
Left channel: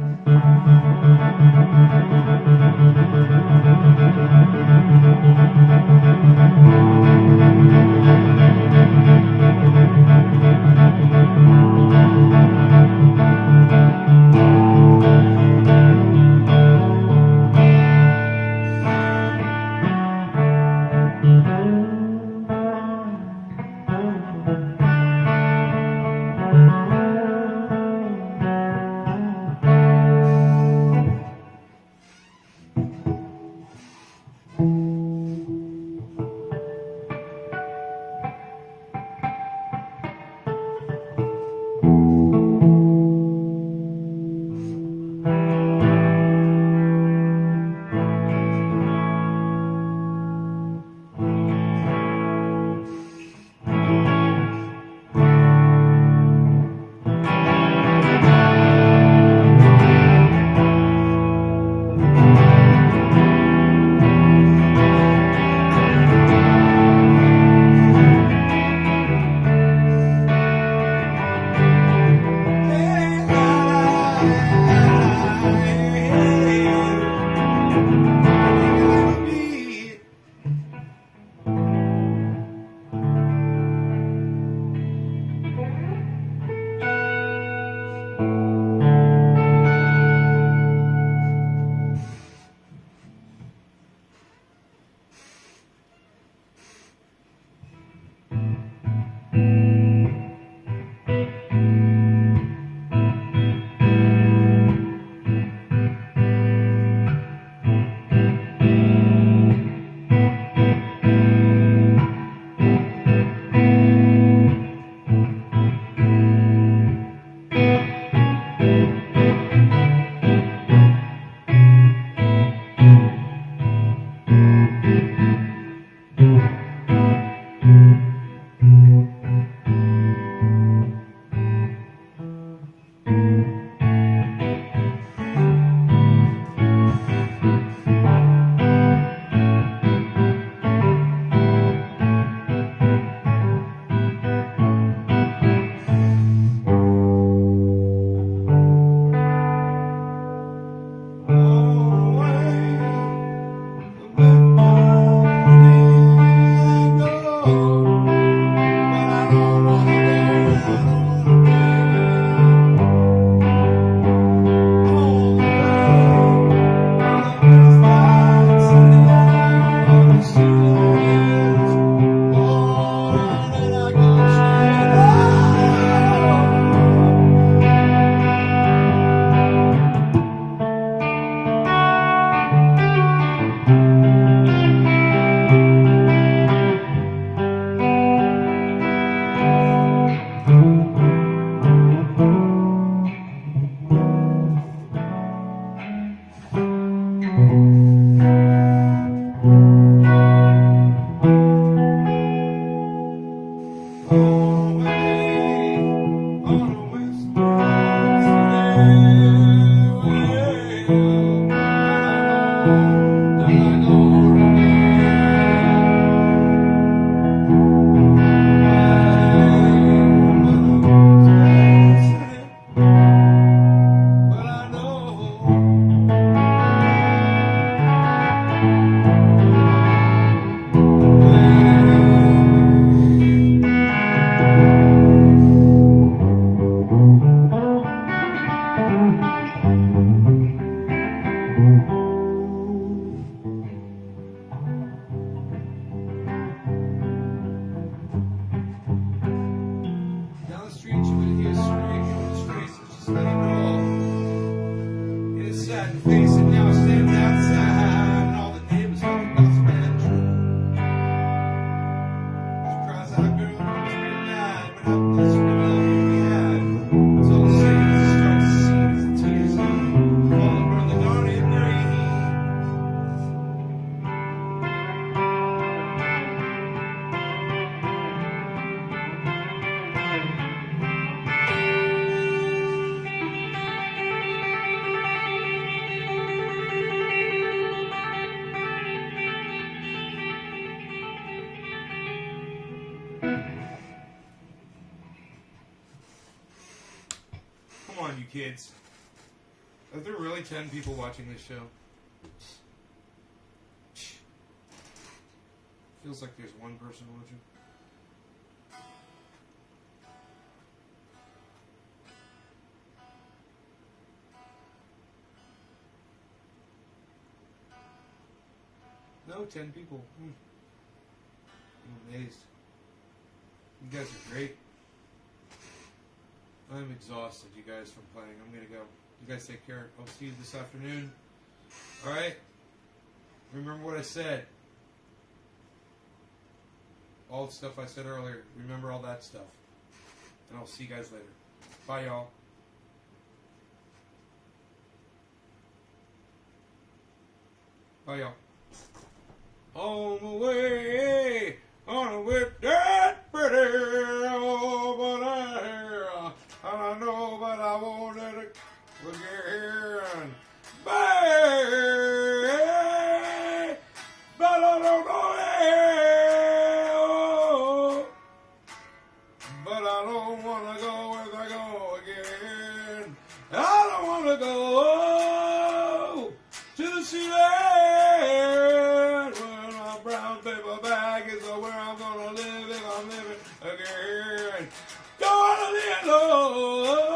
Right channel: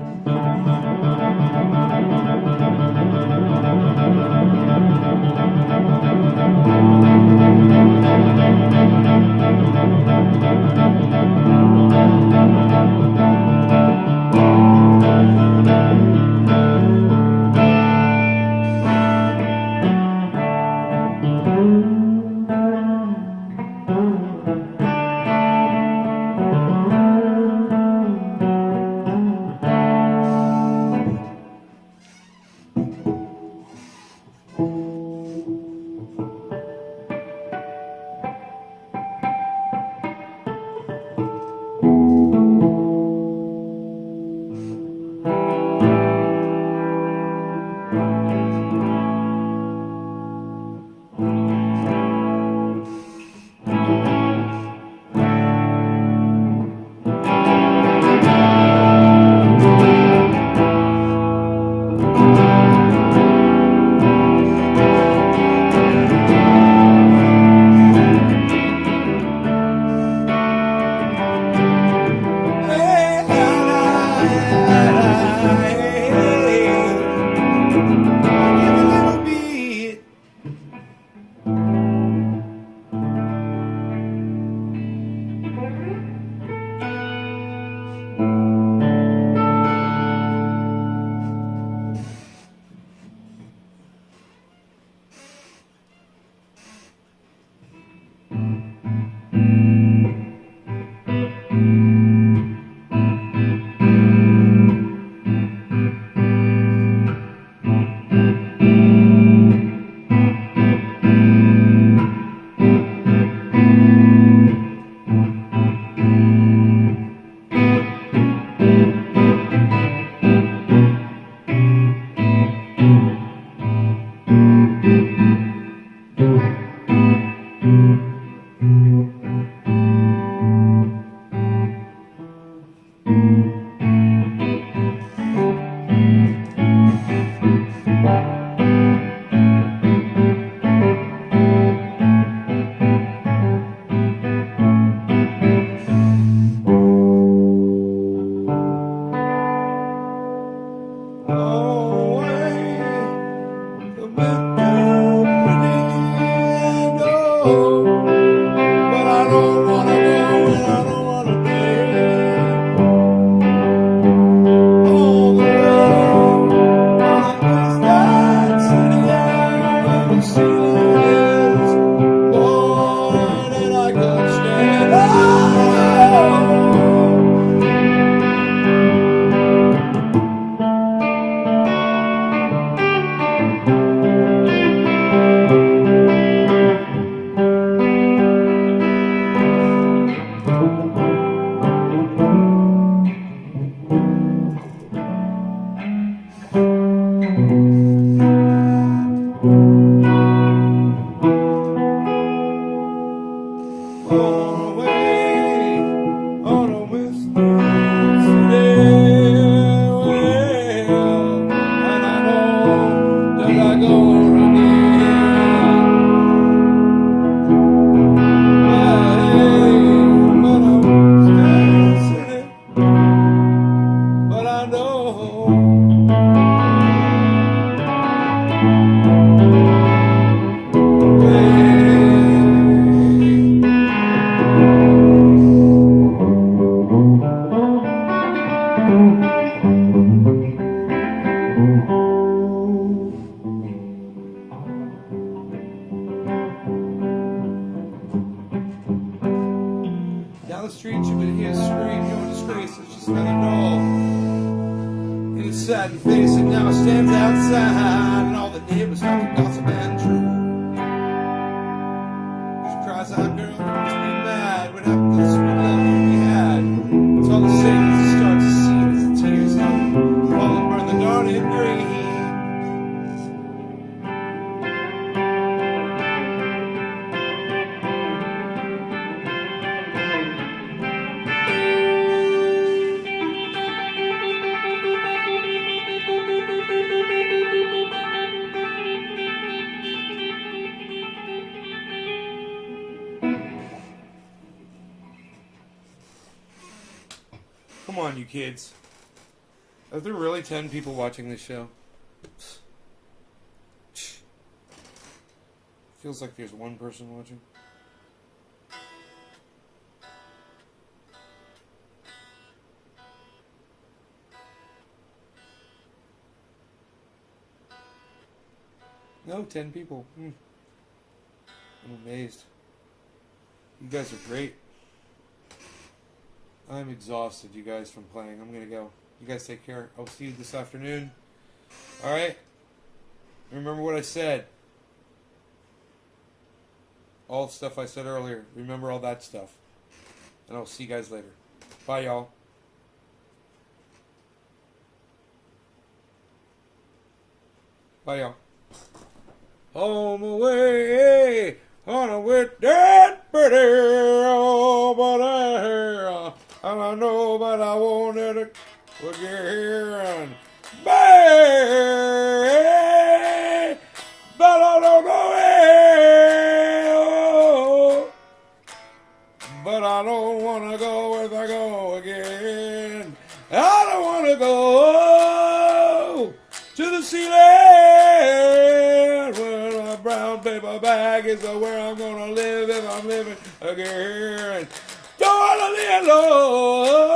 the street, you can hear scream, no disgrace, it's just another doll. And it's sad and face, and now it stands outside, and all the neighbors like to gossip and true. She cries out, girl, you must be mad, what happened to the sweet love we had? It's all the same as it starts to see, as the tears come, fall and burn the dawning green. Come on, you kids. Are there really 10 people watching this show? Feels like there's one person watching. No, 10 people. I'm amazed. You guys are great. I'm exhausted, you guys, from playing. I'm going to go. You guys take care. I'll see you this afternoon. All right? Remember what I said. All the stuff I said earlier. Remember all that stuff. And I'll see you guys later. Bye, y'all. Bye, y'all. On my way, on a with that pretty, oh, but I know, but I wanted it again. Bye, but I don't know it. Oh, but I don't want to go if I go again. I don't want to go to the ceiling where my brown paper bag is where I'm going to live if I'm living again. Don't want to be alone.